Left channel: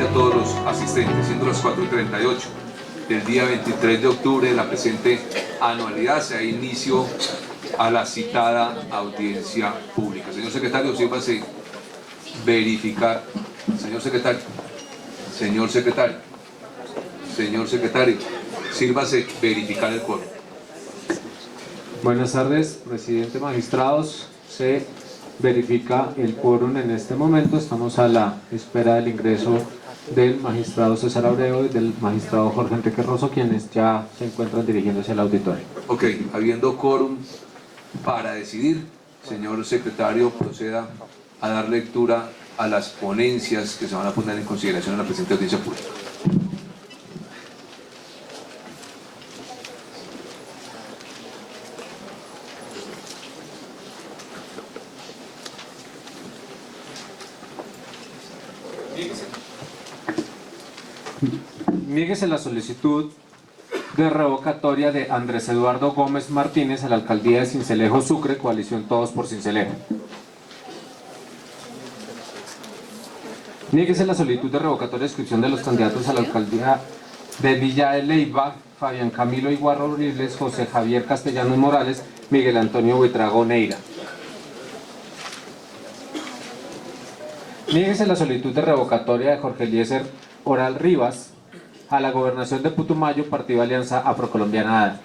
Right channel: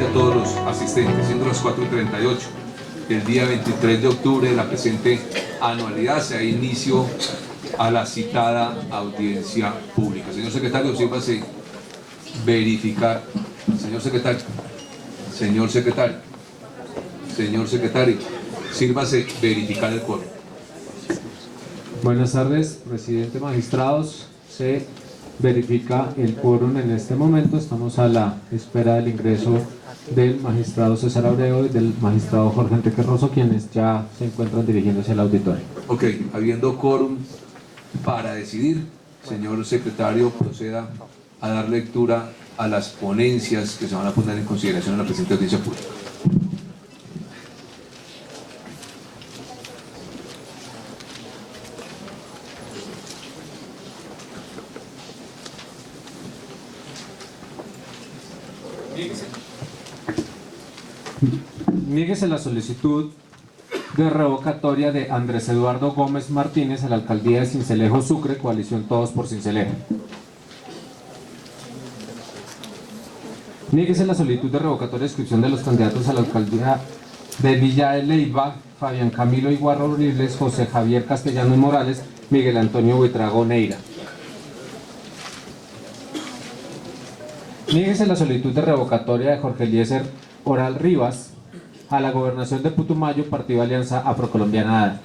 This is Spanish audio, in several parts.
cordialmente a todos los asistentes, siendo las 4:38 del día 23 de octubre de la presente anualidad, se da inicio a la citada audiencia pública. Señor secretario, sírvase verificar. Señor secretario, sírvase verificar el quórum. Buenas tardes, presidente, magistrados. Se verifica el quórum en este momento. Estamos a la espera del ingreso del magistrado César Abreu y del magistrado Jorge Enrique Rosso, quienes ya se encuentran dirigiéndose al auditorio. Ok, habiendo quórum para decidir, señor secretario, proceda a dar lectura a las ponencias que se van a poner en consideración en la presente audiencia pública. Niéguese la solicitud de revocatoria de Andrés Eduardo Gómez Martínez a la alcaldía de Sincelejo, Sucre, coalición Todos por Sincelejo. Niéguese la solicitud de revocatoria de inscripción de los candidatos a la alcaldía de Villa de Leyva, Fabián Camilo Iguarra Uriles, José Javier Castellanos Morales, Miguel Antonio Buitrago Neira. Niéguese la solicitud de revocatoria de Jorge Eliezer Oral Rivas a la gobernación de Putumayo, Partido Alianza Afrocolombiana ADA.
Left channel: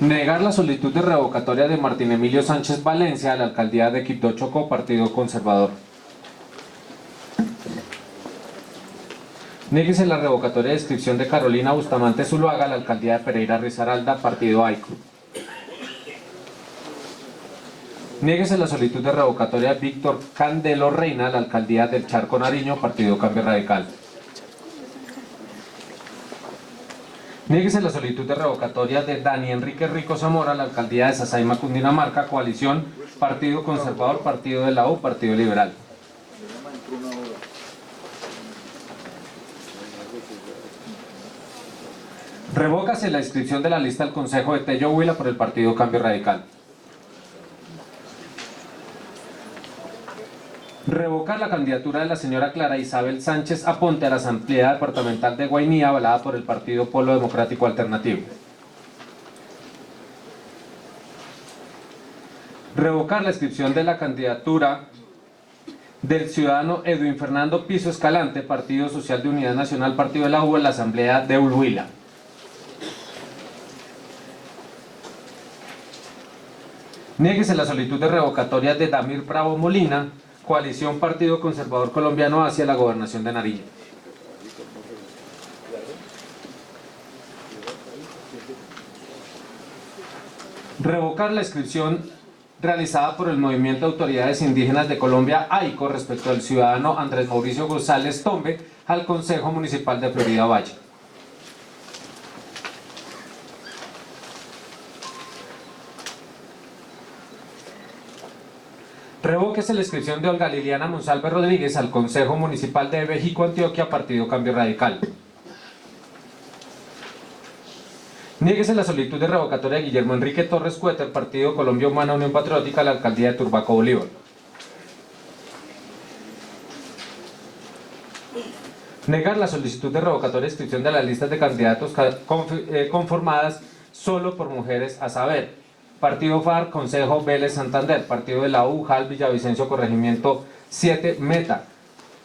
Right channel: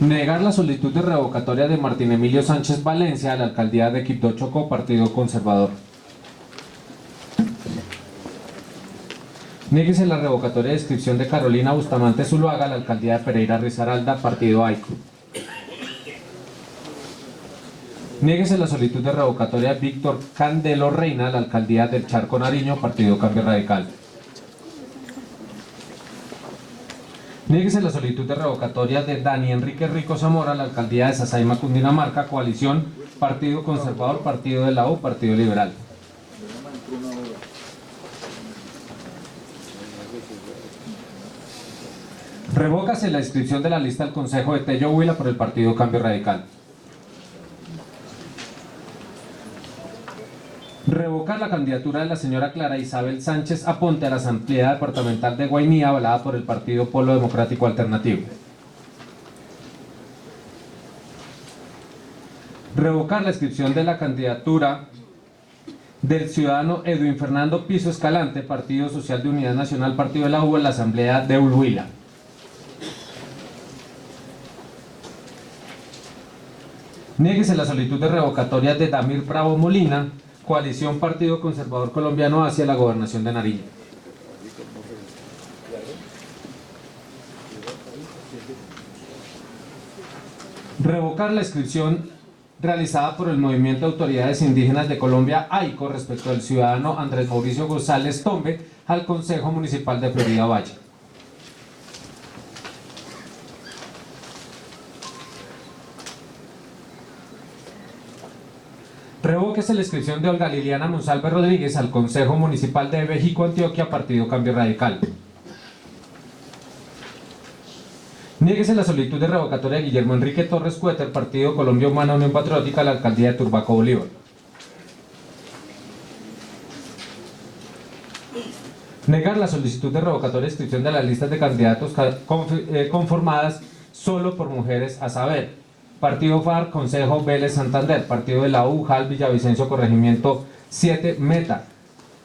Negar la solicitud de revocatoria de Martín Emilio Sánchez Valencia a la alcaldía de Quibdó Chocó, Partido Conservador. Niéguese la revocatoria de inscripción de Carolina Bustamante Zuluaga a la alcaldía de Pereira Risaralda, Partido AICO. Niéguese la solicitud de revocatoria de Víctor Candelo Reina a la alcaldía del Charco Nariño, Partido Cambio Radical. Niéguese la solicitud de revocatoria de Dani Enrique Rico Zamora a la alcaldía de Sasaima, Cundinamarca, coalición Partido Conservador, Partido de la U, Partido Liberal. Revócase la inscripción de la lista al Consejo de Tello Huila por el Partido Cambio Radical. Revocar la candidatura de la señora Clara Isabel Sánchez Aponte a la Asamblea Departamental de Guainía, avalada por el Partido Polo Democrático Alternativo. Revocar la inscripción de la candidatura del ciudadano Edwin Fernando Piso Escalante, Partido Social de Unidad Nacional, Partido de la U, en la Asamblea de Huila. Niéguese la solicitud de revocatoria de Damir Bravo Molina, coalición Partido Conservador Colombiano, hacia la gobernación de Nariño. Revocar la inscripción realizada por el Movimiento de Autoridades Indígenas de Colombia, AICO, respecto al ciudadano Andrés Mauricio González Tombe al Consejo Municipal de Florida Valle. Revóquese la inscripción de Olga Liliana Monsalve Rodríguez al Consejo Municipal de México, Antioquia, Partido Cambio Radical. Niéguese la solicitud de revocatoria de Guillermo Enrique Torres Cuéter, Partido Colombia Humana Unión Patriótica, a la alcaldía de Turbaco, Bolívar. Negar la solicitud de revocatoria de inscripción de las listas de candidatos conformadas solo por mujeres, a saber: Partido FARC, Consejo Vélez Santander; Partido de la U, JAL Villavicencio Corregimiento 7 Meta;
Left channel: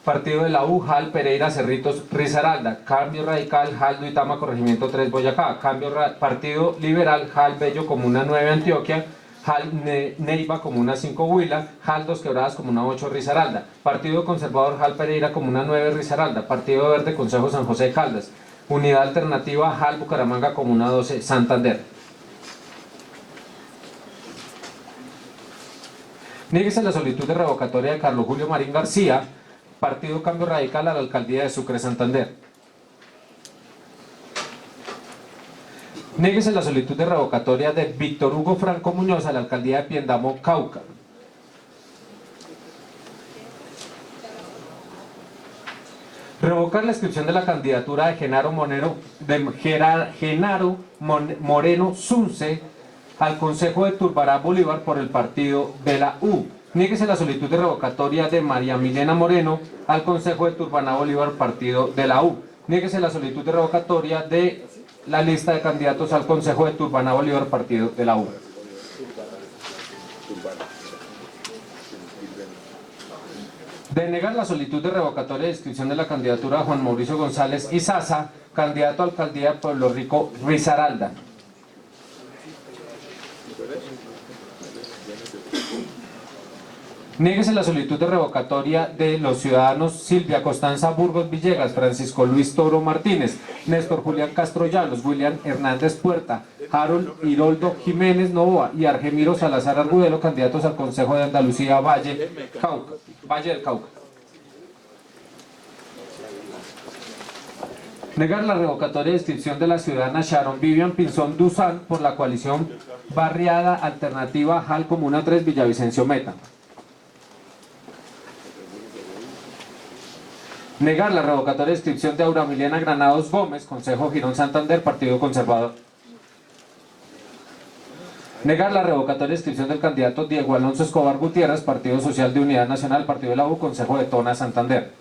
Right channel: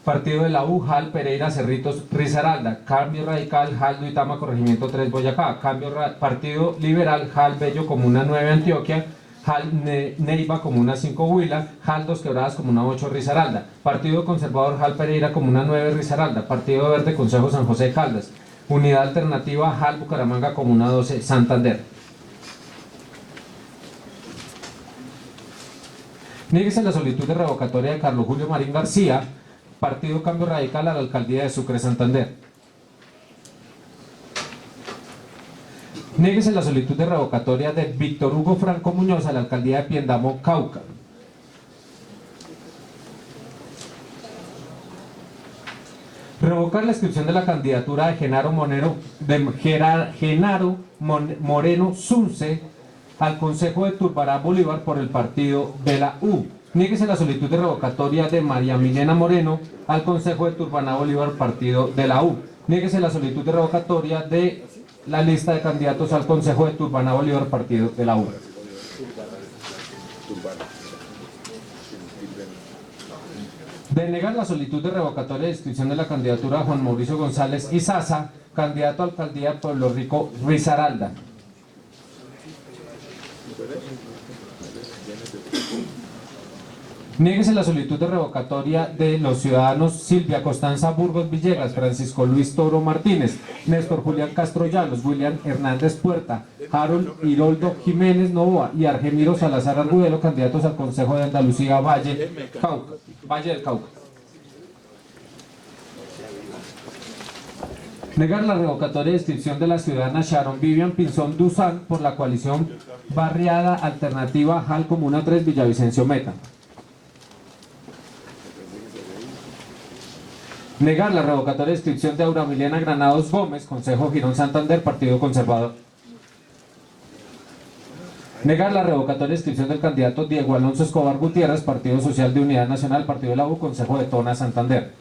Partido de la U, JAL Pereira Cerritos Risaralda; Cambio Radical, JAL Duitama Corregimiento 3 Boyacá; Partido Liberal, JAL Bello Comuna 9 Antioquia; JAL Neiva Comuna 5 Huila; JAL Dos Quebradas Comuna 8 Risaralda; Partido Conservador, JAL Pereira Comuna 9 Risaralda; Partido Verde, Consejo San José de Caldas; Unidad Alternativa, JAL Bucaramanga Comuna 12 Santander. Niéguese la solicitud de revocatoria de Carlos Julio Marín García, Partido Cambio Radical, a la alcaldía de Sucre, Santander. Niéguese la solicitud de revocatoria de Víctor Hugo Franco Muñoz a la alcaldía de Piendamo, Cauca. Revocar la inscripción de la candidatura de Genaro Moreno Zunce al Consejo de Turbará Bolívar por el Partido de la U, Niéguese la solicitud de revocatoria de María Milena Moreno al Consejo de Turbaná Bolívar, partido de la U. Niéguese la solicitud de revocatoria de la lista de candidatos al Consejo de Turbaná Bolívar, partido de la U. Denegar la solicitud de revocatoria de inscripción de la candidatura de Juan Mauricio González Izaza, candidato a alcaldía de Pueblo Rico, Risaralda. Niéguese la solicitud de revocatoria de los ciudadanos Silvia Constanza Burgos Villegas, Francisco Luis Toro Martínez, Néstor Julián Castro Llanos, William Hernández Puerta, Harold Hiroldo Jiménez Novoa y Argemiro Salazar Argudelo, candidatos al Consejo de Andalucía Valle del Cauca. Negar la revocatoria de inscripción de la ciudadana Sharon Vivian Pinzón Duzán por la coalición Barriada Alternativa JAL Comuna 3 Villavicencio Meta. Negar la revocatoria de inscripción de Auramiliana Granados Gómez, Consejo Girón Santander, Partido Conservador. Negar la revocatoria de inscripción del candidato Diego Alonso Escobar Gutiérrez, Partido Social de Unidad Nacional, Partido de la U, Consejo de Tona, Santander.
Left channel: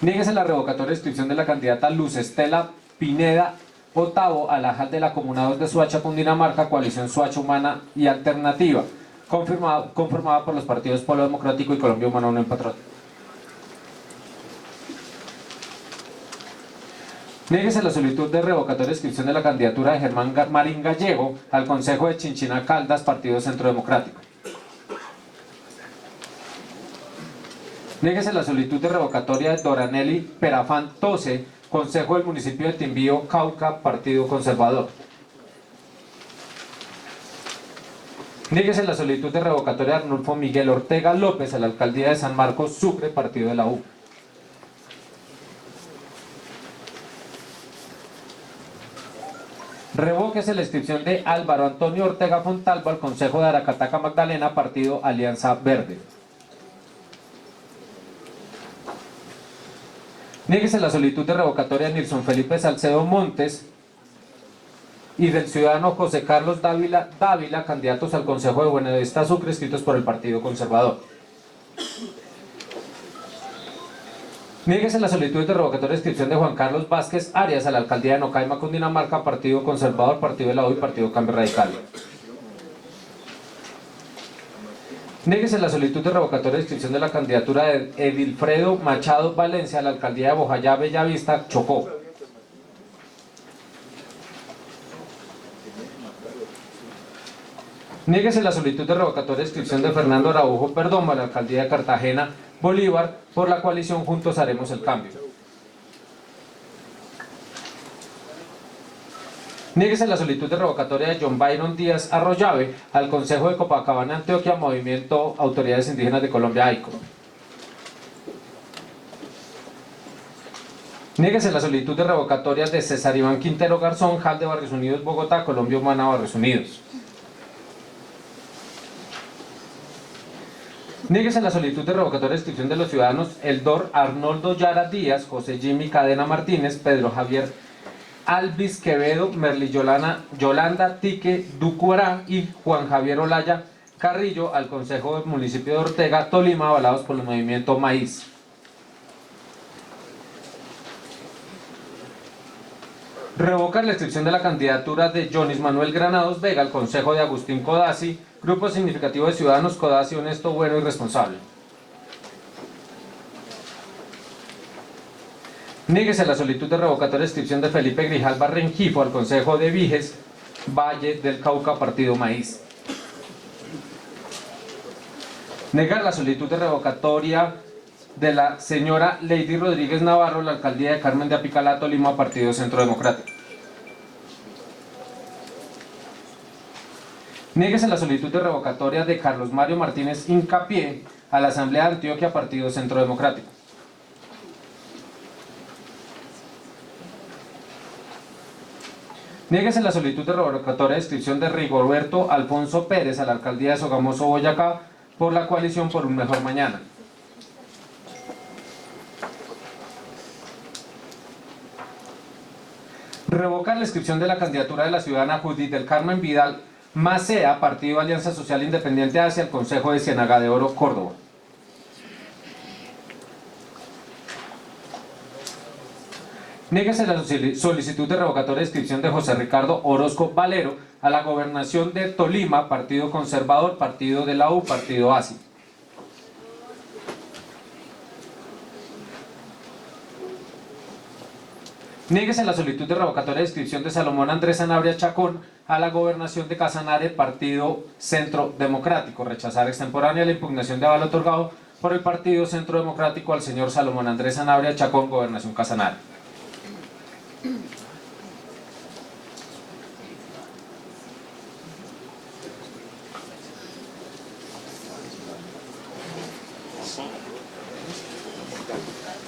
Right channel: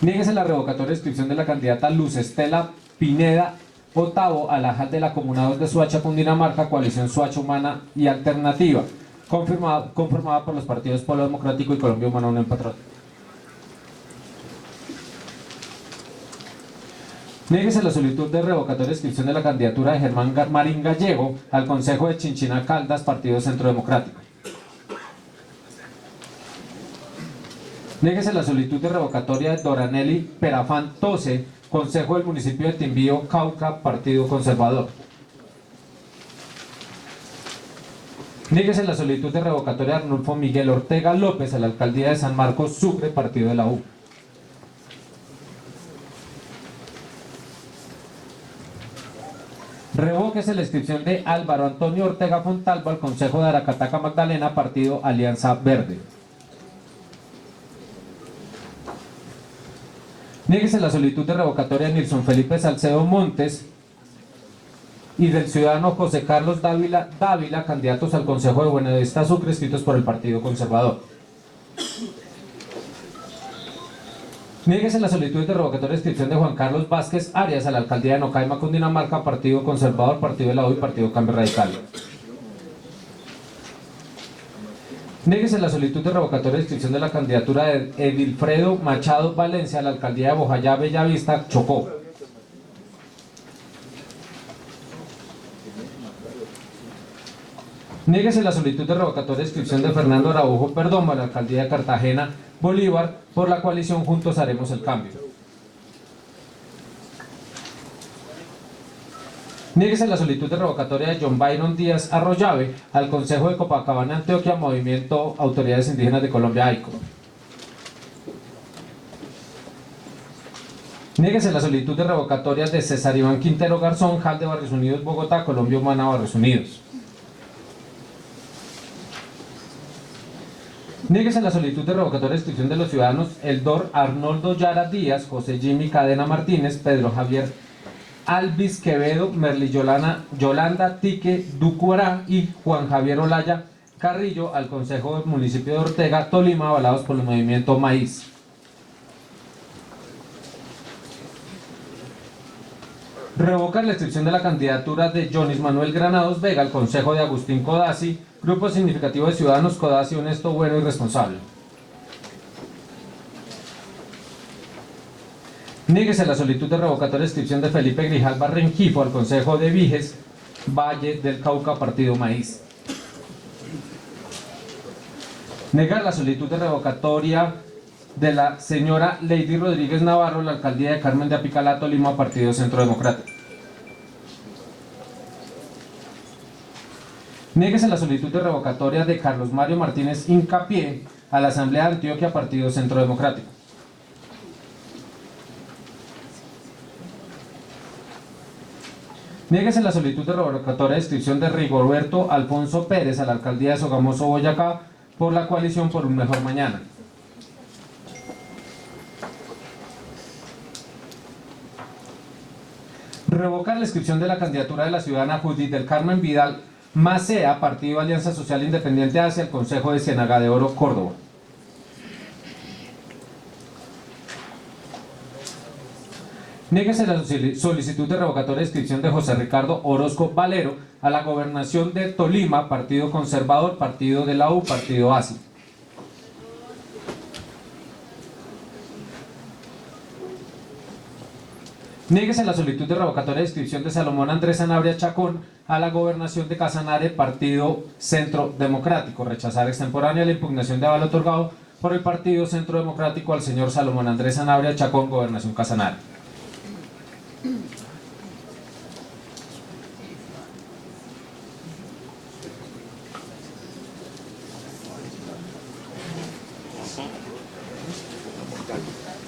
Niéguese la revocatoria de inscripción de la candidata Luz Estela Pineda Otavo a la JAL de la Comuna 2 de Soacha, Cundinamarca, Coalición Soacha Humana y Alternativa, conformada por los partidos Polo Democrático y Colombia Humana Unión Patriótica. Niéguese la solicitud de revocatoria de inscripción de la candidatura de Germán Marín Gallego al Consejo de Chinchina Caldas, Partido Centro Democrático. Niéguese la solicitud de revocatoria de Doranelli Perafán Tose, Consejo del Municipio de Timbío, Cauca, Partido Conservador. Niéguese la solicitud de revocatoria de Arnulfo Miguel Ortega López a la Alcaldía de San Marcos, Sucre, Partido de la U. Revóquese la inscripción de Álvaro Antonio Ortega Fontalvo al Consejo de Aracataca Magdalena, Partido Alianza Verde. Niéguese la solicitud de revocatoria de Nilson Felipe Salcedo Montes y del ciudadano José Carlos Dávila, candidatos al Consejo de Buenavista Sucre, escritos por el Partido Conservador. Niéguese la solicitud de revocatoria de inscripción de Juan Carlos Vázquez Arias a la Alcaldía de Nocaima, Cundinamarca, Partido Conservador, Partido de la U y Partido Cambio Radical. Niéguese la solicitud de revocatoria de inscripción de la candidatura de Edilfredo Machado Valencia a la Alcaldía de Bojayá, Bellavista, Chocó. Niéguese la solicitud de revocatoria de inscripción de Fernando Araujo Perdomo a la Alcaldía de Cartagena, Bolívar, por la coalición Juntos Haremos el Cambio. Niéguese la solicitud de revocatoria de John Byron Díaz Arroyave al Consejo de Copacabana, Antioquia, Movimiento Autoridades Indígenas de Colombia, AICO. Niéguese la solicitud de revocatoria de César Iván Quintero Garzón, JAL de Barrios Unidos, Bogotá, Colombia Humana, Barrios Unidos. Niéguese la solicitud de revocatoria de inscripción de los ciudadanos Eldor Arnoldo Yara Díaz, José Jimmy Cadena Martínez, Pedro Javier Alvis Quevedo, Merly Yolanda Tique Ducuará y Juan Javier Olaya Carrillo al Consejo del Municipio de Ortega, Tolima, avalados por el movimiento Maíz. Revocar la inscripción de la candidatura de Jonis Manuel Granados Vega al Consejo de Agustín Codazzi, Grupo Significativo de Ciudadanos Codazzi Honesto, Bueno y Responsable. Niéguese la solicitud de revocatoria de inscripción de Felipe Grijalva Rengifo al Consejo de Viges, Valle del Cauca, Partido Maíz. Negar la solicitud de revocatoria de la señora Lady Rodríguez Navarro, la Alcaldía de Carmen de Apicalá, Tolima, Partido Centro Democrático. Niéguese la solicitud de revocatoria de Carlos Mario Martínez Incapié a la Asamblea de Antioquia, Partido Centro Democrático. Niéguese la solicitud de revocatoria de inscripción de Rigoberto Alfonso Pérez a la Alcaldía de Sogamoso, Boyacá, por la coalición Por un Mejor Mañana. Revocar la inscripción de la candidatura de la ciudadana Judith del Carmen Vidal Macea, Partido Alianza Social Independiente hacia el Consejo de Ciénaga de Oro, Córdoba. Niéguese la solicitud de revocatoria de inscripción de José Ricardo Orozco Valero a la gobernación de Tolima, Partido Conservador, Partido de la U, Partido ASI. Niéguese la solicitud de revocatoria de inscripción de Salomón Andrés Sanabria Chacón a la gobernación de Casanare, Partido Centro Democrático. Rechazar extemporánea la impugnación de aval otorgado por el Partido Centro Democrático al señor Salomón Andrés Sanabria Chacón, gobernación Casanare.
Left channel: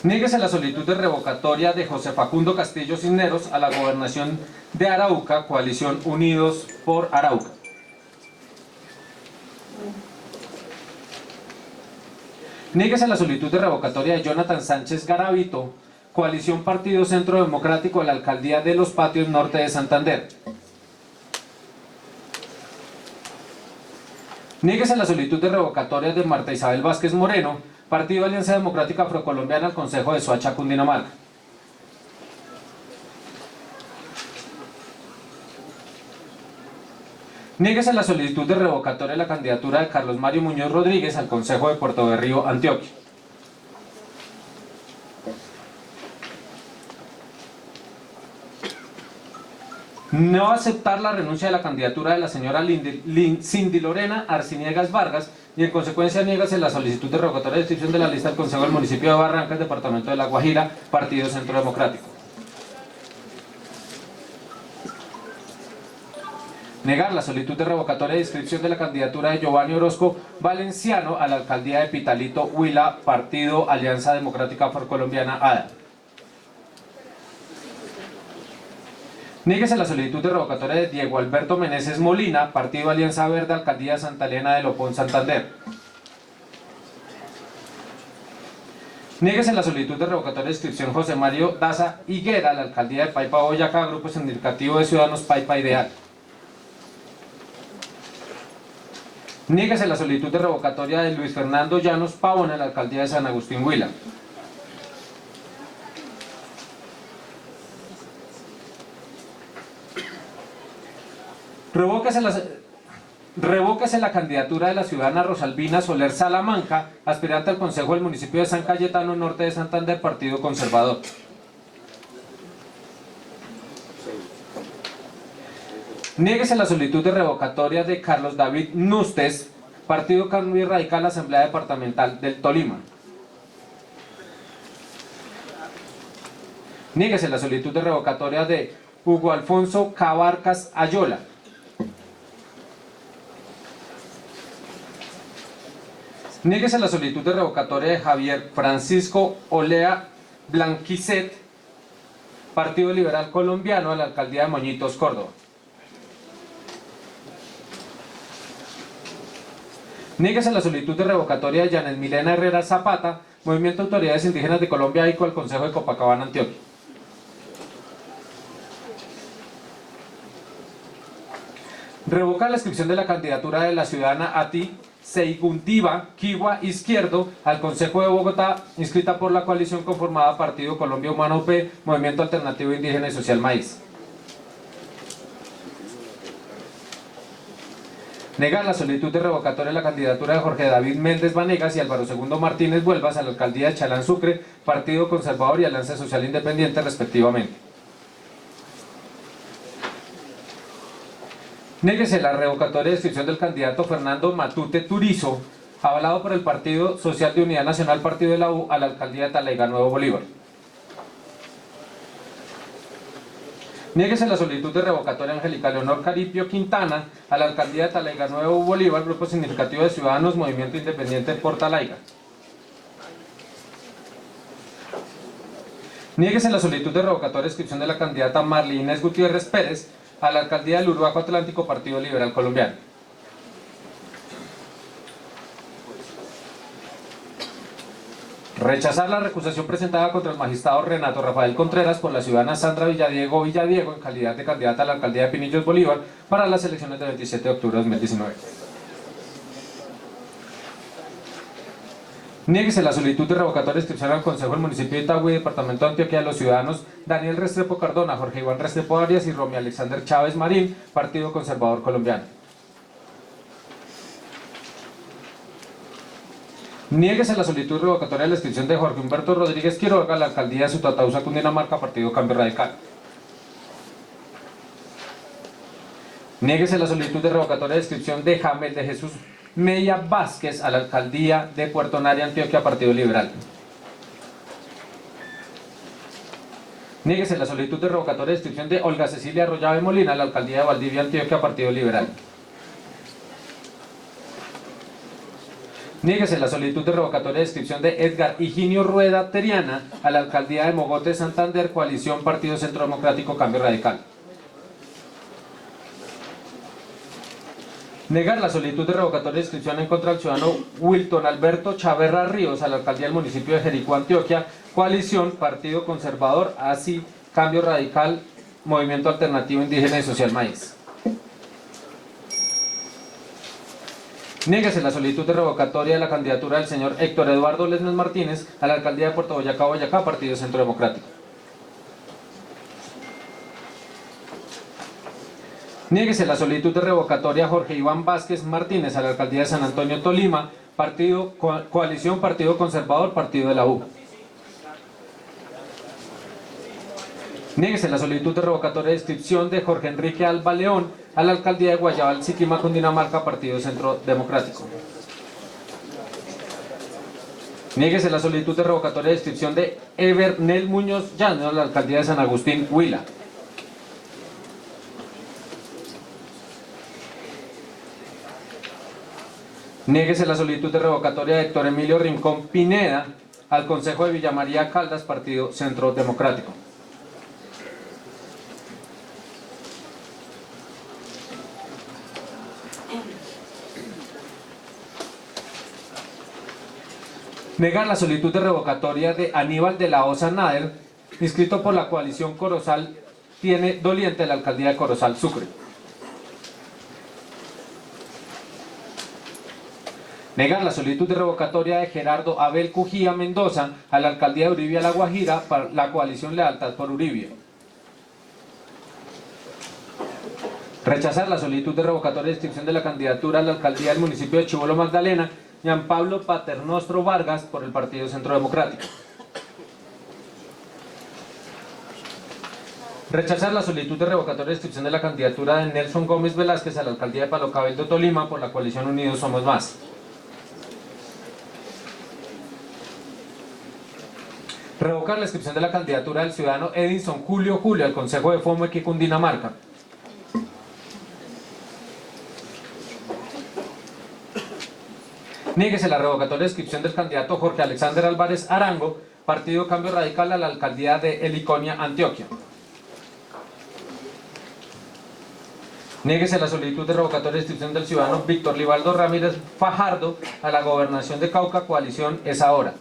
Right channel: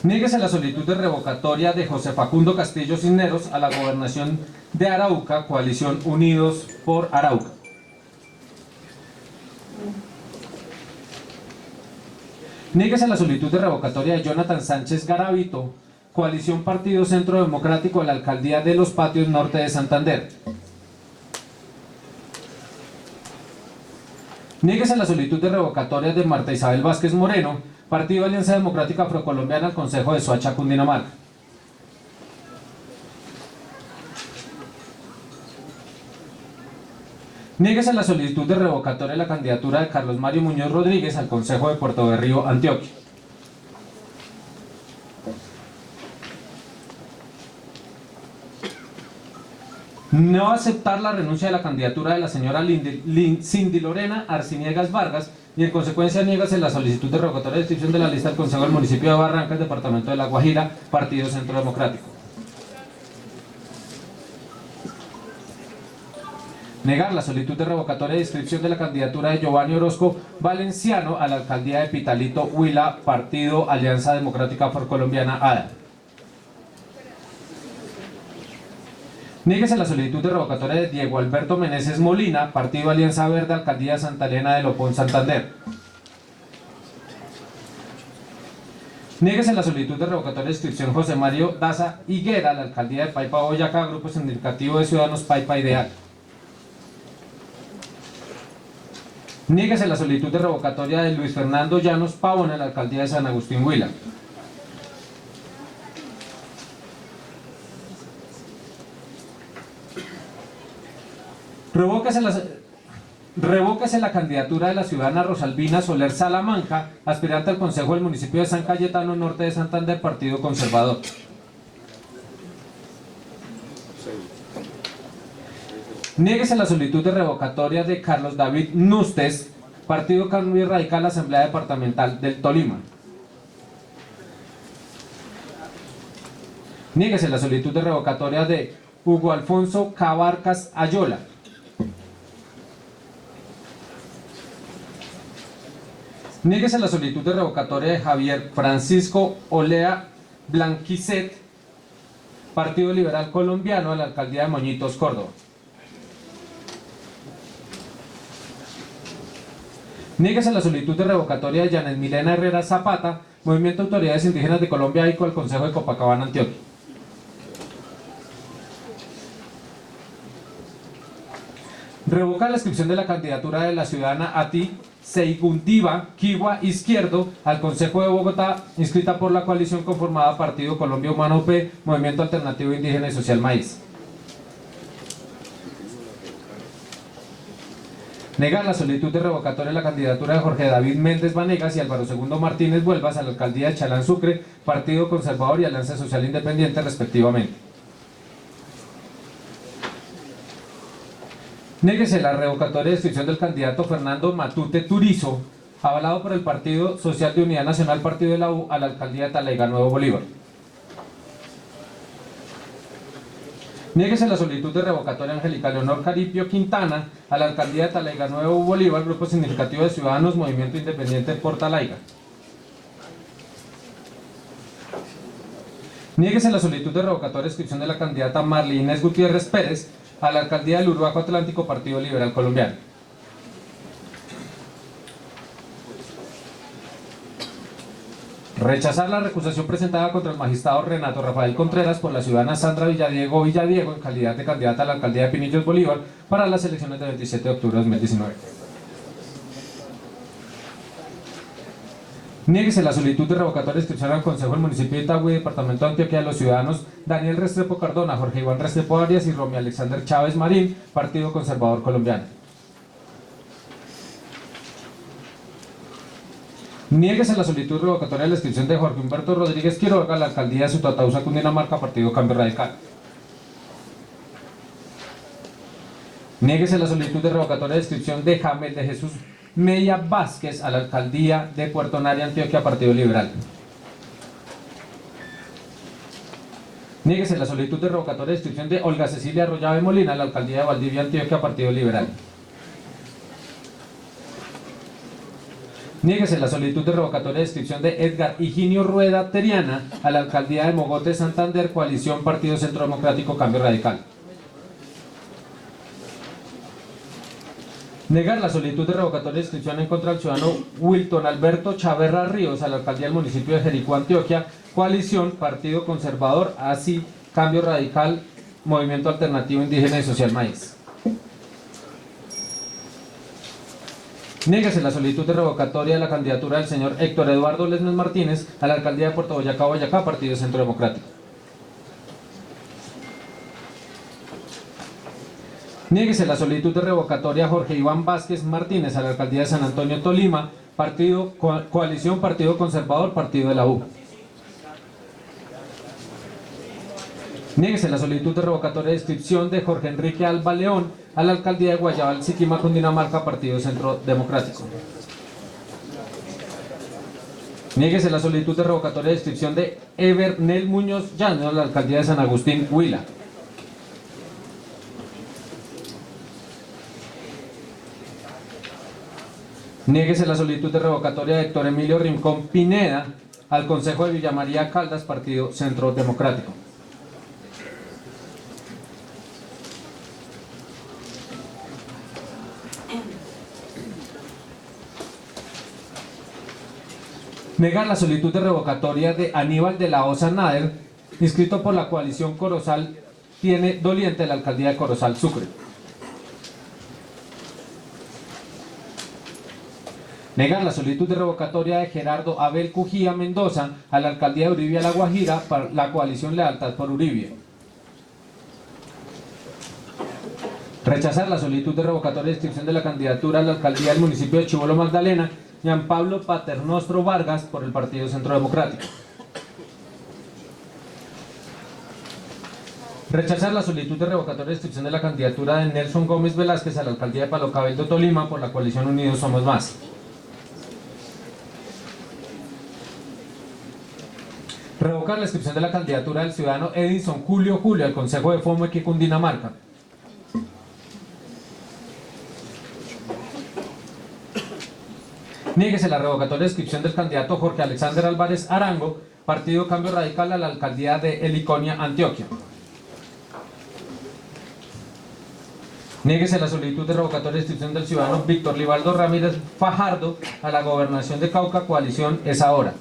Niéguese la solicitud de revocatoria de José Facundo Castillo Cisneros a la gobernación de Arauca, coalición Unidos por Arauca. Niéguese la solicitud de revocatoria de Jonathan Sánchez Garavito, coalición Partido Centro Democrático a la alcaldía de Los Patios Norte de Santander. Niéguese la solicitud de revocatoria de Marta Isabel Vázquez Moreno, Partido Alianza Democrática Afrocolombiana al Consejo de Soacha, Cundinamarca. Niéguese la solicitud de revocatoria de la candidatura de Carlos Mario Muñoz Rodríguez al Consejo de Puerto Berrío, Antioquia. No aceptar la renuncia de la candidatura de la señora Cindy Lorena Arciniegas Vargas y en consecuencia niégase la solicitud de revocatoria de inscripción de la lista del Consejo del Municipio de Barrancas, Departamento de La Guajira, Partido Centro Democrático. Negar la solicitud de revocatoria de inscripción de la candidatura de Giovanni Orozco Valenciano a la alcaldía de Pitalito, Huila, Partido Alianza Democrática Afrocolombiana, ADA. Niéguese la solicitud de revocatoria de Diego Alberto Meneses Molina, Partido Alianza Verde, Alcaldía de Santa Elena de Lopón, Santander. Niéguese la solicitud de revocatoria de inscripción José Mario Daza Higuera, la Alcaldía de Paipa, Boyacá, Grupo Significativo de Ciudadanos Paipa Ideal. Niéguese la solicitud de revocatoria de Luis Fernando Llanos Pavón, la Alcaldía de San Agustín, Huila. Revóquese la candidatura de la ciudadana Rosalvina Soler Salamanca, aspirante al Consejo del Municipio de San Cayetano, Norte de Santander, Partido Conservador. Niéguese la solicitud de revocatoria de Carlos David Nustes, Partido Cambio Radical, Asamblea Departamental del Tolima. Niéguese la solicitud de revocatoria de Hugo Alfonso Cabarcas Ayola. Niéguese la solicitud de revocatoria de Javier Francisco Olea Blanquicet, Partido Liberal Colombiano, a la Alcaldía de Moñitos, Córdoba. Niéguese la solicitud de revocatoria de Yanet Milena Herrera Zapata, Movimiento de Autoridades Indígenas de Colombia, ICO, al Consejo de Copacabana, Antioquia. Revoca la inscripción de la candidatura de la ciudadana Ati Seigundiva Kiwa Izquierdo al Consejo de Bogotá, inscrita por la coalición conformada Partido Colombia Humana UP, Movimiento Alternativo Indígena y Social Maíz. Negar la solicitud de revocatoria de la candidatura de Jorge David Méndez Vanegas y Álvaro II Martínez Vuelvas a la alcaldía de Chalán Sucre, Partido Conservador y Alianza Social Independiente, respectivamente. Niéguese la revocatoria de inscripción del candidato Fernando Matute Turizo, avalado por el Partido Social de Unidad Nacional, Partido de la U, a la alcaldía de Talayga, Nuevo Bolívar. Niéguese la solicitud de revocatoria de Angélica Leonor Caripio Quintana a la alcaldía de Talayga, Nuevo Bolívar, Grupo Significativo de Ciudadanos, Movimiento Independiente por Talayga. Niéguese la solicitud de revocatoria de inscripción de la candidata Marlene Inés Gutiérrez Pérez a la alcaldía del Urbaco Atlántico, Partido Liberal Colombiano. Rechazar la recusación presentada contra el magistrado Renato Rafael Contreras por la ciudadana Sandra Villadiego en calidad de candidata a la alcaldía de Pinillos, Bolívar, para las elecciones del 27 de octubre de 2019. Niéguese la solicitud de revocatoria de inscripción al Consejo del Municipio de Itagüí, Departamento de Antioquia, de los ciudadanos Daniel Restrepo Cardona, Jorge Iván Restrepo Arias y Romy Alexander Chávez Marín, Partido Conservador Colombiano. Niéguese la solicitud revocatoria de la inscripción de Jorge Humberto Rodríguez Quiroga a la alcaldía de Sutatausa, Cundinamarca, Partido Cambio Radical. Niéguese la solicitud de revocatoria de inscripción de Jamel de Jesús Mella Vázquez a la alcaldía de Puerto Nari, Antioquia, Partido Liberal. Niéguese la solicitud de revocatoria de inscripción de Olga Cecilia Arroyave Molina a la alcaldía de Valdivia, Antioquia, Partido Liberal. Niéguese la solicitud de revocatoria de inscripción de Edgar Higinio Rueda Teriana a la alcaldía de Mogote, Santander, coalición Partido Centro Democrático Cambio Radical. Negar la solicitud de revocatoria de inscripción en contra del ciudadano Wilton Alberto Chaverra Ríos a la alcaldía del municipio de Jericó, Antioquia, coalición Partido Conservador, así Cambio Radical, Movimiento Alternativo Indígena y Social Maíz. Niéguese la solicitud de revocatoria de la candidatura del señor Héctor Eduardo Lesmes Martínez a la alcaldía de Puerto Boyacá, Boyacá, Partido Centro Democrático. Niéguese la solicitud de revocatoria a Jorge Iván Vázquez Martínez a la alcaldía de San Antonio, Tolima, coalición Partido Conservador, Partido de la U. Niéguese la solicitud de revocatoria de inscripción de Jorge Enrique Alba León a la alcaldía de Guayabal, Siquima, Cundinamarca, Partido Centro Democrático. Niéguese la solicitud de revocatoria de inscripción de Evernel Muñoz Llano a la alcaldía de San Agustín, Huila. Niéguese la solicitud de revocatoria de Héctor Emilio Rincón Pineda al Consejo de Villa María Caldas, Partido Centro Democrático. Negar la solicitud de revocatoria de Aníbal de la Osa Nader, inscrito por la coalición Corozal Tiene Doliente de la alcaldía de Corozal, Sucre. Negar la solicitud de revocatoria de Gerardo Abel Cujía Mendoza a la alcaldía de Uribia La Guajira para la coalición Lealtad por Uribia. Rechazar la solicitud de revocatoria de inscripción de la candidatura a la alcaldía del municipio de Chibolo Magdalena, Jean Pablo Paternostro Vargas, por el Partido Centro Democrático. Rechazar la solicitud de revocatoria de inscripción de la candidatura de Nelson Gómez Velázquez a la alcaldía de Palo Cabello, Tolima, por la coalición Unidos Somos Más. Revocar la inscripción de la candidatura del ciudadano Edinson Julio al Consejo de Fomeque, Cundinamarca. Niéguese la revocatoria de inscripción del candidato Jorge Alexander Álvarez Arango, Partido Cambio Radical, a la alcaldía de Heliconia, Antioquia. Niéguese la solicitud de revocatoria de inscripción del ciudadano Víctor Libaldo Ramírez Fajardo a la gobernación de Cauca, coalición Es Ahora.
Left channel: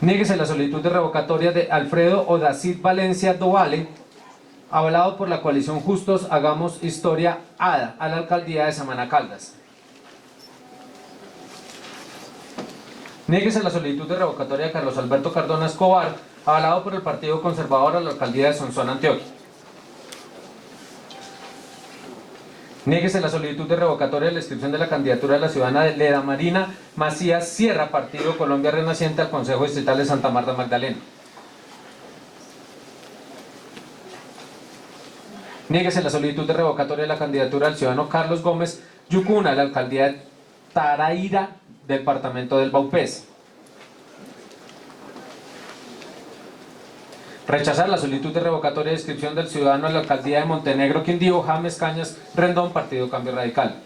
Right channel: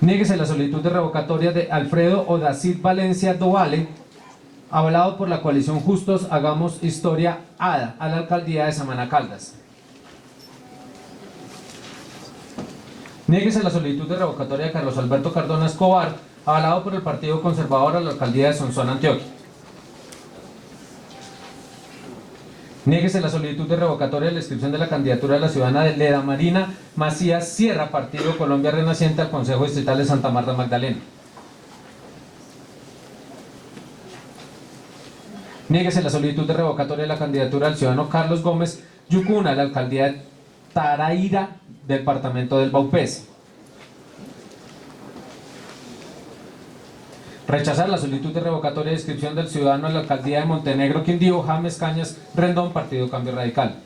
Niéguese la solicitud de revocatoria de Alfredo Odacid Valencia Dovale, avalado por la coalición Justos Hagamos Historia ADA, a la alcaldía de Samaná, Caldas. Niéguese la solicitud de revocatoria de Carlos Alberto Cardona Escobar, avalado por el Partido Conservador, a la alcaldía de Sonsón, Antioquia. Niéguese la solicitud de revocatoria de la inscripción de la candidatura de la ciudadana de Leda Marina Macías Sierra, Partido Colombia Renaciente, al Consejo Distrital de Santa Marta Magdalena. Niéguese la solicitud de revocatoria de la candidatura del ciudadano Carlos Gómez Yucuna a la alcaldía de Taraira, departamento del Baupés. Rechazar la solicitud de revocatoria de inscripción del ciudadano a la alcaldía de Montenegro, Quindío, James Cañas Rendón, Partido Cambio Radical.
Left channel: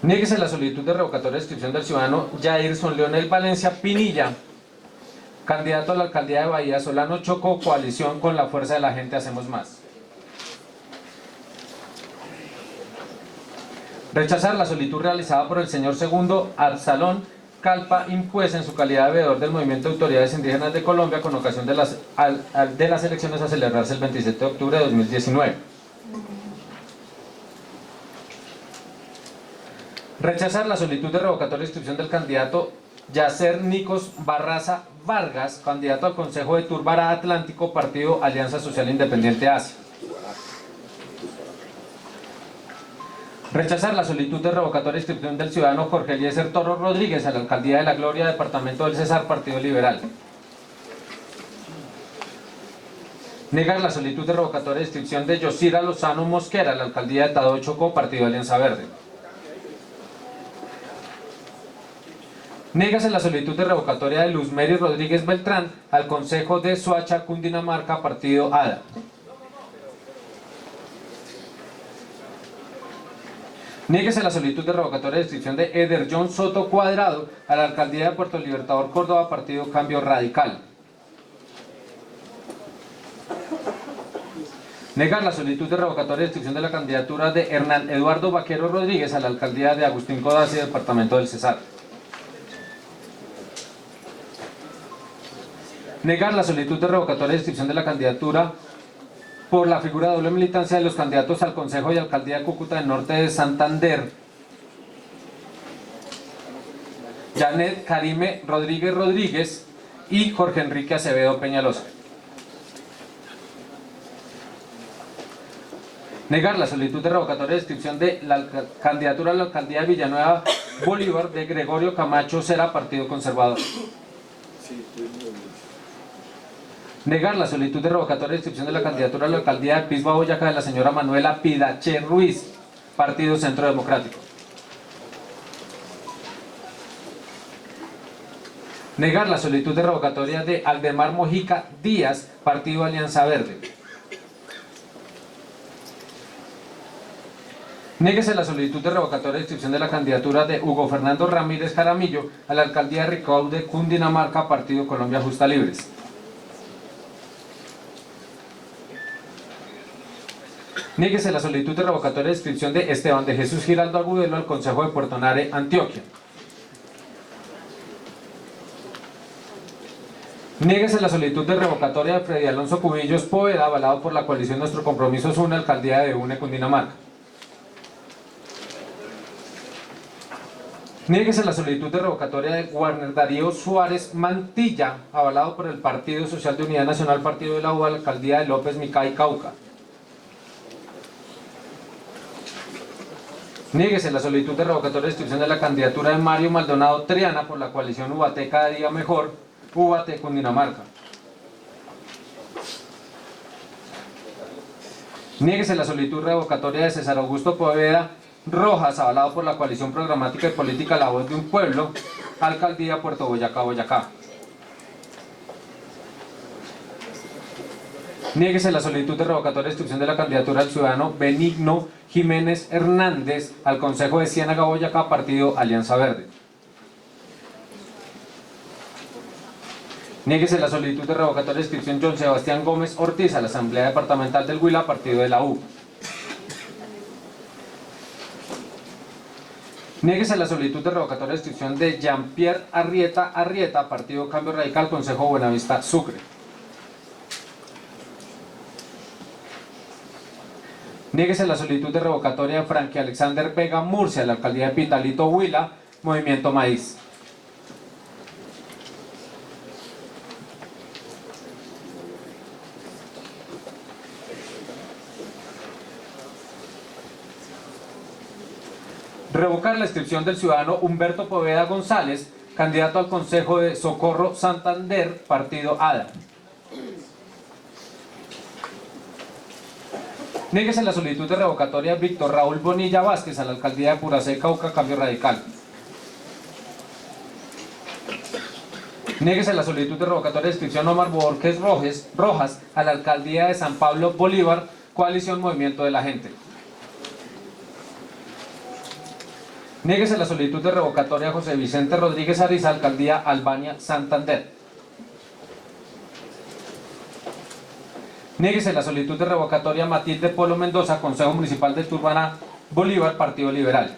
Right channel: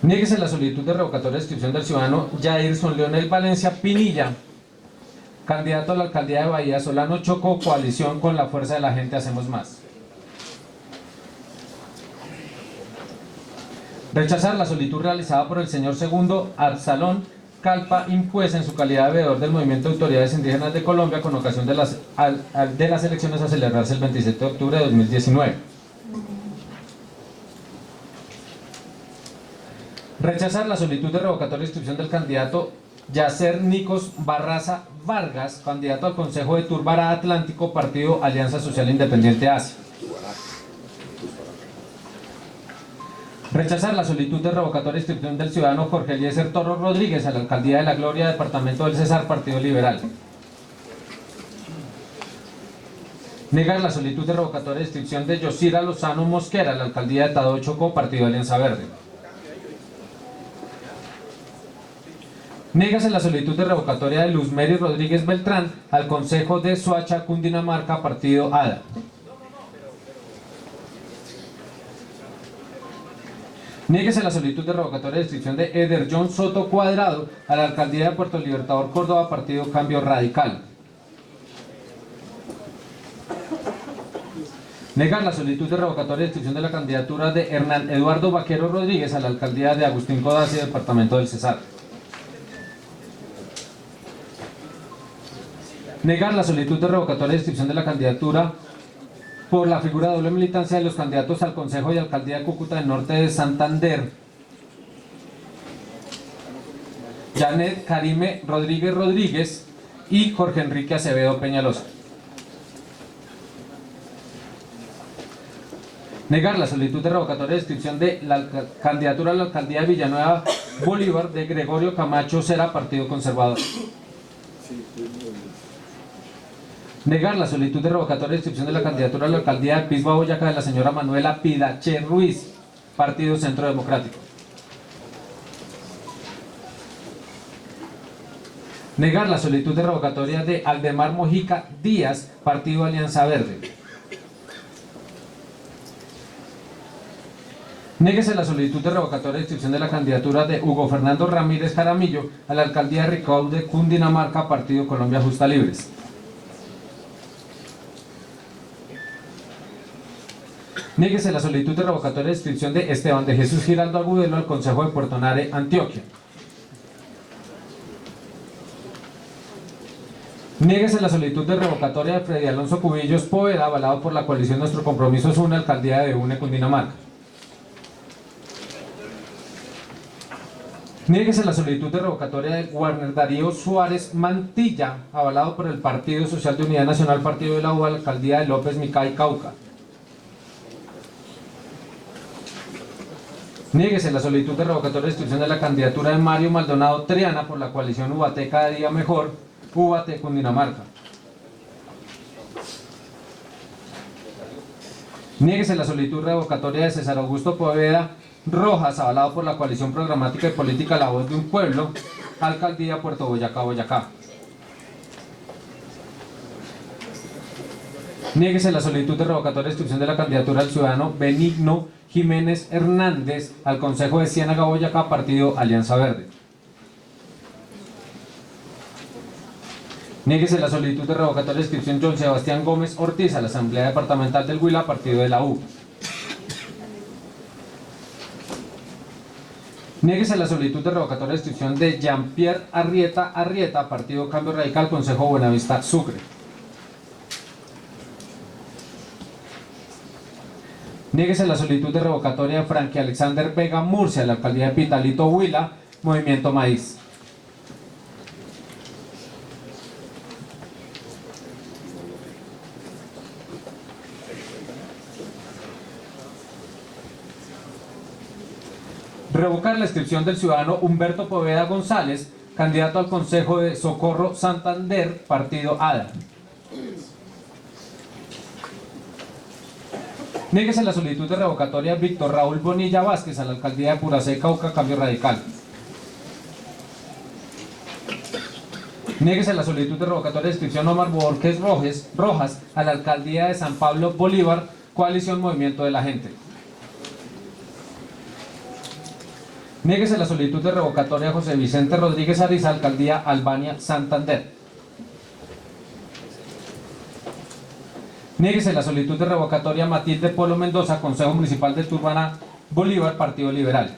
Niéguese la solicitud de revocatoria de inscripción del ciudadano Jairson Leonel Valencia Pinilla Candidato a la alcaldía de Bahía, Solano Chocó, coalición con la Fuerza de la Gente Hacemos Más. Rechazar la solicitud realizada por el señor segundo Absalón Calpa Impues en su calidad de veedor del Movimiento de Autoridades Indígenas de Colombia con ocasión de las elecciones a celebrarse el 27 de octubre de 2019. Rechazar la solicitud de revocatoria de inscripción del candidato Yacer Nicos Barraza Vargas, candidato al Consejo de Turbará Atlántico, Partido Alianza Social Independiente Asia. Rechazar la solicitud de revocatoria de inscripción del ciudadano Jorge Eliezer Toro Rodríguez a la Alcaldía de La Gloria, Departamento del Cesar, Partido Liberal. Negar la solicitud de revocatoria de inscripción de Yosira Lozano Mosquera a la Alcaldía de Tadó Chocó, Partido Alianza Verde. Négase la solicitud de revocatoria de Luz Mary Rodríguez Beltrán al Consejo de Soacha, Cundinamarca, Partido ADA. Niéguese la solicitud de revocatoria de inscripción de Eder John Soto Cuadrado a la Alcaldía de Puerto Libertador, Córdoba, Partido Cambio Radical. Negar la solicitud de revocatoria de inscripción de la candidatura de Hernán Eduardo Vaquero Rodríguez a la Alcaldía de Agustín Codazzi, Departamento del Cesar. Negar la solicitud de revocatoria de inscripción de la candidatura por la figura de doble militancia de los candidatos al Consejo y Alcaldía de Cúcuta del Norte de Santander, Janet Karime Rodríguez Rodríguez y Jorge Enrique Acevedo Peñalosa. Negar la solicitud de revocatoria de inscripción de la candidatura a la Alcaldía de Villanueva Bolívar de Gregorio Camacho Cera, Partido Conservador. Negar la solicitud de revocatoria de inscripción de la candidatura a la Alcaldía de Pisba, Boyacá de la señora Manuela Pidache Ruiz, Partido Centro Democrático. Negar la solicitud de revocatoria de Aldemar Mojica Díaz, Partido Alianza Verde. Néguese la solicitud de revocatoria de inscripción de la candidatura de Hugo Fernando Ramírez Jaramillo a la Alcaldía de Ricaurte, Cundinamarca, Partido Colombia Justa Libres. Niéguese la solicitud de revocatoria de inscripción de Esteban de Jesús Giraldo Agudelo al Consejo de Puerto Nare, Antioquia. Niéguese la solicitud de revocatoria de Freddy Alonso Cubillos Poveda, avalado por la coalición Nuestro Compromiso es Una, Alcaldía de UNE, Cundinamarca. Niéguese la solicitud de revocatoria de Warner Darío Suárez Mantilla, avalado por el Partido Social de Unidad Nacional, Partido de la U, a la Alcaldía de López Micay, Cauca. Niéguese la solicitud de revocatoria de inscripción de la candidatura de Mario Maldonado Triana por la coalición UBAT Cada Día Mejor, UBAT Cundinamarca. Niéguese la solicitud revocatoria de César Augusto Poveda Rojas, avalado por la coalición programática y política La Voz de un Pueblo, Alcaldía Puerto Boyacá, Boyacá. Niéguese la solicitud de revocatoria de inscripción de la candidatura del ciudadano Benigno Jiménez Hernández al Consejo de Ciénaga, Boyacá, Partido Alianza Verde. Niéguese la solicitud de revocatoria de inscripción John Sebastián Gómez Ortiz a la Asamblea Departamental del Huila, Partido de la U. Niéguese la solicitud de revocatoria de inscripción de Jean-Pierre Arrieta, Partido Cambio Radical, Consejo Buenavista, Sucre. Niéguese la solicitud de revocatoria de Frankie Alexander Vega Murcia a la Alcaldía de Pitalito, Huila, Movimiento Maíz. Revocar la inscripción del ciudadano Humberto Poveda González, candidato al Consejo de Socorro Santander, Partido ADA. Niéguese la solicitud de revocatoria de Víctor Raúl Bonilla Vázquez a la Alcaldía de Puracé, Cauca, Cambio Radical. Niéguese la solicitud de revocatoria de inscripción Omar Borges Rojas a la Alcaldía de San Pablo Bolívar, Coalición Movimiento de la Gente. Niéguese la solicitud de revocatoria de José Vicente Rodríguez Ariza, Alcaldía Albania, Santander. Niéguese la solicitud de revocatoria Matilde Polo Mendoza, Consejo Municipal de Turbana Bolívar, Partido Liberal.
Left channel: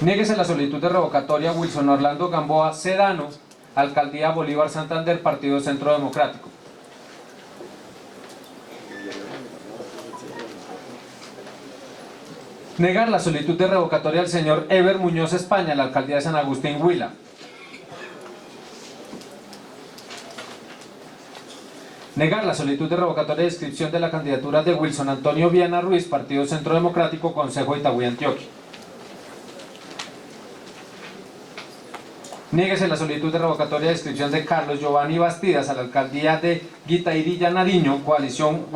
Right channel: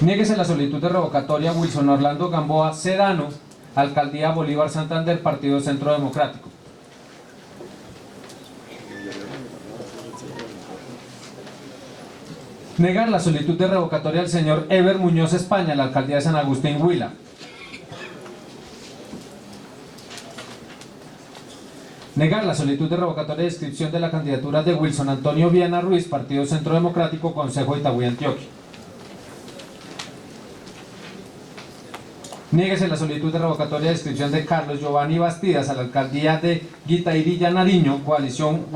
Niéguese la solicitud de revocatoria Wilson Orlando Gamboa Sedano, Alcaldía Bolívar Santander, Partido Centro Democrático. Negar la solicitud de revocatoria al señor Ever Muñoz España, la Alcaldía de San Agustín Huila. Negar la solicitud de revocatoria de inscripción de la candidatura de Wilson Antonio Viana Ruiz, Partido Centro Democrático, Consejo de Itagüí, Antioquia. Niéguese la solicitud de revocatoria de inscripción de Carlos Giovanni Bastidas a la Alcaldía de Guaitairilla Nariño, Coalición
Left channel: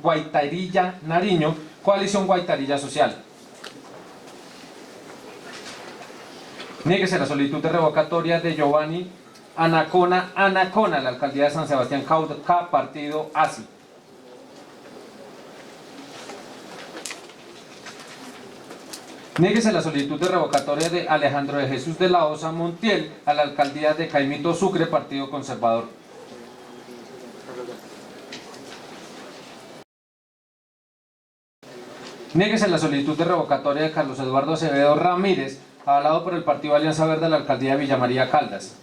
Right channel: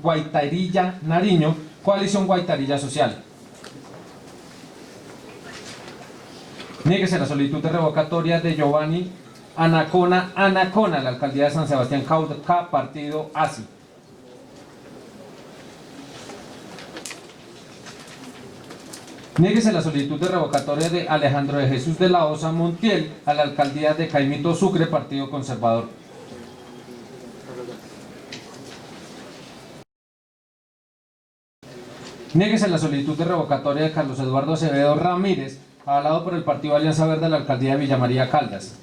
Guaitairilla Nariño, Coalición Guaitairilla Social. Niéguese la solicitud de revocatoria de Giovanni Anacona a la Alcaldía de San Sebastián Cauca, Partido ASI. Niéguese la solicitud de revocatoria de Alejandro de Jesús de la Osa Montiel a la Alcaldía de Caimito Sucre, Partido Conservador. Niéguese la solicitud de revocatoria de Carlos Eduardo Acevedo Ramírez, avalado por el Partido Alianza Verde a la Alcaldía de Villa María Caldas.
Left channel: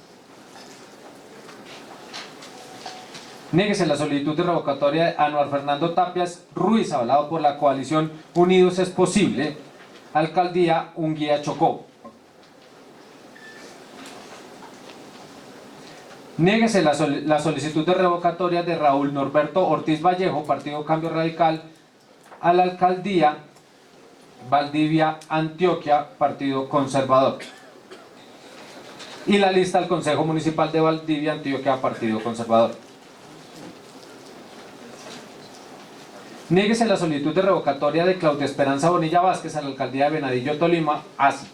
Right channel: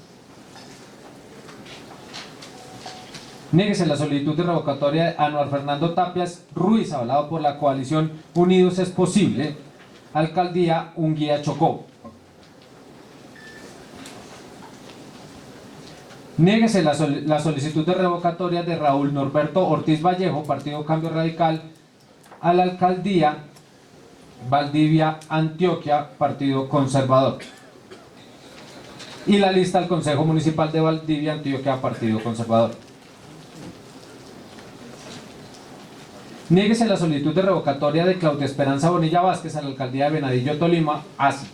Niéguese la solicitud de revocatoria de Anuar Fernando Tapias Ruiz, avalado por la coalición Unidos es Posible, Alcaldía Unguía Chocó. Niéguese la solicitud de revocatoria de Raúl Norberto Ortiz Vallejo, Partido Cambio Radical, a la Alcaldía Valdivia Antioquia, Partido Conservador. Y la lista al Consejo Municipal de Valdivia Antioquia, Partido Conservador. Niéguese la solicitud de revocatoria de Claudia Esperanza Bonilla Vázquez a la Alcaldía de Venadillo, Tolima, ASI.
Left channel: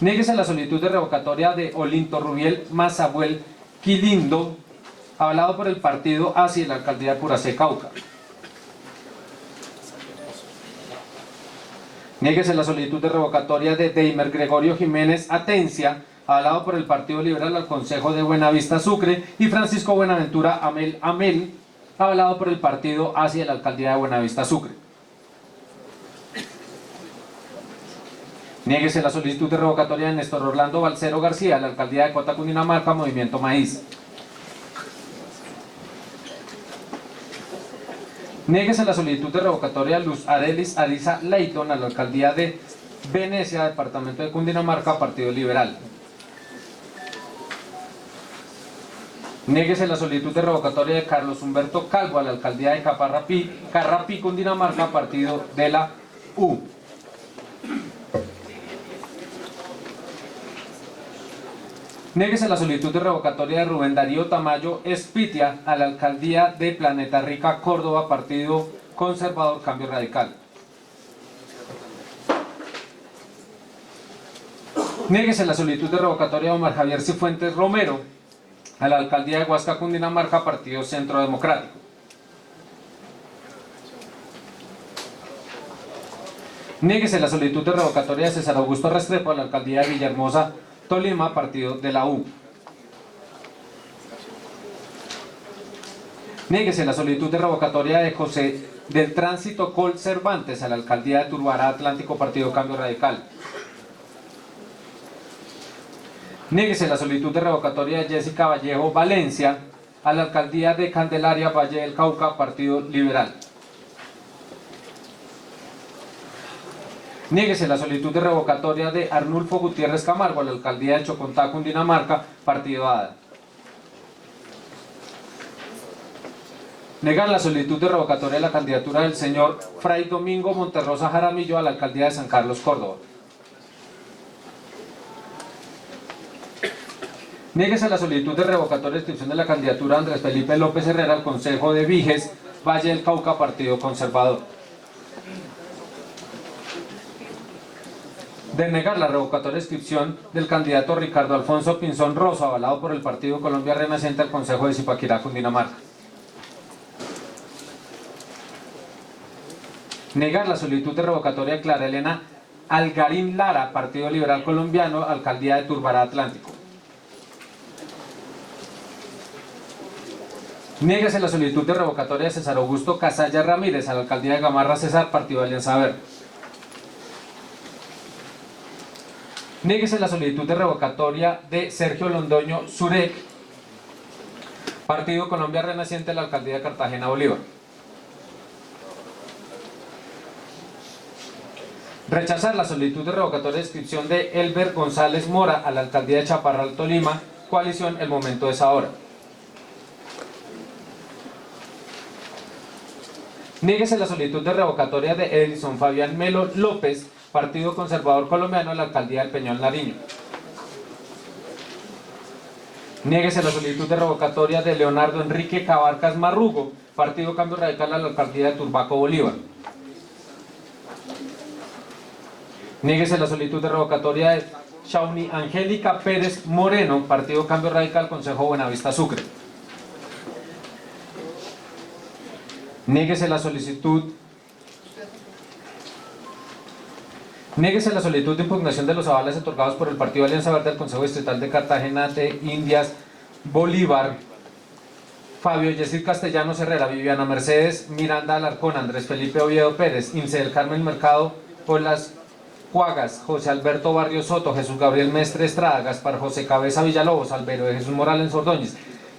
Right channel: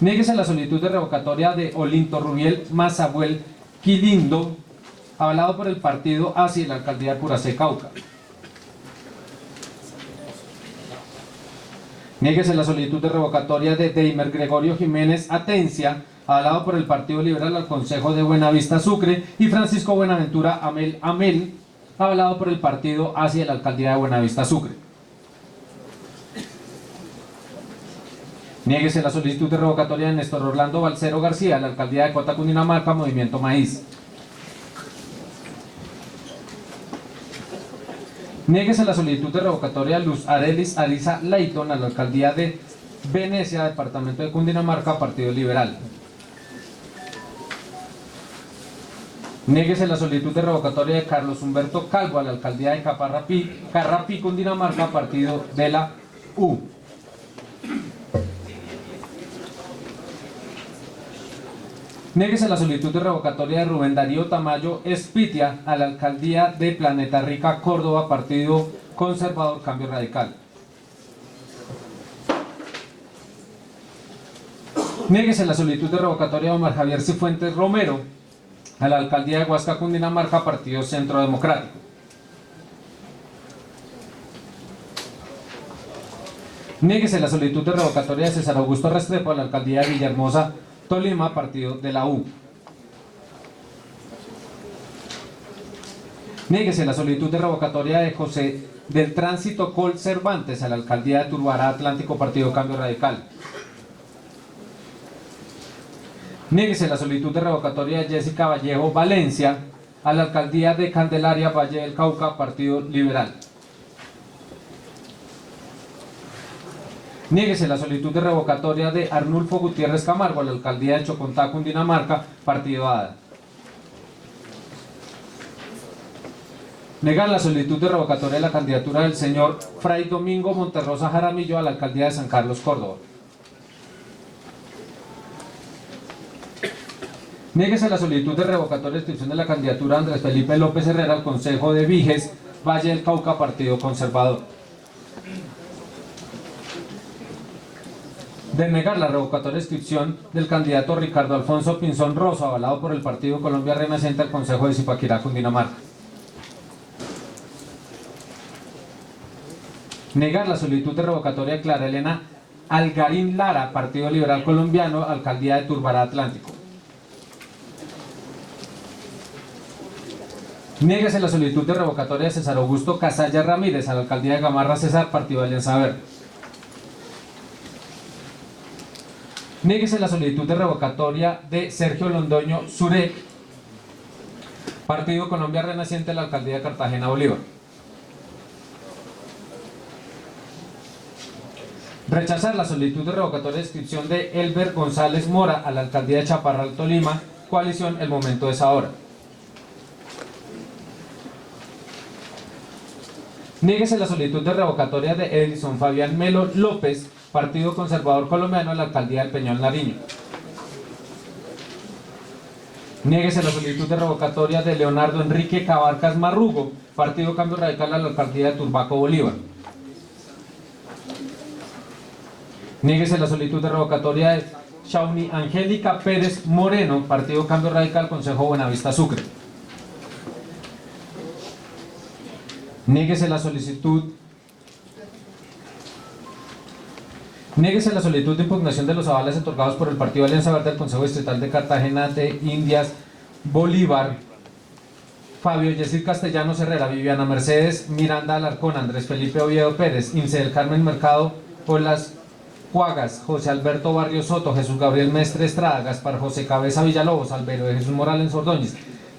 Niéguese la solicitud de revocatoria de Olinto Rubiel Mazabuel Quilindo, avalado por el partido ASI en la Alcaldía de Puracé, Cauca. Niéguese la solicitud de revocatoria de Deimer Gregorio Jiménez Atencia, avalado por el Partido Liberal al Consejo de Buenavista Sucre, y Francisco Buenaventura Amel, avalado por el partido hacia la Alcaldía de Buenavista Sucre. Niéguese la solicitud de revocatoria de Néstor Orlando Balcero García a la Alcaldía de Cota, Cundinamarca, Movimiento Maíz. Niéguese la solicitud de revocatoria de Luz Arelis Alisa Leighton a la Alcaldía de Venecia, Departamento de Cundinamarca, Partido Liberal. Niéguese la solicitud de revocatoria de Carlos Humberto Calvo a la Alcaldía de Carrapí, Cundinamarca, Partido de la U. Niéguese la solicitud de revocatoria de Rubén Darío Tamayo Espitia a la Alcaldía de Planeta Rica, Córdoba, Partido Conservador Cambio Radical. Niéguese la solicitud de revocatoria de Omar Javier Cifuentes Romero a la Alcaldía de Huasca, Cundinamarca, Partido Centro Democrático. Niéguese la solicitud de revocatoria de César Augusto Restrepo a la Alcaldía de Villahermosa, Tolima, Partido de la U. Niéguese la solicitud de revocatoria de José del Tránsito Col Cervantes a la Alcaldía de Turbará Atlántico, Partido Cambio Radical. Niéguese la solicitud de revocatoria de Jessica Vallejo Valencia a la Alcaldía de Candelaria, Valle del Cauca, Partido Liberal. Niéguese la solicitud de revocatoria de Arnulfo Gutiérrez Camargo a la Alcaldía de Chocontá, Cundinamarca, Partido ADA. Negar la solicitud de revocatoria de la candidatura del señor Fray Domingo Monterrosa Jaramillo a la Alcaldía de San Carlos, Córdoba. Niéguese la solicitud de revocatoria de inscripción de la candidatura de Andrés Felipe López Herrera al Consejo de Viges, Valle del Cauca, Partido Conservador. Denegar la revocatoria de inscripción del candidato Ricardo Alfonso Pinzón Rosso, avalado por el Partido Colombia Renacente al Consejo de Zipaquirá, Cundinamarca. Negar la solicitud de revocatoria de Clara Elena Algarín Lara, Partido Liberal Colombiano, Alcaldía de Turbará Atlántico. Niéguese la solicitud de revocatoria de César Augusto Casalla Ramírez a la Alcaldía de Gamarra César, Partido Alianza Verde. Niéguese la solicitud de revocatoria de Sergio Londoño Zurek, Partido Colombia Renaciente, la Alcaldía de Cartagena Bolívar. Rechazar la solicitud de revocatoria de inscripción de Elber González Mora a la Alcaldía de Chaparral, Tolima, coalición El Momento es Ahora. Niéguese la solicitud de revocatoria de Edison Fabián Melo López, Partido Conservador Colombiano, a la Alcaldía del Peñol Nariño. Niéguese la solicitud de revocatoria de Leonardo Enrique Cabarcas Marrugo, Partido Cambio Radical, a la Alcaldía de Turbaco, Bolívar. Niéguese la solicitud de revocatoria de Shauni Angélica Pérez Moreno, Partido Cambio Radical, Consejo Buenavista Sucre. Niéguese la solicitud de impugnación de los avales otorgados por el Partido Alianza Verde al Consejo Distrital de Cartagena de Indias Bolívar. Fabio Yesir Castellanos Herrera, Viviana Mercedes Miranda Alarcón, Andrés Felipe Oviedo Pérez, Ince del Carmen Mercado por las Cuagas, José Alberto Barrio Soto, Jesús Gabriel Mestre Estrada, Gaspar José Cabeza Villalobos, Albero de Jesús Morales Ordóñez,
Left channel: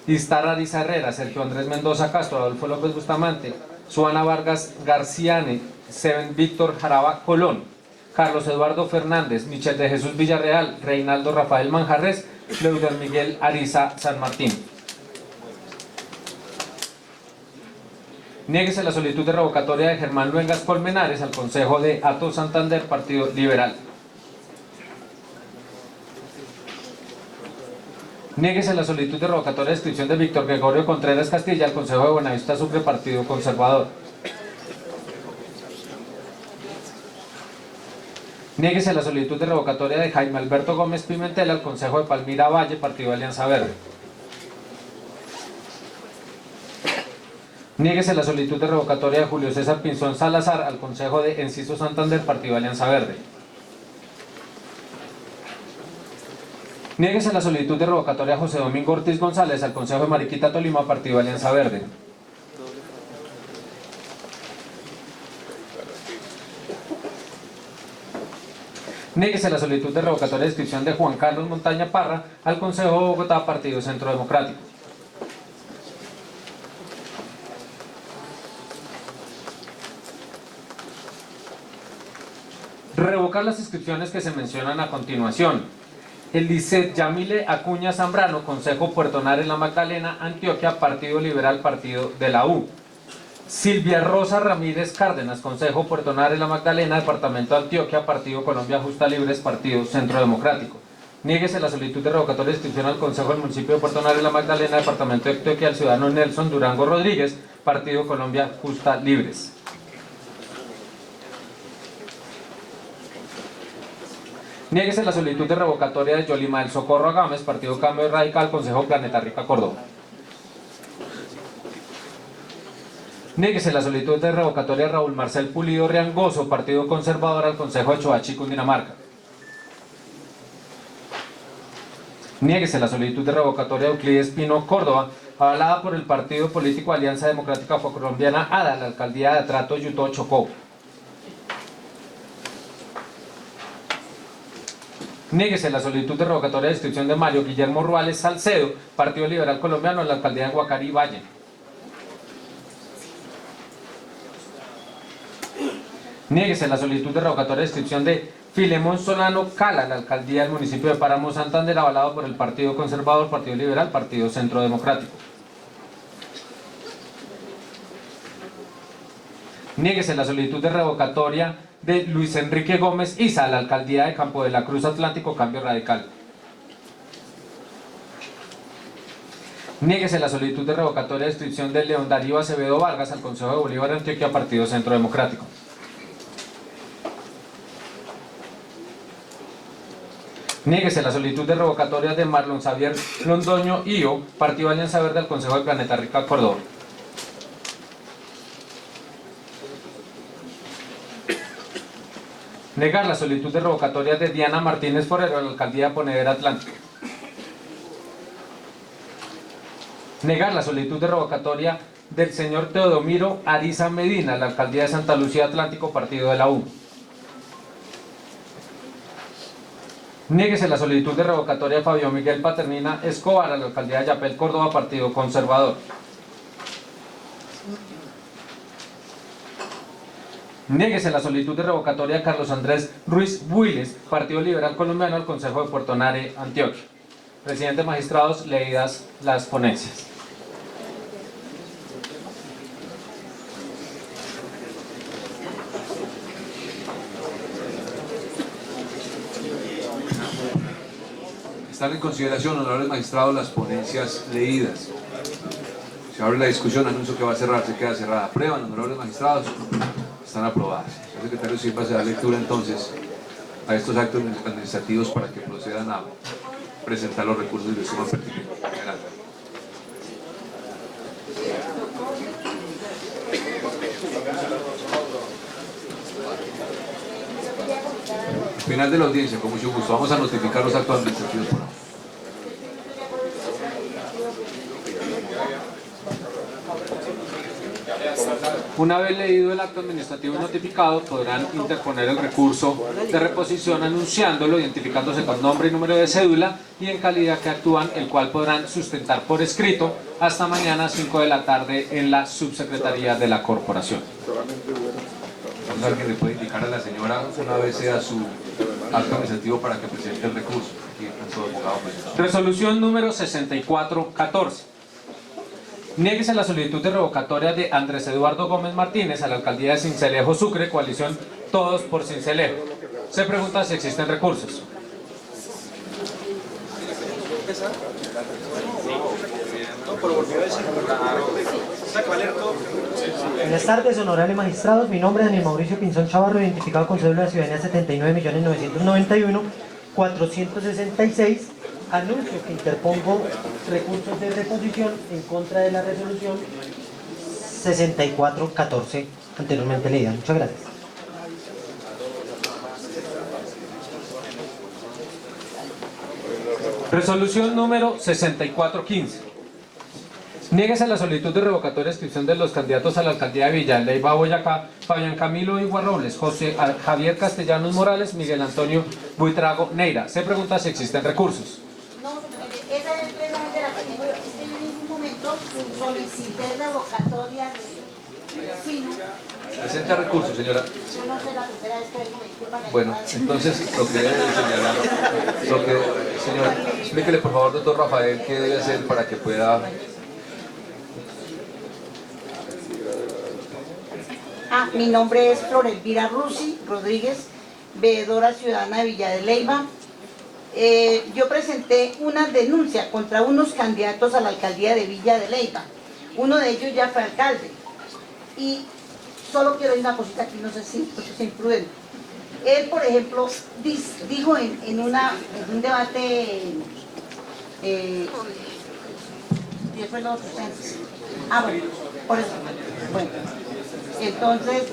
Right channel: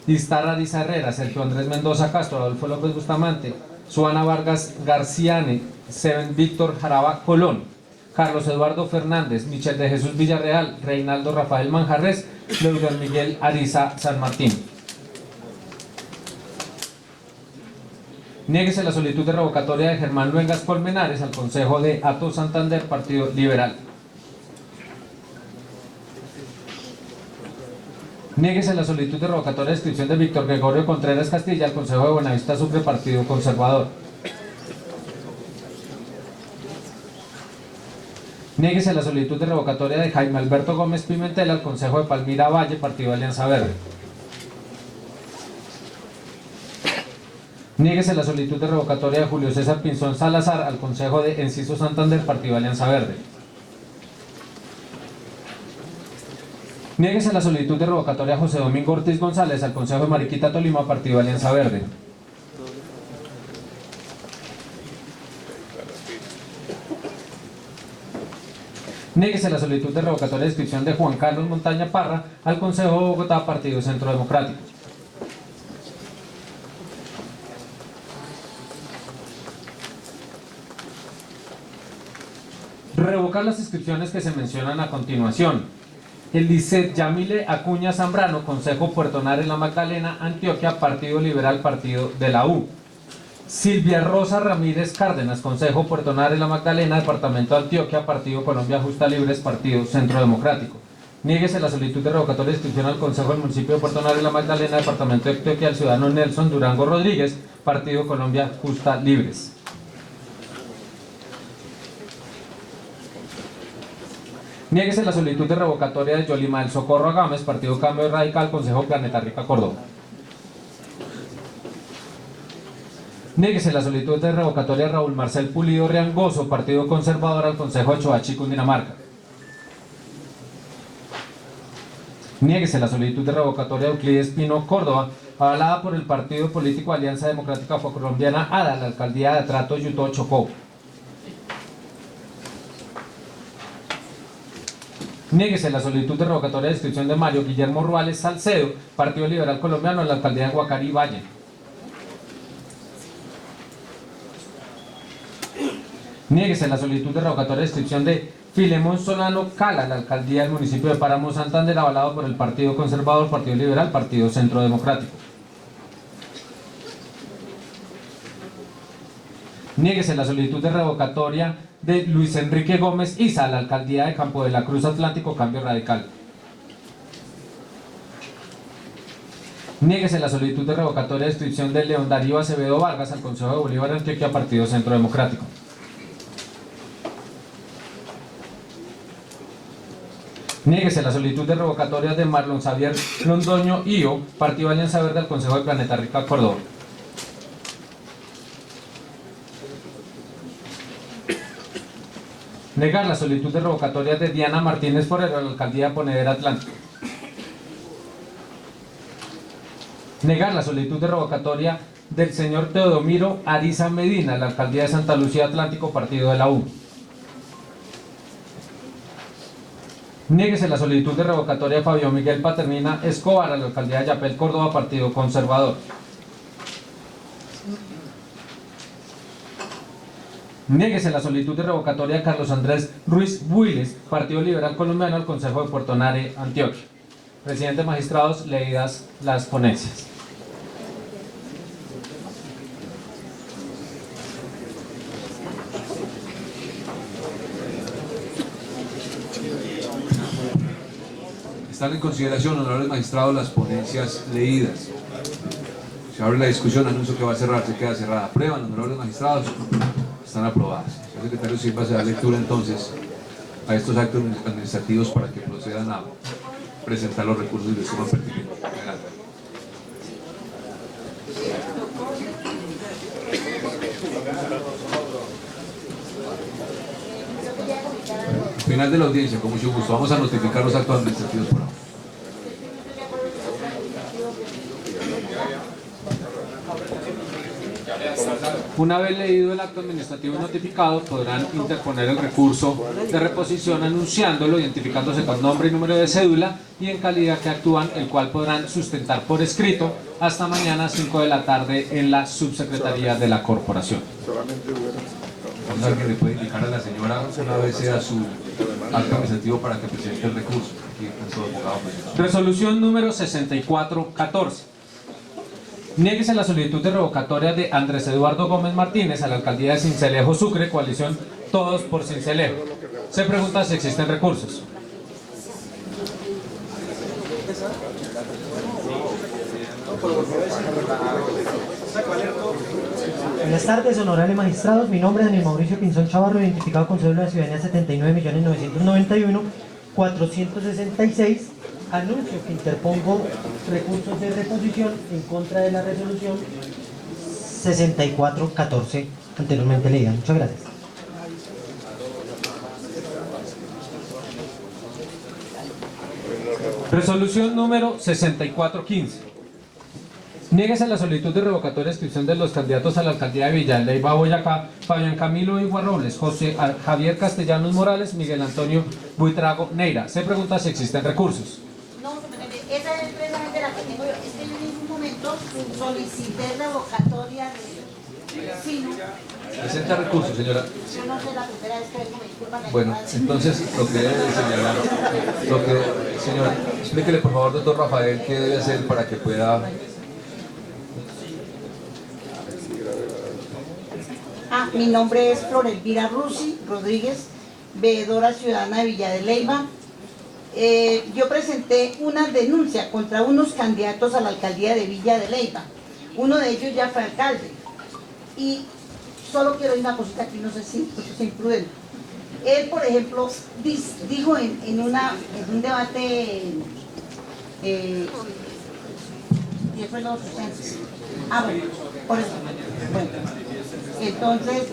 Istar Ariza Herrera, Sergio Andrés Mendoza Castro, Adolfo López Bustamante, Suana Vargas Garciane, Seven Víctor Jaraba Colón, Carlos Eduardo Fernández, Michel de Jesús Villarreal, Reinaldo Rafael Manjarres, Leudor Miguel Ariza San Martín. Niéguese la solicitud de revocatoria de Germán Luengas Colmenares al Consejo de Ato Santander, Partido Liberal. Niéguese la solicitud de revocatoria de inscripción de Víctor Gregorio Contreras Castilla al Consejo de Buenavista Sucre, Partido Conservador. Niéguese la solicitud de revocatoria de Jaime Alberto Gómez Pimentel al Consejo de Palmira Valle, Partido Alianza Verde. Niéguese la solicitud de revocatoria de Julio César Pinzón Salazar al Consejo de Enciso Santander, Partido Alianza Verde. Niéguese la solicitud de revocatoria de José Domingo Ortiz González al Consejo de Mariquita Tolima, Partido Alianza Verde. Niéguese la solicitud de revocatoria de inscripción de Juan Carlos Montaña Parra al Consejo de Bogotá, Partido Centro Democrático. Revocar las inscripciones que se mencionan a continuación. Eliseth Yamile Acuña Zambrano, Consejo Puertonar en la Magdalena, Antioquia, Partido Liberal, Partido de la U. Silvia Rosa Ramírez Cárdenas, Consejo Puertonar en la Magdalena, Departamento de Antioquia, Partido Colombia Justa Libres, Partido Centro Democrático. Niéguese la solicitud de revocatoria de inscripción al Consejo del Municipio de Puertonar en la Magdalena, Departamento de Antioquia, al ciudadano Nelson Durango Rodríguez, Partido Colombia Justa Libres. Niéguese la solicitud de revocatoria de Yolima del Socorro Agames, Partido Cambio Radical, Consejo Planeta Rica, Córdoba. Niéguese la solicitud de revocatoria de Raúl Marcel Pulido Riangoso, Partido Conservador, al Consejo de Choachí, Cundinamarca. Niéguese la solicitud de revocatoria de Euclides Pino Córdoba, avalada por el partido político Alianza Democrática Afrocolombiana ADA, la alcaldía de Atrato, Yutó, Chocó. Niéguese la solicitud de revocatoria de inscripción de Mario Guillermo Ruales Salcedo, Partido Liberal Colombiano, en la alcaldía de Guacarí, Valle. Niéguese la solicitud de revocatoria de inscripción de Filemón Solano Cala, la alcaldía del municipio de Páramo Santander, avalado por el Partido Conservador, Partido Liberal, Partido Centro Democrático. Niéguese la solicitud de revocatoria de Luis Enrique Gómez Isa, la alcaldía de Campo de la Cruz Atlántico, Cambio Radical. Niéguese la solicitud de revocatoria de inscripción de León Darío Acevedo Vargas al Consejo de Bolívar, Antioquia, Partido Centro Democrático. Niéguese la solicitud de revocatoria de Marlon Xavier Londoño Io, Partido Alianza Verde, al Consejo de Planeta Rica, Córdoba. Negar la solicitud de revocatoria de Diana Martínez Forero a la alcaldía de Ponedera Atlántico. Negar la solicitud de revocatoria del señor Teodomiro Ariza Medina a la alcaldía de Santa Lucía Atlántico, partido de la U. Niéguese la solicitud de revocatoria de Fabio Miguel Paternina Escobar a la alcaldía de Yapel, Córdoba, partido conservador. Niéguese la solicitud de revocatoria de Carlos Andrés Ruiz Builes, Partido Liberal Colombiano, al Consejo de Puerto Nare, Antioquia. Presidente, magistrados, leídas las ponencias. Están en consideración, honorables magistrados, las ponencias leídas. Se abre la discusión, anuncio que va a cerrar, se queda cerrada. Aprueban, honorables magistrados, están aprobadas. El secretario Silva se da lectura entonces a estos actos administrativos para que procedan a presentar los recursos de suma pertinente. Adelante. Final de la audiencia, con mucho gusto. Vamos a notificar los actos administrativos por ahora. Una vez leído el acto administrativo notificado, podrán interponer el recurso de reposición anunciándolo, identificándose con nombre y número de cédula y en calidad que actúan, el cual podrán sustentar por escrito hasta mañana 5 de la tarde en la subsecretaría de la corporación. ¿Alguien le puede indicar a la señora una vez sea su acto administrativo para que presente el recurso? Aquí está todo abogado. Resolución número 6414. Niéguese la solicitud de revocatoria de Andrés Eduardo Gómez Martínez a la alcaldía de Sincelejo Sucre, coalición Todos por Sincelejo. Se pregunta si existen recursos. Buenas tardes, honorables magistrados. Mi nombre es Daniel Mauricio Pinzón Chavarro, identificado con cédula de ciudadanía 79.991.466. Anuncio que interpongo recursos de reposición en contra de la resolución 6414 anteriormente leída. Muchas gracias. Resolución número 6415. Niéguese la solicitud de revocatoria de inscripción de los candidatos a la alcaldía de Villa de Leyva, Boyacá, Fabián Camilo Igua Robles, José Javier Castellanos Morales, Miguel Antonio Buitrago Neira. Se pregunta si existen recursos. No, esa es precisamente la que tengo yo. Es que en ningún momento solicité revocatoria de vecino. Presenta recursos, señora. Yo no sé la primera vez que vengo, me disculpan. Bueno, entonces lo que debe señalar, señora, explíquele por favor, doctor Rafael, qué debe hacer para que pueda... Mi nombre es Flor Elvira Rusi Rodríguez, veedora ciudadana de Villa de Leyva. Yo presenté una denuncia contra unos candidatos a la alcaldía de Villa de Leyva. Uno de ellos ya fue alcalde. Y solo quiero decir una cosita aquí, no sé si es imprudente. Él, por ejemplo, dijo en un debate... ¿qué fue los sucesos? Bueno, por eso. Bueno. Entonces,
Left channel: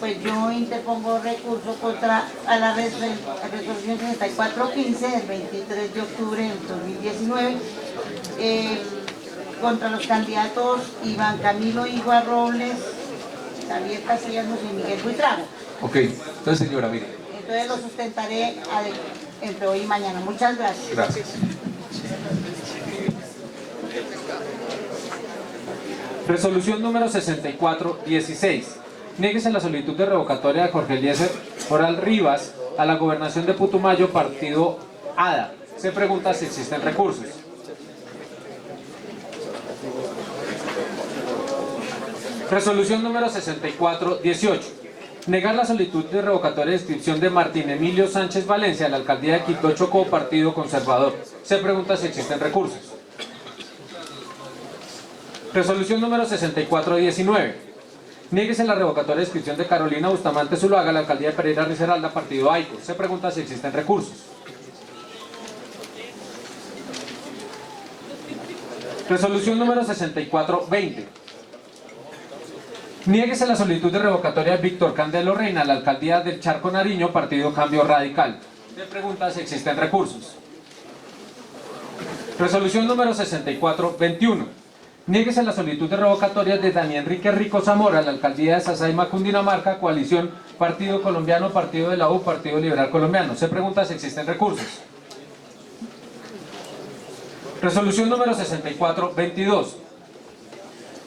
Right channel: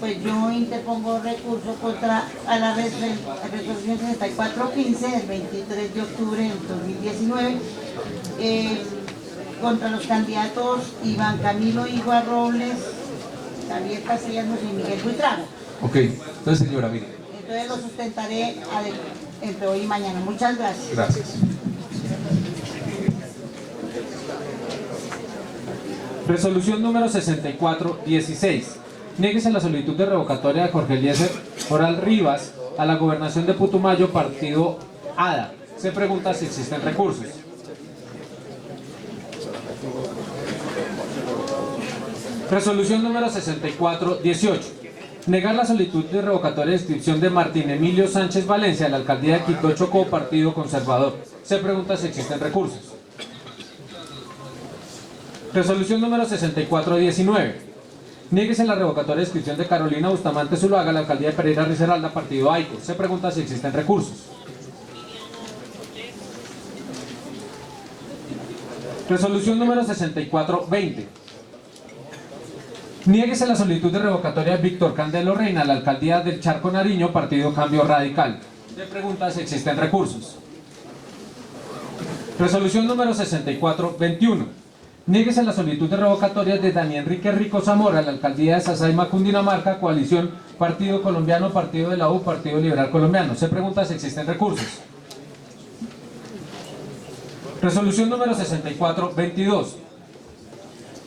pues yo interpongo recurso contra a la resolución 6415 del 23 de octubre del 2019 contra los candidatos Iván Camilo Igua Robles, Javier Castellanos y Miguel Buitrago. Ok, entonces señora, mire. Entonces lo sustentaré entre hoy y mañana. Muchas gracias. Gracias. Resolución número 6416. Niéguese la solicitud de revocatoria de Jorge Eliezer Oral Rivas a la gobernación de Putumayo, partido ADA. Se pregunta si existen recursos. Resolución número 6418. Negar la solicitud de revocatoria de inscripción de Martín Emilio Sánchez Valencia a la alcaldía de Quito Chocó, partido conservador. Se pregunta si existen recursos. Resolución número 6419. Niéguese la revocatoria de inscripción de Carolina Bustamante Zuluaga a la alcaldía de Pereira Risaralda, partido AICO. Se pregunta si existen recursos. Resolución número 6420. Niéguese la solicitud de revocatoria de Víctor Candelo Reina a la alcaldía del Charco Nariño, partido Cambio Radical. Se pregunta si existen recursos. Resolución número 6421. Niéguese la solicitud de revocatoria de Daniel Enrique Rico Zamora a la alcaldía de Sasaima, Cundinamarca, coalición Partido Colombiano, Partido de la U, Partido Liberal Colombiano. Se pregunta si existen recursos. Resolución número 6422.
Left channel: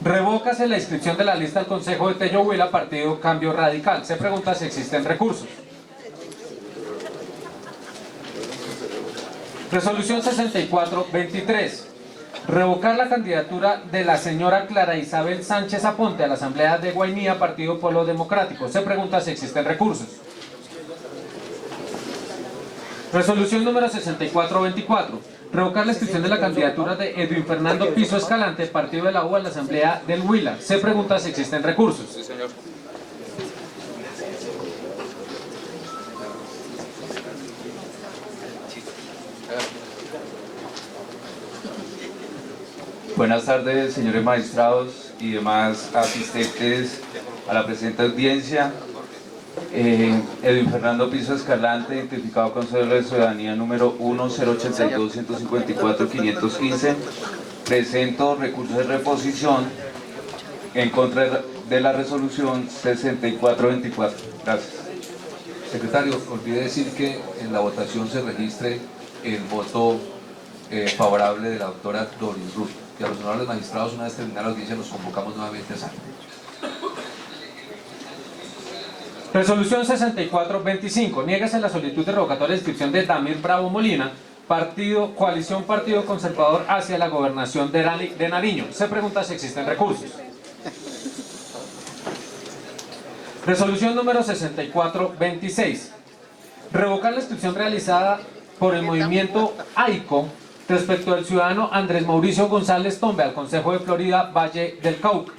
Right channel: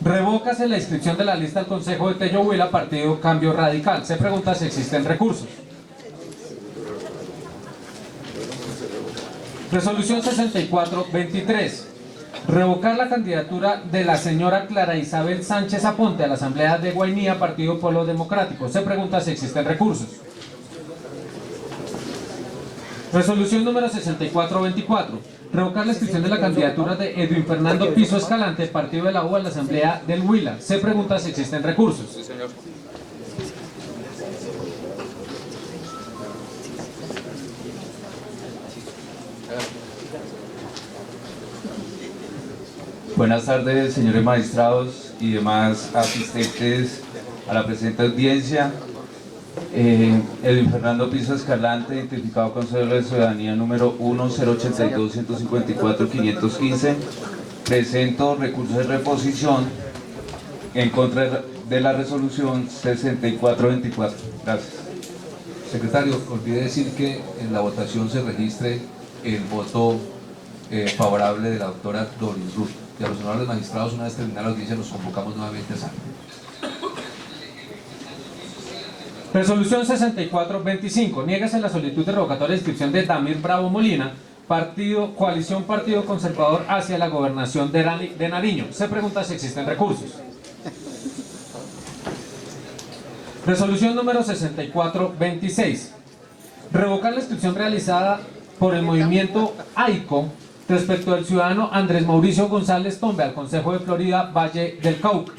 Revócase la inscripción de la lista al Consejo de Tello Huila, Partido Cambio Radical. Se pregunta si existen recursos. Resolución 6423. Revocar la candidatura de la señora Clara Isabel Sánchez Aponte a la Asamblea de Guainía, Partido Polo Democrático. Se pregunta si existen recursos. Resolución número 6424. Revocar la inscripción de la candidatura de Edwin Fernando Piso Escalante, Partido de la U, a la Asamblea del Huila. Se pregunta si existen recursos. Sí, señor. Buenas tardes, señores magistrados y demás asistentes a la presente audiencia. Edwin Fernando Piso Escalante, identificado Consejo de Ciudadanía número 1-082-154-515. Presento recurso de reposición en contra de la resolución 6424. Gracias. Secretario, olvidé decir que en la votación se registre el voto favorable de la doctora Doris Ruth. Y a los honorables magistrados, una vez terminada la audiencia, los convocamos nuevamente a sala. Resolución 6425. Niégase la solicitud de revocatoria de inscripción de Damir Bravo Molina, coalición Partido Conservador, hacia la gobernación de Nariño. Se pregunta si existen recursos. Resolución número 6426. Revocar la inscripción realizada por el movimiento AICO respecto al ciudadano Andrés Mauricio González Tombe al Consejo de Florida Valle del Cauca.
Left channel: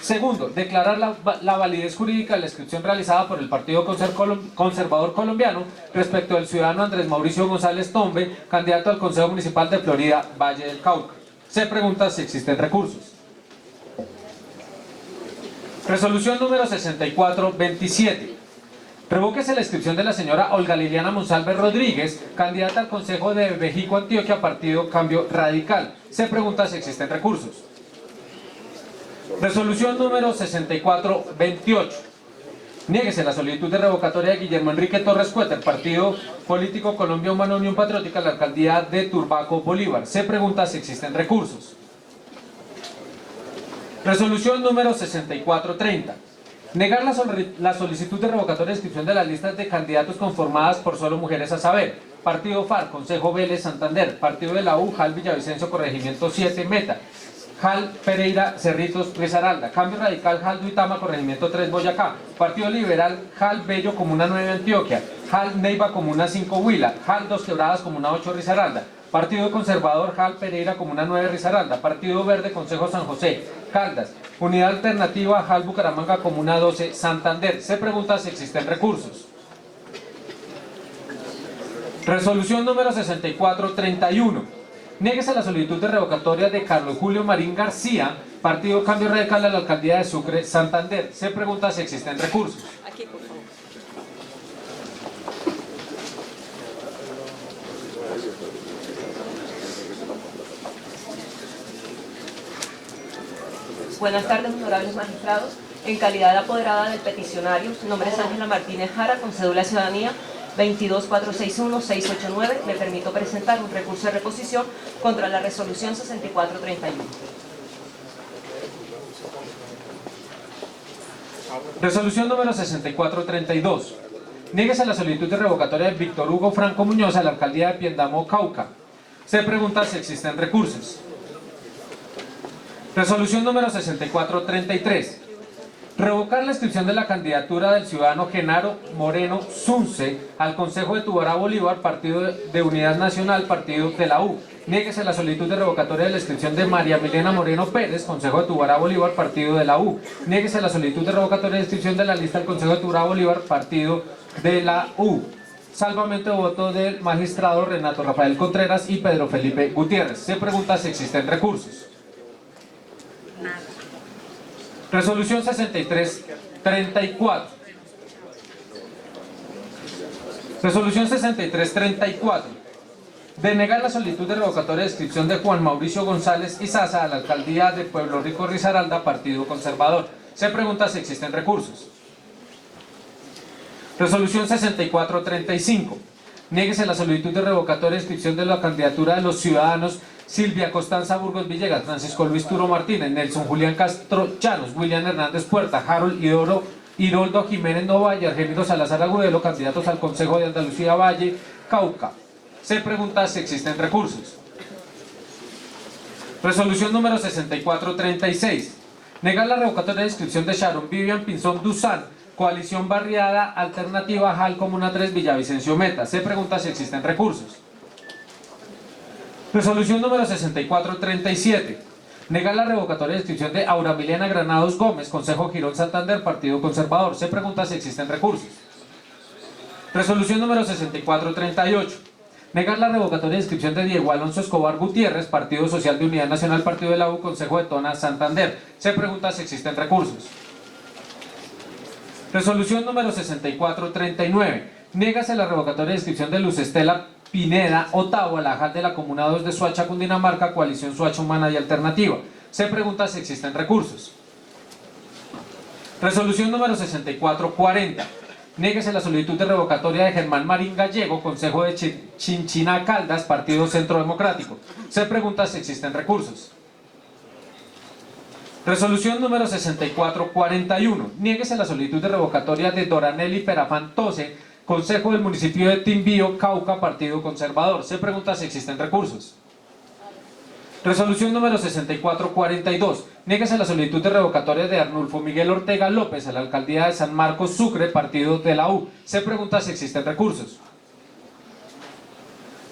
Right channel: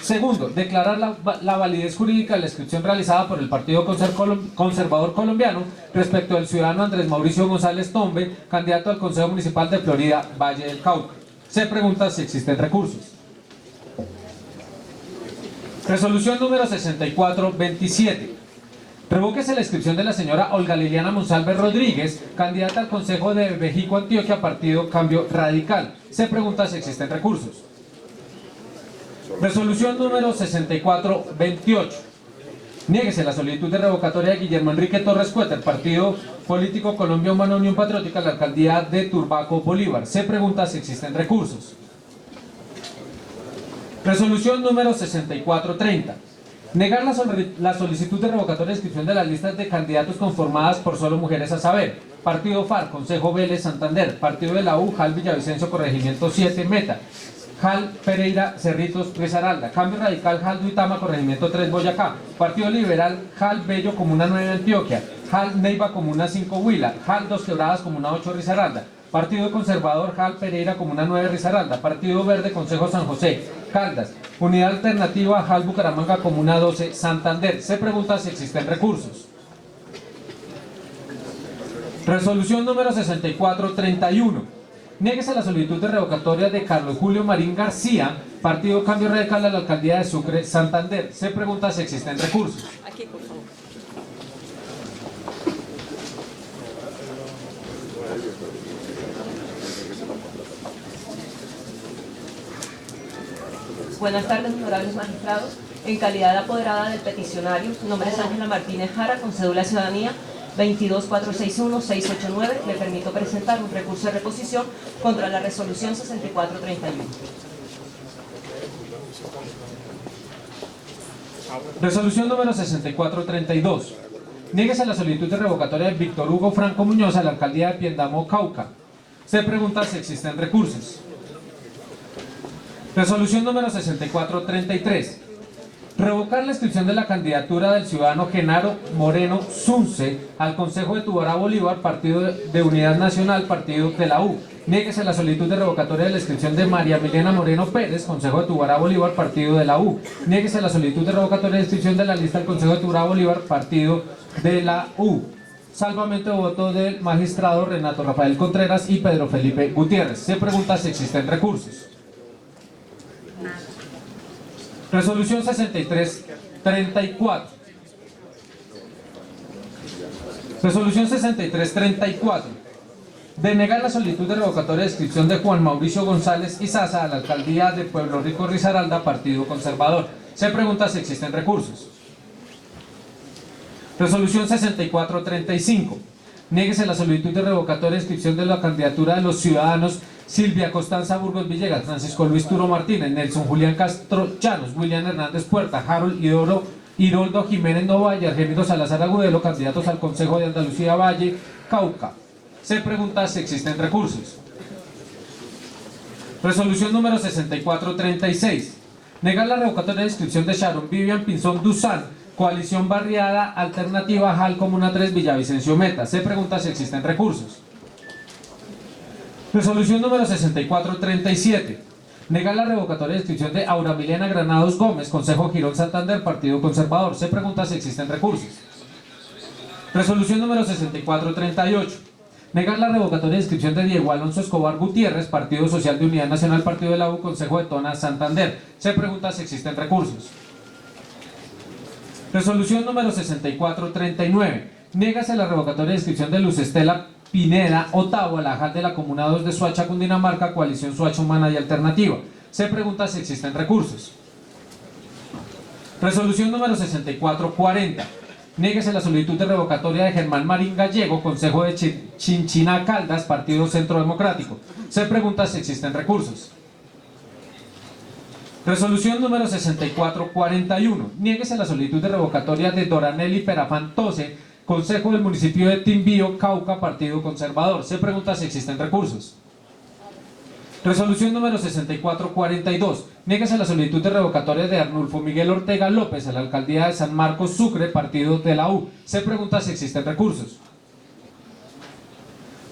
Segundo, declarar la validez jurídica de la inscripción realizada por el Partido Conservador Colombiano respecto al ciudadano Andrés Mauricio González Tombe, candidato al Consejo Municipal de Florida Valle del Cauca. Se pregunta si existen recursos. Resolución número 6427. Revóquese la inscripción de la señora Olga Liliana Monsalve Rodríguez, candidata al Consejo de Vejico Antioquia, Partido Cambio Radical. Se pregunta si existen recursos. Resolución número 6428. Niéguese la solicitud de revocatoria de Guillermo Enrique Torres Cuéter, Partido Político Colombia Humana Unión Patriótica, a la alcaldía de Turbaco, Bolívar. Se pregunta si existen recursos. Resolución número 6430. Negar la solicitud de revocatoria de inscripción de las listas de candidatos conformadas por solo mujeres, a saber: Partido FARC, Consejo Vélez Santander; Partido de la U, JAL Villavicencio, Corregimiento 7, Meta; JAL Pereira, Cerritos, Risaralda; Cambio Radical, JAL Duitama, Corregimiento 3, Boyacá; Partido Liberal, JAL Bello, Comuna 9, Antioquia; JAL Neiva, Comuna 5, Huila; JAL Dos Quebradas, Comuna 8, Risaralda; Partido Conservador, JAL Pereira, Comuna 9, Risaralda; Partido Verde, Consejo San José, Caldas; Unidad Alternativa, JAL Bucaramanga, Comuna 12, Santander. Se pregunta si existen recursos. Resolución número 6431. Niéguese la solicitud de revocatoria de Carlos Julio Marín García, Partido Cambio Radical, a la alcaldía de Sucre, Santander. Se pregunta si existen recursos. Aquí, por favor. Buenas tardes, honorables magistrados. En calidad de apoderada del peticionario, mi nombre es Ángela Martínez Jara, con cédula de ciudadanía 22461-689. Me permito presentar un recurso de reposición contra la resolución 6431. Resolución número 6432. Niéguese la solicitud de revocatoria de Víctor Hugo Franco Muñoz a la alcaldía de Piendamo, Cauca. Se pregunta si existen recursos. Resolución número 6433. Revocar la inscripción de la candidatura del ciudadano Genaro Moreno Zunce al Consejo de Tubará Bolívar, Partido de Unidad Nacional, Partido de la U. Niéguese la solicitud de revocatoria de la inscripción de María Milena Moreno Pérez, Consejo de Tubará Bolívar, Partido de la U. Niéguese la solicitud de revocatoria de inscripción de la lista del Consejo de Tubará Bolívar, Partido de la U. Salvamento de voto del magistrado Renato Rafael Contreras y Pedro Felipe Gutiérrez. Se pregunta si existen recursos. Resolución 6334. Resolución 6334. Denegar la solicitud de revocatoria de inscripción de Juan Mauricio González Izaza a la alcaldía de Pueblo Rico Risaralda, Partido Conservador. Se pregunta si existen recursos. Resolución 6435. Niéguese la solicitud de revocatoria de inscripción de la candidatura de los ciudadanos Silvia Constanza Burgos Villegas, Francisco Luis Turo Martínez, Nelson Julián Castro Llanos, William Hernández Puerta, Harold Hiroldo Jiménez Nova y Argemiro Salazar Agudelo, candidatos al Consejo de Andalucía Valle, Cauca. Se pregunta si existen recursos. Resolución número 6436. Negar la revocatoria de inscripción de Sharon Vivian Pinzón Duzán, Coalición Barriada Alternativa JAL Comuna 3 Villavicencio Meta. Se pregunta si existen recursos. Resolución número 6437. Negar la revocatoria de inscripción de Aura Milena Granados Gómez, Consejo Girón Santander, Partido Conservador. Se pregunta si existen recursos. Resolución número 6438. Negar la revocatoria de inscripción de Diego Alonso Escobar Gutiérrez, Partido Social de Unidad Nacional, Partido de la U, Consejo de Tona, Santander. Se pregunta si existen recursos. Resolución número 6439. Niégase la revocatoria de inscripción de Luz Estela Pineda Ottawa, la JAL de la Comuna 2 de Soacha, Cundinamarca, Coalición Soacha Humana y Alternativa. Se pregunta si existen recursos. Resolución número 6440. Niéguese la solicitud de revocatoria de Germán Marín Gallego, Consejo de Chinchina Caldas, Partido Centro Democrático. Se pregunta si existen recursos. Resolución número 6441. Niéguese la solicitud de revocatoria de Doranelli Perafán Tose, Consejo del Municipio de Timbío, Cauca, Partido Conservador. Se pregunta si existen recursos. Resolución número 6442. Niéguese la solicitud de revocatoria de Arnulfo Miguel Ortega López a la alcaldía de San Marcos Sucre, Partido de la U. Se pregunta si existen recursos.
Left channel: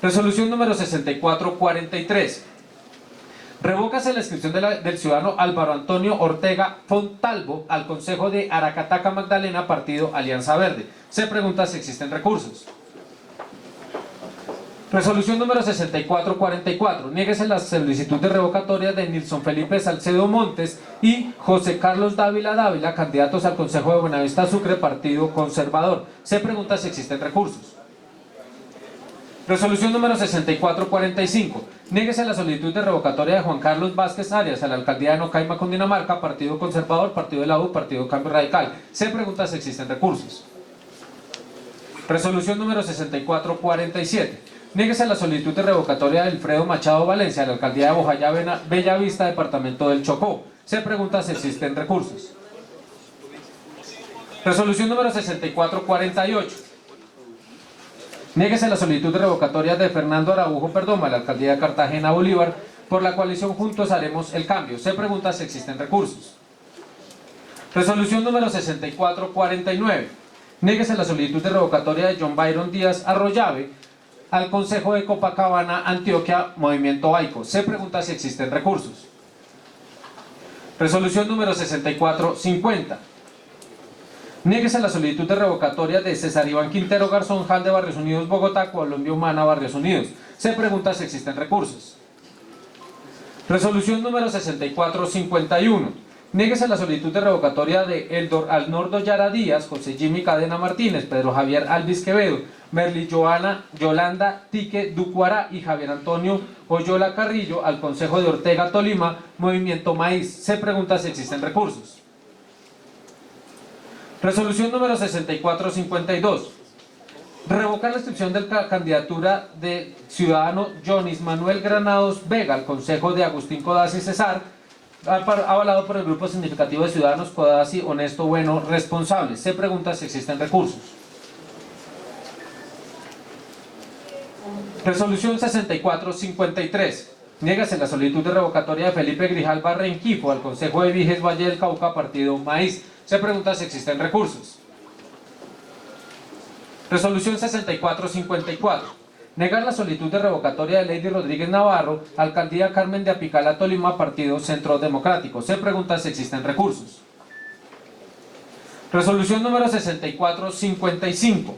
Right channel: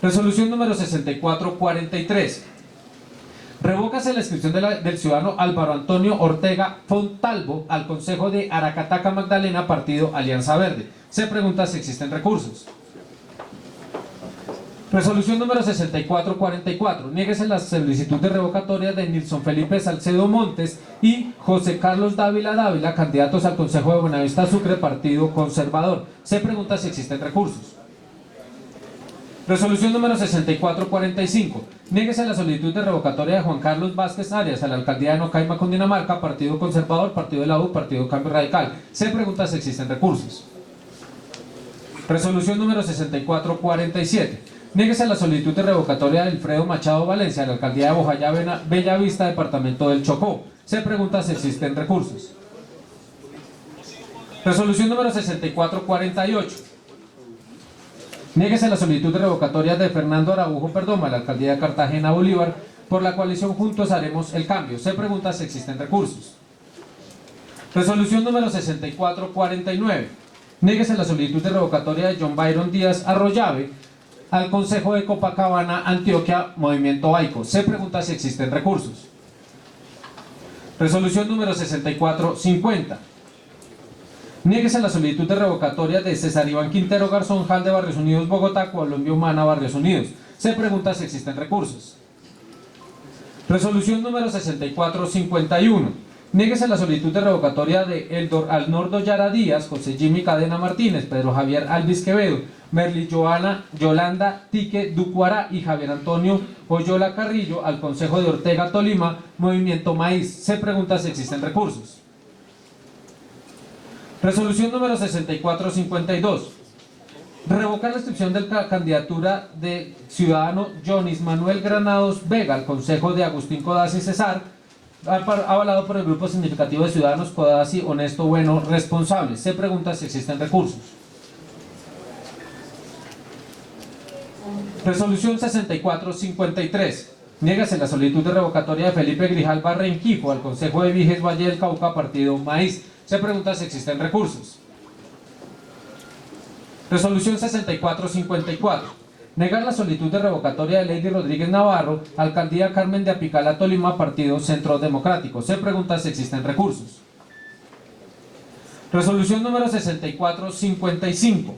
Resolución número 6443. Revócase la inscripción del ciudadano Álvaro Antonio Ortega Fontalvo al Consejo de Aracataca Magdalena, Partido Alianza Verde. Se pregunta si existen recursos. Resolución número 6444. Niéguese la solicitud de revocatoria de Nilson Felipe Salcedo Montes y José Carlos Dávila, candidatos al Consejo de Buenavista Sucre, Partido Conservador. Se pregunta si existen recursos. Resolución número 6445. Niéguese la solicitud de revocatoria de Juan Carlos Vázquez Arias a la alcaldía de Nocaima, Cundinamarca, Partido Conservador, Partido de la U, Partido Cambio Radical. Se pregunta si existen recursos. Resolución número 6447. Niéguese la solicitud de revocatoria de Alfredo Machado Valencia a la alcaldía de Bojayá, Bellavista, departamento del Chocó. Se pregunta si existen recursos. Resolución número 6448. Niéguese la solicitud de revocatoria de Fernando Araujo Perdoma a la alcaldía de Cartagena, Bolívar, por la coalición Juntos Haremos el Cambio. Se pregunta si existen recursos. Resolución número 6449. Niéguese la solicitud de revocatoria de John Byron Díaz Arroyave al Consejo de Copacabana, Antioquia, Movimiento Aico. Se pregunta si existen recursos. Resolución número 6450. Niéguese la solicitud de revocatoria de César Iván Quintero Garzón JAL de Barrios Unidos, Bogotá, Colombia Humana, Barrios Unidos. Se pregunta si existen recursos. Resolución número 6451. Niéguese la solicitud de revocatoria de Eldor Alnordo Yara Díaz, José Jimmy Cadena Martínez, Pedro Javier Alvis Quevedo, Merly Yolanda Tique Ducuara y Javier Antonio Oyola Carrillo al Consejo de Ortega Tolima, Movimiento Maíz. Se pregunta si existen recursos. Resolución número 6452. Revocar la inscripción de la candidatura del ciudadano Jonis Manuel Granados Vega al Consejo de Agustín Codazzi Cesar, avalado por el grupo significativo de ciudadanos Codazzi Honesto, Bueno, Responsable. Se pregunta si existen recursos. Resolución 6453. Niégase la solicitud de revocatoria de Felipe Grijalva Renquifo al Consejo de Viges Valle del Cauca, Partido Maíz. Se pregunta si existen recursos. Resolución 6454. Negar la solicitud de revocatoria de Lady Rodríguez Navarro, alcaldía Carmen de Apicala, Tolima, Partido Centro Democrático. Se pregunta si existen recursos. Resolución número 6455.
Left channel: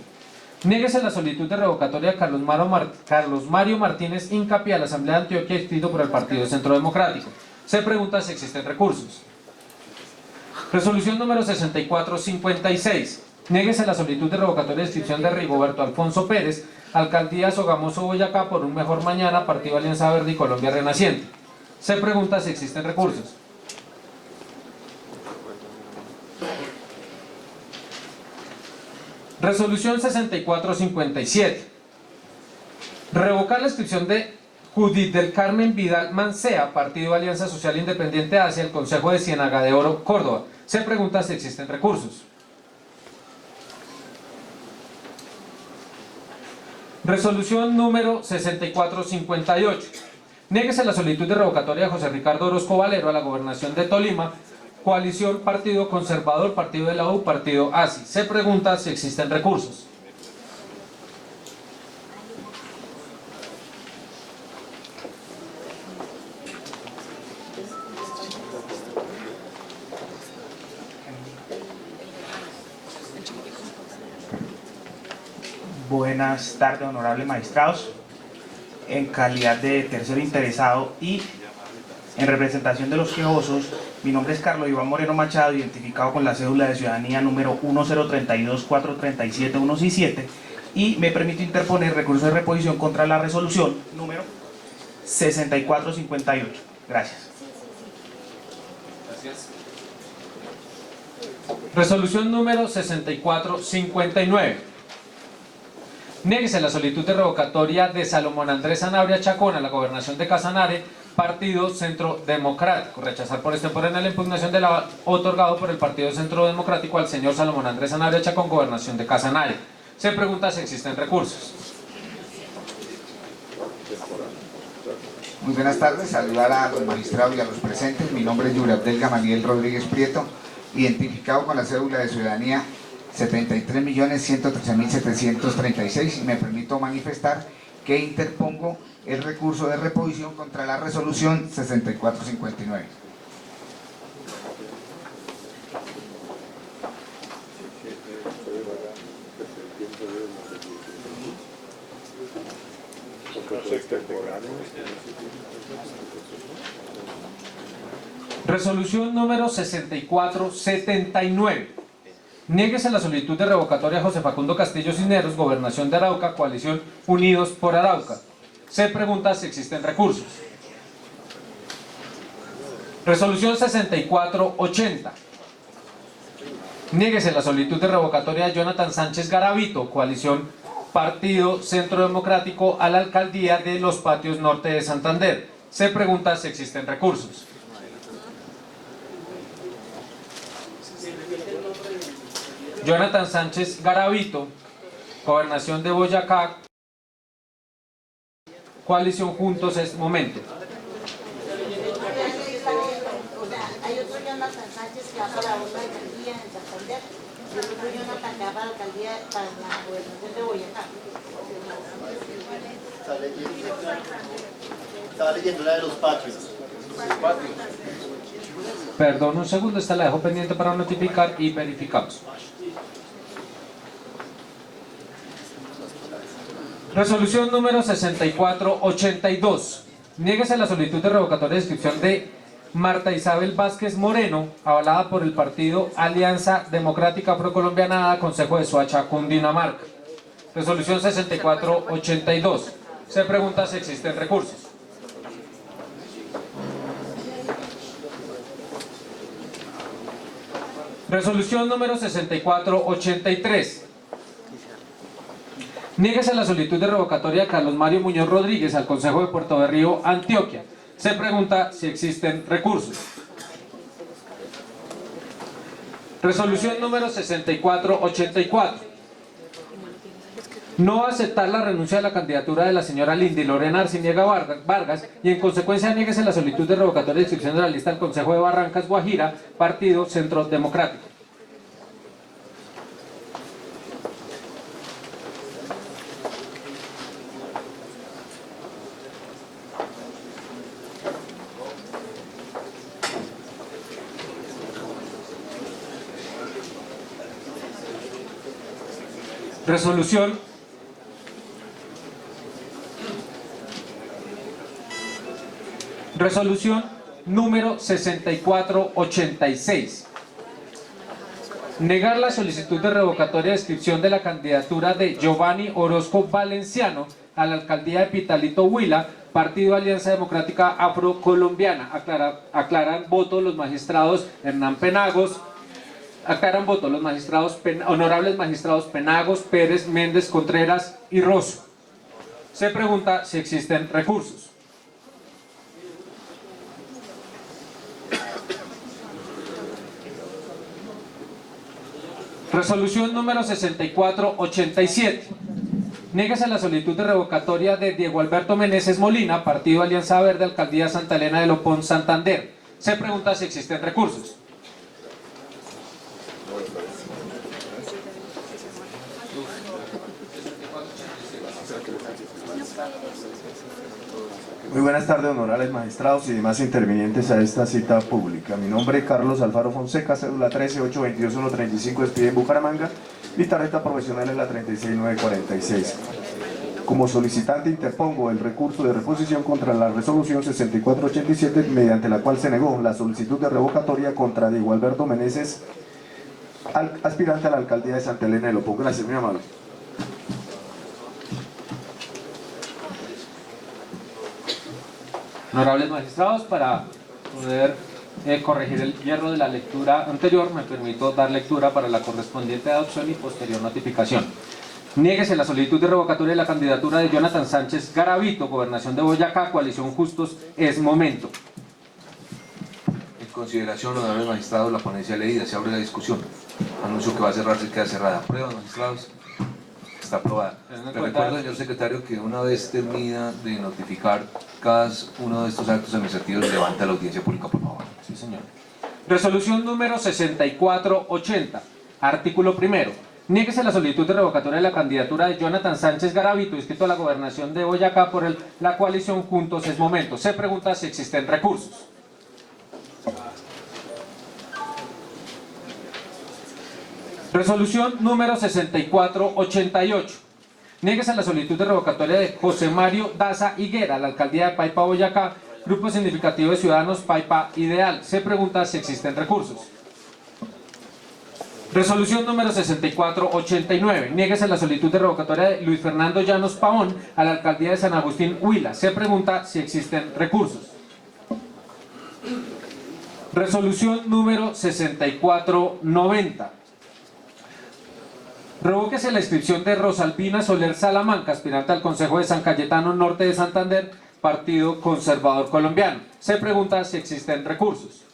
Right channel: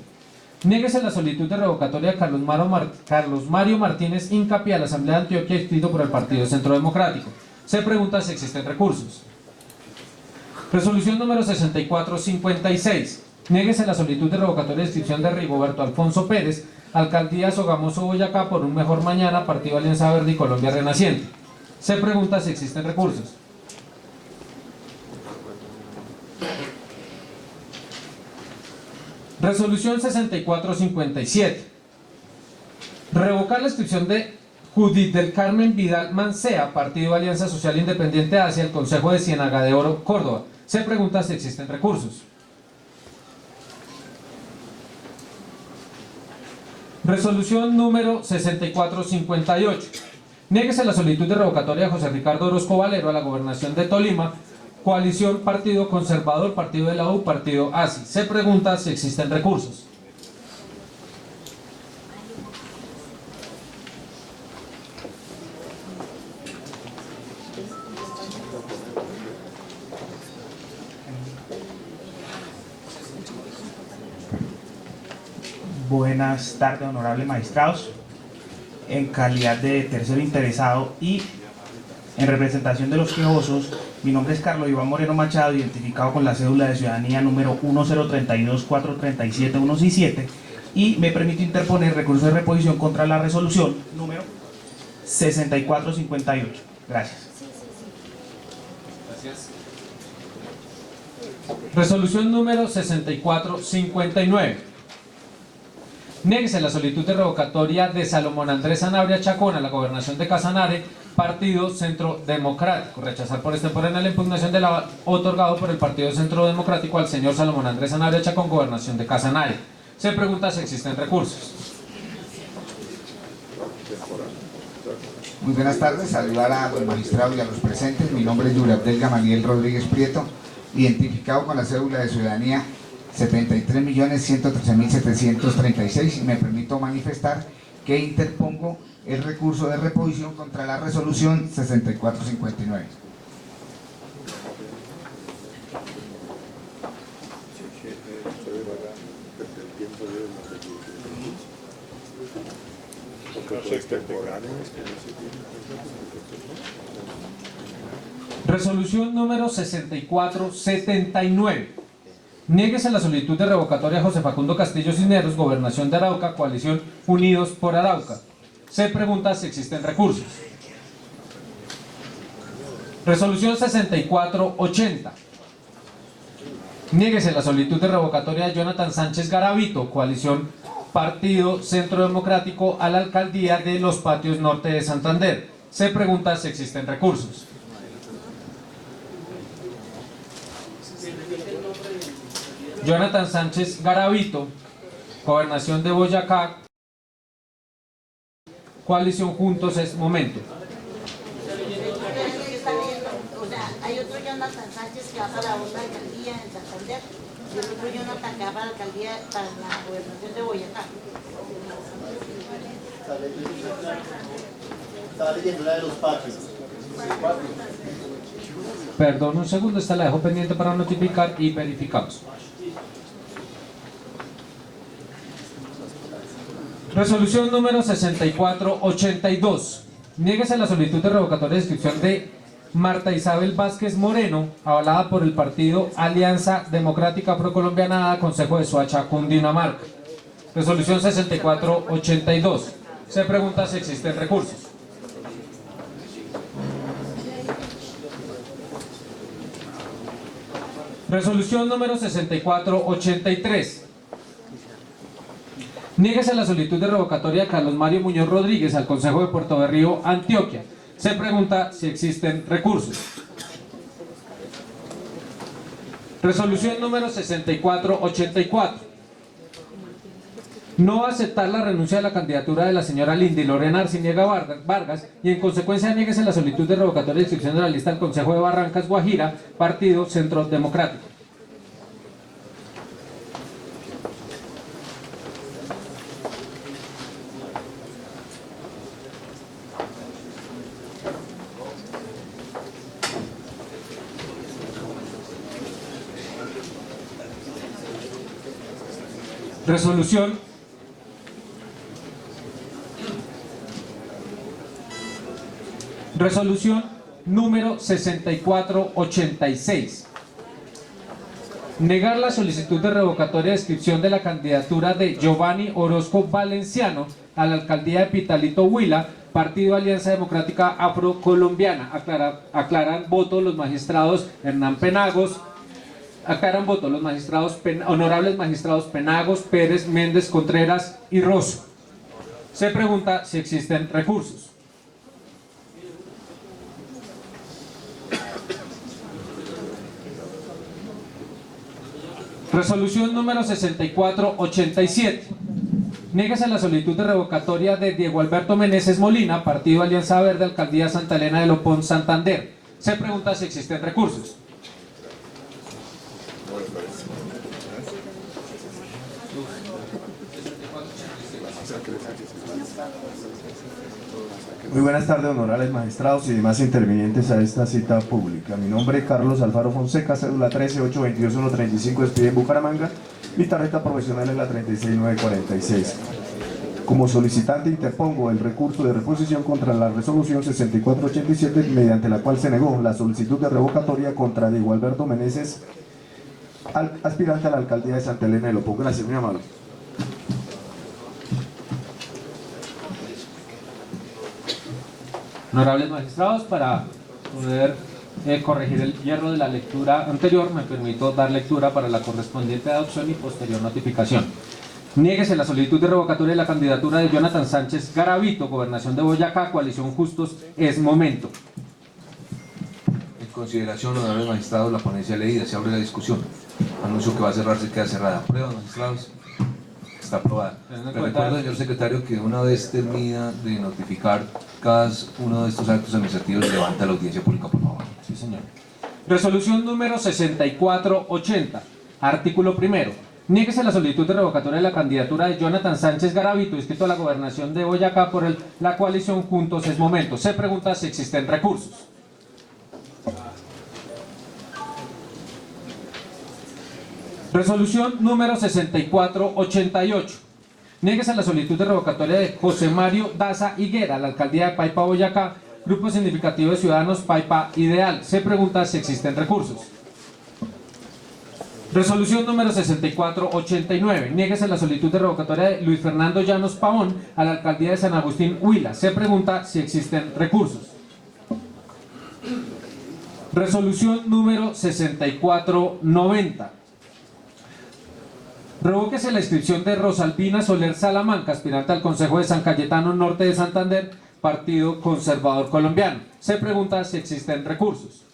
Niéguese la solicitud de revocatoria de Carlos Mario Martínez Incapié a la Asamblea de Antioquia, inscrito por el Partido Centro Democrático. Se pregunta si existen recursos. Resolución número 6456. Niéguese la solicitud de revocatoria de inscripción de Rigoberto Alfonso Pérez, Alcaldía Sogamoso, Boyacá, por un mejor mañana, Partido Alianza Verde y Colombia Renaciente. Se pregunta si existen recursos. Resolución 6457. Revocar la inscripción de Judith del Carmen Vidal Mancea, Partido Alianza Social Independiente hacia el Consejo de Ciénaga de Oro, Córdoba. Se pregunta si existen recursos. Resolución número 6458. Niéguese la solicitud de revocatoria de José Ricardo Orozco Valero a la gobernación de Tolima, coalición Partido Conservador, Partido de la U, Partido ASI. Se pregunta si existen recursos. Buenas tardes, honorables magistrados. En calidad de tercero interesado y en representación de los quejosos, mi nombre es Carlos Iván Moreno Machado, identificado con la cédula de ciudadanía número 1032437-167, y me permito interponer recurso de reposición contra la resolución número 6458. Gracias. Resolución número 6459. Niéguese la solicitud de revocatoria de Salomón Andrés Sanabria Chacón a la gobernación de Casanare, Partido Centro Democrático. Rechazar por extemporánea la impugnación de la otorgado por el Partido Centro Democrático al señor Salomón Andrés Sanabria Chacón, gobernación de Casanare. Se pregunta si existen recursos. Muy buenas tardes, saludar a los magistrados y a los presentes. Mi nombre es Yuri Abdel Gamaliel Rodríguez Prieto, identificado con la cédula de ciudadanía 73.113.736, y me permito manifestar que interpongo el recurso de reposición contra la resolución 6459. Resolución número 6479. Niéguese la solicitud de revocatoria a José Facundo Castillo Cisneros, gobernación de Arauca, coalición Unidos por Arauca. Se pregunta si existen recursos. Resolución 6480. Niéguese la solicitud de revocatoria de Jonathan Sánchez Garavito, coalición Partido Centro Democrático, a la alcaldía de Los Patios Norte de Santander. Se pregunta si existen recursos. Jonathan Sánchez Garavito, gobernación de Boyacá, coalición Juntos es Momento. O sea, hay otro Jonathan Sánchez que va para otra alcaldía en Santander y otro Jonathan que va para la alcaldía, para la gobernación de Boyacá. Estaba leyendo la de los patios. Perdón un segundo, esta la dejo pendiente para notificar y verificamos. Resolución número 6482. Niéguese la solicitud de revocatoria de inscripción de Marta Isabel Vázquez Moreno, avalada por el partido Alianza Democrática Procolombiana, Consejo de Soacha, Cundinamarca. Resolución 6482. Se pregunta si existen recursos. Resolución número 6483. Niéguese la solicitud de revocatoria de Carlos Mario Muñoz Rodríguez al Consejo de Puerto Berrío, Antioquia. Se pregunta si existen recursos. Resolución número 6484. No aceptar la renuncia de la candidatura de la señora Lindy Lorena Arciniega Vargas, y en consecuencia niéguese la solicitud de revocatoria de inscripción de la lista del Consejo de Barrancas, Guajira, Partido Centro Democrático. Resolución número 6486. Negar la solicitud de revocatoria de inscripción de la candidatura de Giovanni Orozco Valenciano a la alcaldía de Pitalito Huila, Partido Alianza Democrática Afrocolombiana. Aclaran voto los magistrados Hernán Penagos. Aclaran voto los magistrados honorables magistrados Penagos, Pérez, Méndez, Contreras y Rosso. Se pregunta si existen recursos. Resolución número 6487. Niégase la solicitud de revocatoria de Diego Alberto Meneses Molina, Partido Alianza Verde, Alcaldía Santa Elena de Lopón, Santander. Se pregunta si existen recursos. Muy buenas tardes, honorables magistrados y demás intervinientes a esta cita pública. Mi nombre es Carlos Alfaro Fonseca, cédula 13822135, despide en Bucaramanga. Mi tarjeta profesional es la 36946. Como solicitante interpongo el recurso de reposición contra la resolución 6487, mediante la cual se negó la solicitud de revocatoria contra Diego Alberto Meneses, aspirante a la alcaldía de Santa Elena de Lopón. Gracias, muy amable. Honorables magistrados, para poder corregir el hierro de la lectura anterior, me permito dar lectura para la correspondiente adopción y posterior notificación. Niéguese la solicitud de revocatoria de la candidatura de Jonathan Sánchez Garavito, Gobernación de Boyacá, Coalición Justos, es momento. En consideración, honorables magistrados, la ponencia leída, se abre la discusión. Anuncio que va a cerrarse y queda cerrada. ¿Aprueba, magistrados? Está aprobada. Le recuerdo, señor secretario, que una vez termina de notificar cada uno de estos actos administrativos, levanta la audiencia pública, por favor. Sí, señor. Resolución número 6480. Artículo primero. Niéguese la solicitud de revocatoria de la candidatura de Jonathan Sánchez Garavito, inscrito a la Gobernación de Boyacá por la coalición Juntos es Momento. Se pregunta si existen recursos. Resolución número 6488. Niéguese la solicitud de revocatoria de José Mario Daza Higuera a la alcaldía de Paipa, Boyacá, grupo significativo de ciudadanos Paipa Ideal. Se pregunta si existen recursos. Resolución número 6489. Niéguese la solicitud de revocatoria de Luis Fernando Llanos Pavón a la alcaldía de San Agustín Huila. Se pregunta si existen recursos. Resolución número 6490. Revóquese la inscripción de Rosalvina Soler Salamanca, aspirante al Consejo de San Cayetano Norte de Santander, Partido Conservador Colombiano. Se pregunta si existen recursos.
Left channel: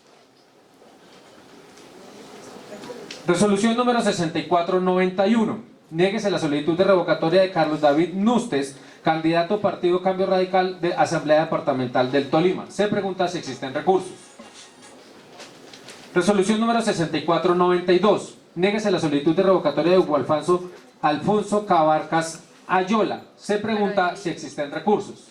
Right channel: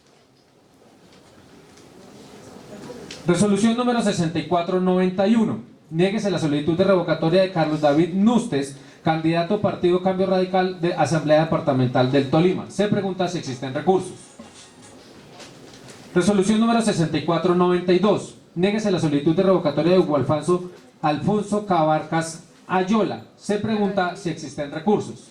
Resolución número 6491. Niéguese la solicitud de revocatoria de Carlos David Nustes, candidato Partido Cambio Radical de Asamblea Departamental del Tolima. Se pregunta si existen recursos. Resolución número 6492. Niéguese la solicitud de revocatoria de Hugo Alfonso Cabarcas Ayola. Se pregunta si existen recursos.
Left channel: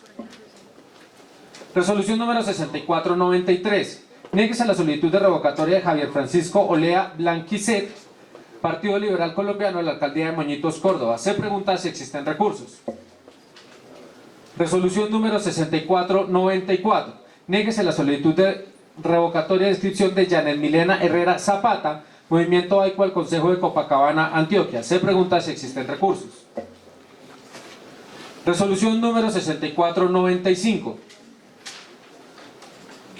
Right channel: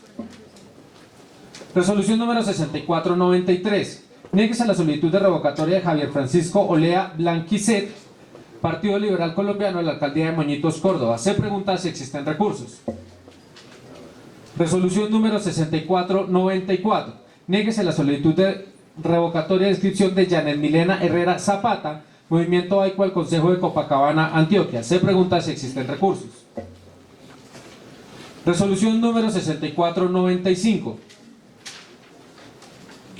Resolución número 6493. Niéguese la solicitud de revocatoria de Javier Francisco Olea Blanquicet, Partido Liberal Colombiano, a la alcaldía de Moñitos, Córdoba. Se pregunta si existen recursos. Resolución número 6494. Niéguese la solicitud de revocatoria de inscripción de Janet Milena Herrera Zapata, Movimiento AICO al Consejo de Copacabana, Antioquia. Se pregunta si existen recursos. Resolución número 6495.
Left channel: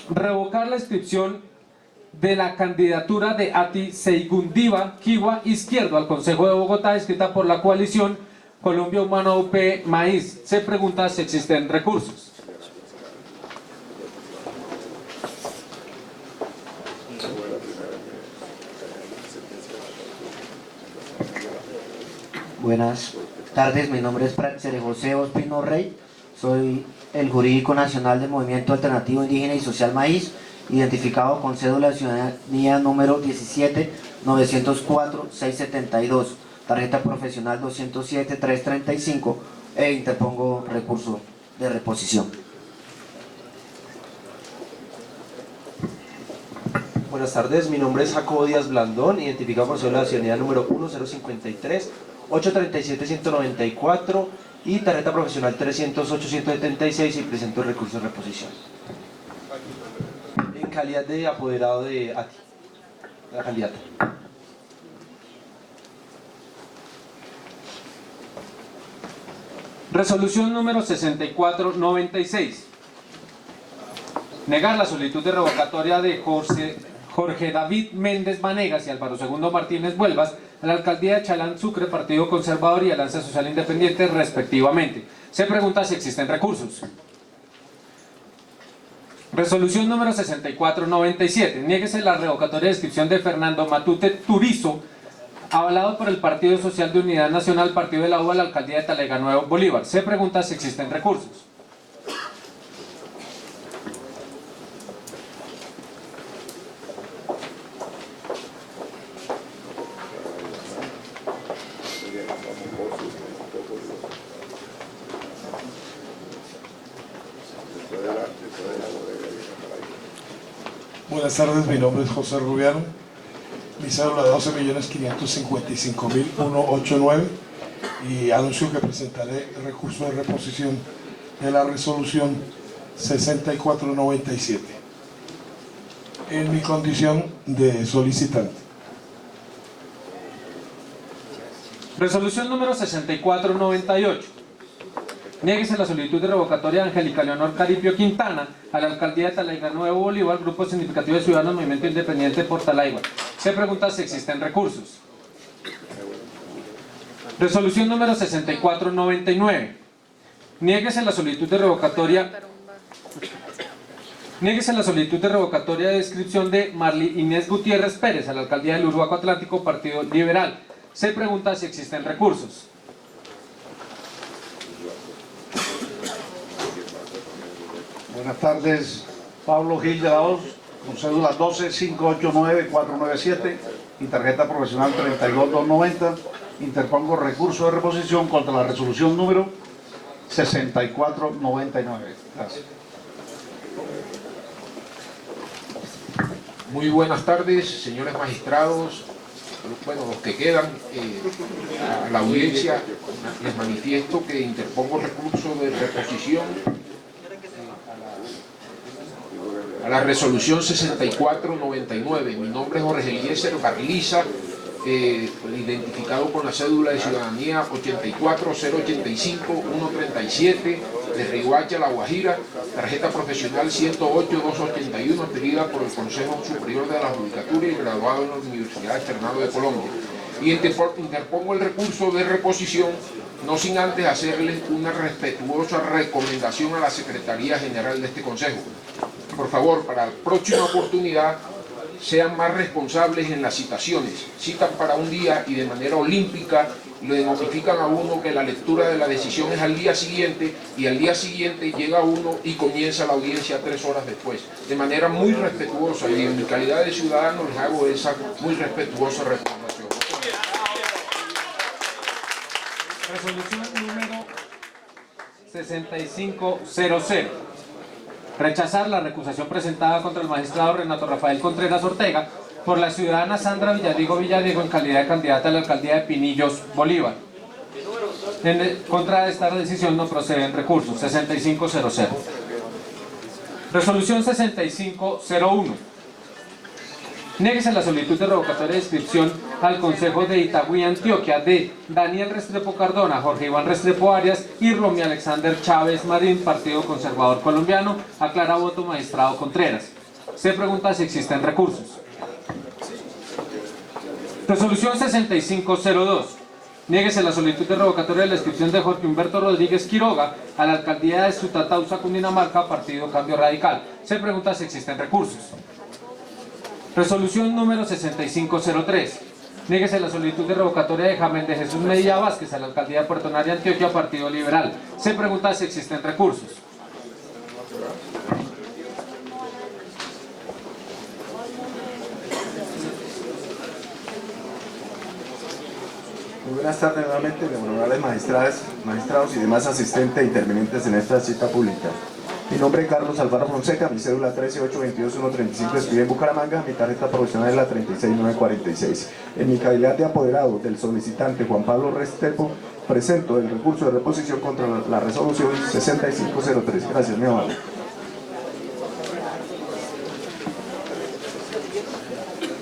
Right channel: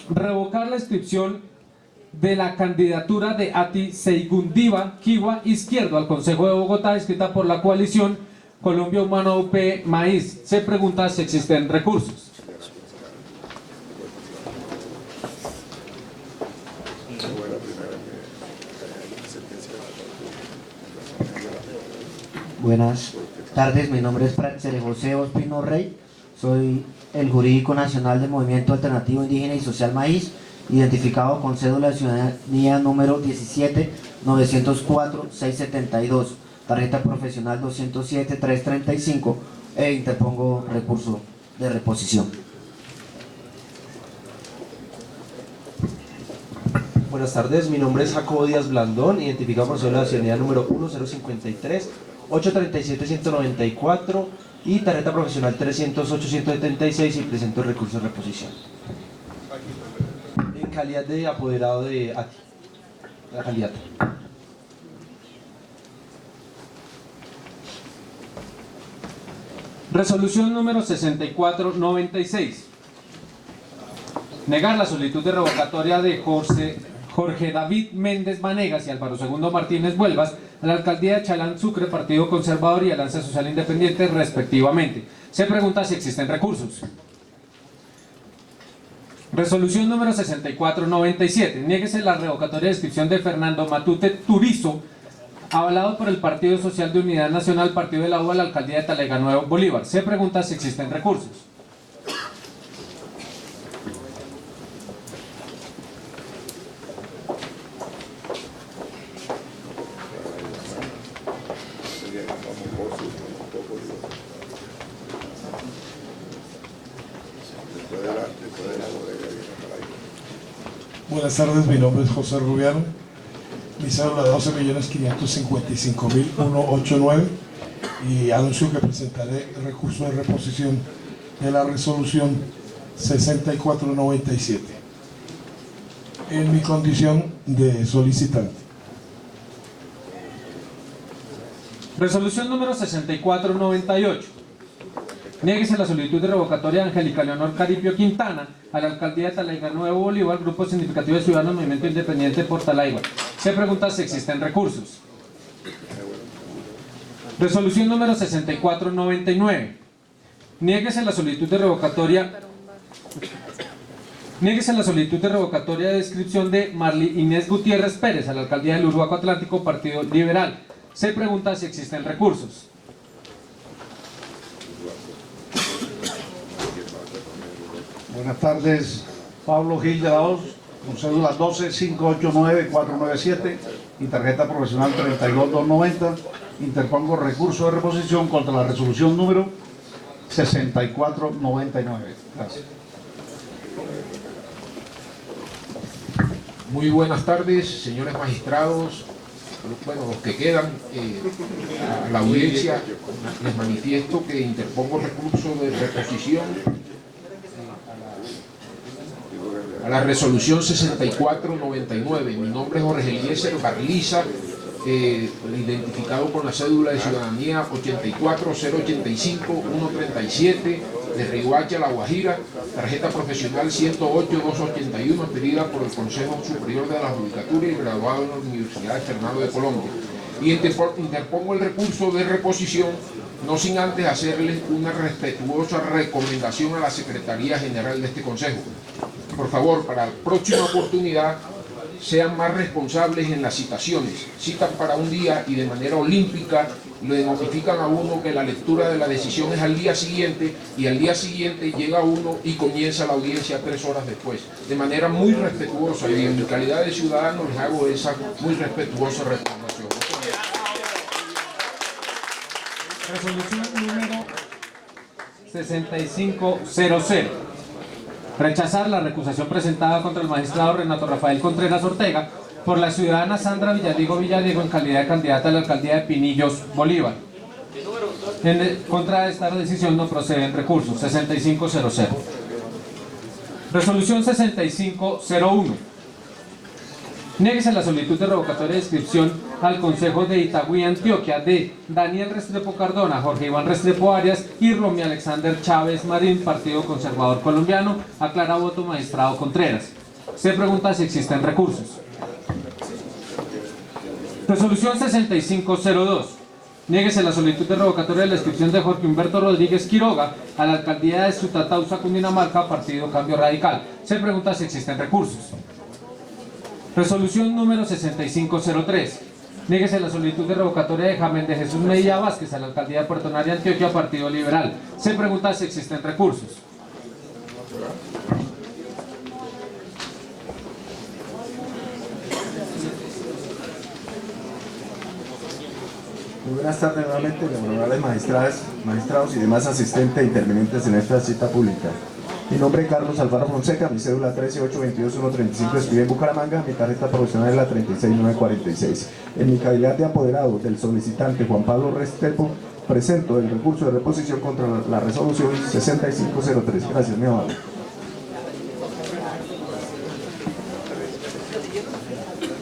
Revocar la inscripción de la candidatura de Ati Seigundiva Kiwa Izquierdo al Consejo de Bogotá, escrita por la coalición Colombia Humano UP Maíz. Se pregunta si existen recursos. Buenas tardes, mi nombre es Praxere José Ospino Rey, soy el jurídico nacional del Movimiento Alternativo Indígena y Social Maíz, identificado con cédula de ciudadanía número 17-904-672, tarjeta profesional 207-335, e interpongo recurso de reposición. Buenas tardes, mi nombre es Jacobo Díaz Blandón, identificado con cédula de ciudadanía número 1053-837-194 y tarjeta profesional 308-176, y presento el recurso de reposición. En calidad de apoderado de ATI, la candidata. Resolución número 6496. Negar la solicitud de revocatoria de Jorge David Méndez Vanegas y Álvaro II Martínez Vuelvas a la alcaldía de Chalán Sucre, Partido Conservador y Alianza Social Independiente, respectivamente. Se pregunta si existen recursos. Resolución número 6497. Niéguese la revocatoria de inscripción de Fernando Matute Turizo, avalado por el Partido Social de Unidad Nacional, Partido de la U, a la alcaldía de Talega Nuevo, Bolívar. Se pregunta si existen recursos. Buenas tardes, mi nombre es José Rubiano, mi cédula de 12.555.189 y anuncio que presentaré el recurso de reposición de la resolución 6497 en mi condición de solicitante. Resolución número 6498. Niéguese la solicitud de revocatoria de Angélica Leonor Caripio Quintana a la alcaldía de Talayga Nuevo Bolívar, Grupo Significativo de Ciudadanos Movimiento Independiente por Talayga. Se pregunta si existen recursos. Resolución número 6499. Niéguese la solicitud de revocatoria de inscripción de Marli Inés Gutiérrez Pérez a la alcaldía del Uruguaco Atlántico, Partido Liberal. Se pregunta si existen recursos. Buenas tardes, Pablo Gil de la Hoz, con cédula 12.589.497 y tarjeta profesional 32.290. Interpongo recurso de reposición contra la resolución número 6499. Gracias. Muy buenas tardes, señores magistrados, bueno, los que quedan, a la audiencia les manifiesto que interpongo recurso de reposición a la resolución 6499. Mi nombre es Jorge Eliezer Barliza, identificado con la cédula de ciudadanía 84085-137 de Riohacha, La Guajira, tarjeta profesional 108-281, pedida por el Consejo Superior de la Judicatura y graduado en la Universidad Externado de Colombia. Y interpongo el recurso de reposición, no sin antes hacerles una respetuosa recomendación a la Secretaría General de este Consejo. Por favor, para la próxima oportunidad, sean más responsables en las citaciones. Citan para un día y de manera olímpica le notifican a uno que la lectura de la decisión es al día siguiente, y al día siguiente llega uno y comienza la audiencia 3 horas después. De manera muy respetuosa, y en mi calidad de ciudadano les hago esa muy respetuosa recomendación. Resolución número 6500. Rechazar la recusación presentada contra el magistrado Renato Rafael Contreras Ortega por la ciudadana Sandra Villadiego en calidad de candidata a la alcaldía de Pinillos, Bolívar. Contra esta decisión no proceden recursos. 6500. Resolución 6501. Niéguese la solicitud de revocatoria de inscripción al Consejo de Itagüí, Antioquia, de Daniel Restrepo Cardona, Jorge Iván Restrepo Arias y Romy Alexander Chávez Marín, Partido Conservador Colombiano. Aclara voto magistrado Contreras. Se pregunta si existen recursos. Resolución 6502. Niéguese la solicitud de revocatoria de la inscripción de Jorge Humberto Rodríguez Quiroga a la alcaldía de Sutatausa, Cundinamarca, Partido Cambio Radical. Se pregunta si existen recursos. Resolución número 6503. Niéguese la solicitud de revocatoria de Jamén de Jesús Medina Vázquez a la alcaldía de Puerto Nari, Antioquia, Partido Liberal. Se pregunta si existen recursos. Muy buenas tardes nuevamente, honorables magistrados y demás asistentes e intervinientes en esta cita pública. Mi nombre es Carlos Alfaro Fonseca, mi cédula 13822135 escribe en Bucaramanga, mi tarjeta profesional es la 36946. En mi calidad de apoderado del solicitante Juan Pablo Restrepo, presento el recurso de reposición contra la resolución 6503. Gracias, mi amable.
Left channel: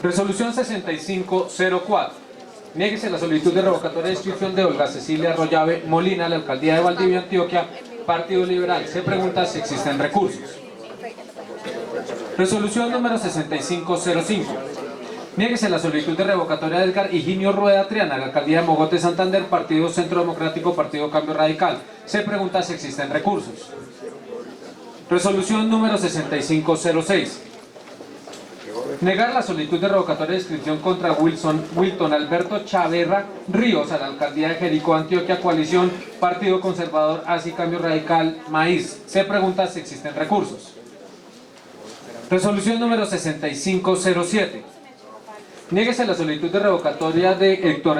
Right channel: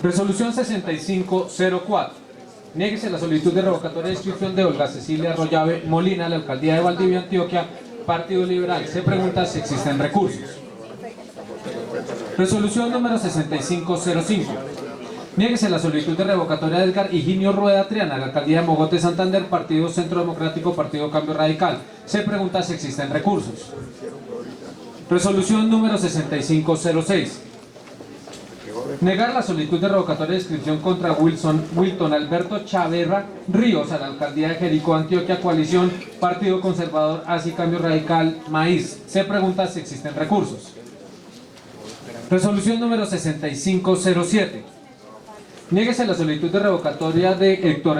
Resolución 6504. Niéguese la solicitud de revocatoria de inscripción de Olga Cecilia Arroyave Molina a la alcaldía de Valdivia, Antioquia, Partido Liberal. Se pregunta si existen recursos. Resolución número 6505. Niéguese la solicitud de revocatoria de Edgar Higinio Rueda Triana a la alcaldía de Mogote, Santander, Partido Centro Democrático, Partido Cambio Radical. Se pregunta si existen recursos. Resolución número 6506. Negar la solicitud de revocatoria de inscripción contra Wilton Alberto Chaverra Ríos a la alcaldía de Jericó, Antioquia, coalición Partido Conservador, ASI, Cambio Radical, Maíz. Se pregunta si existen recursos. Resolución número 6507. Niéguese la solicitud de revocatoria de Héctor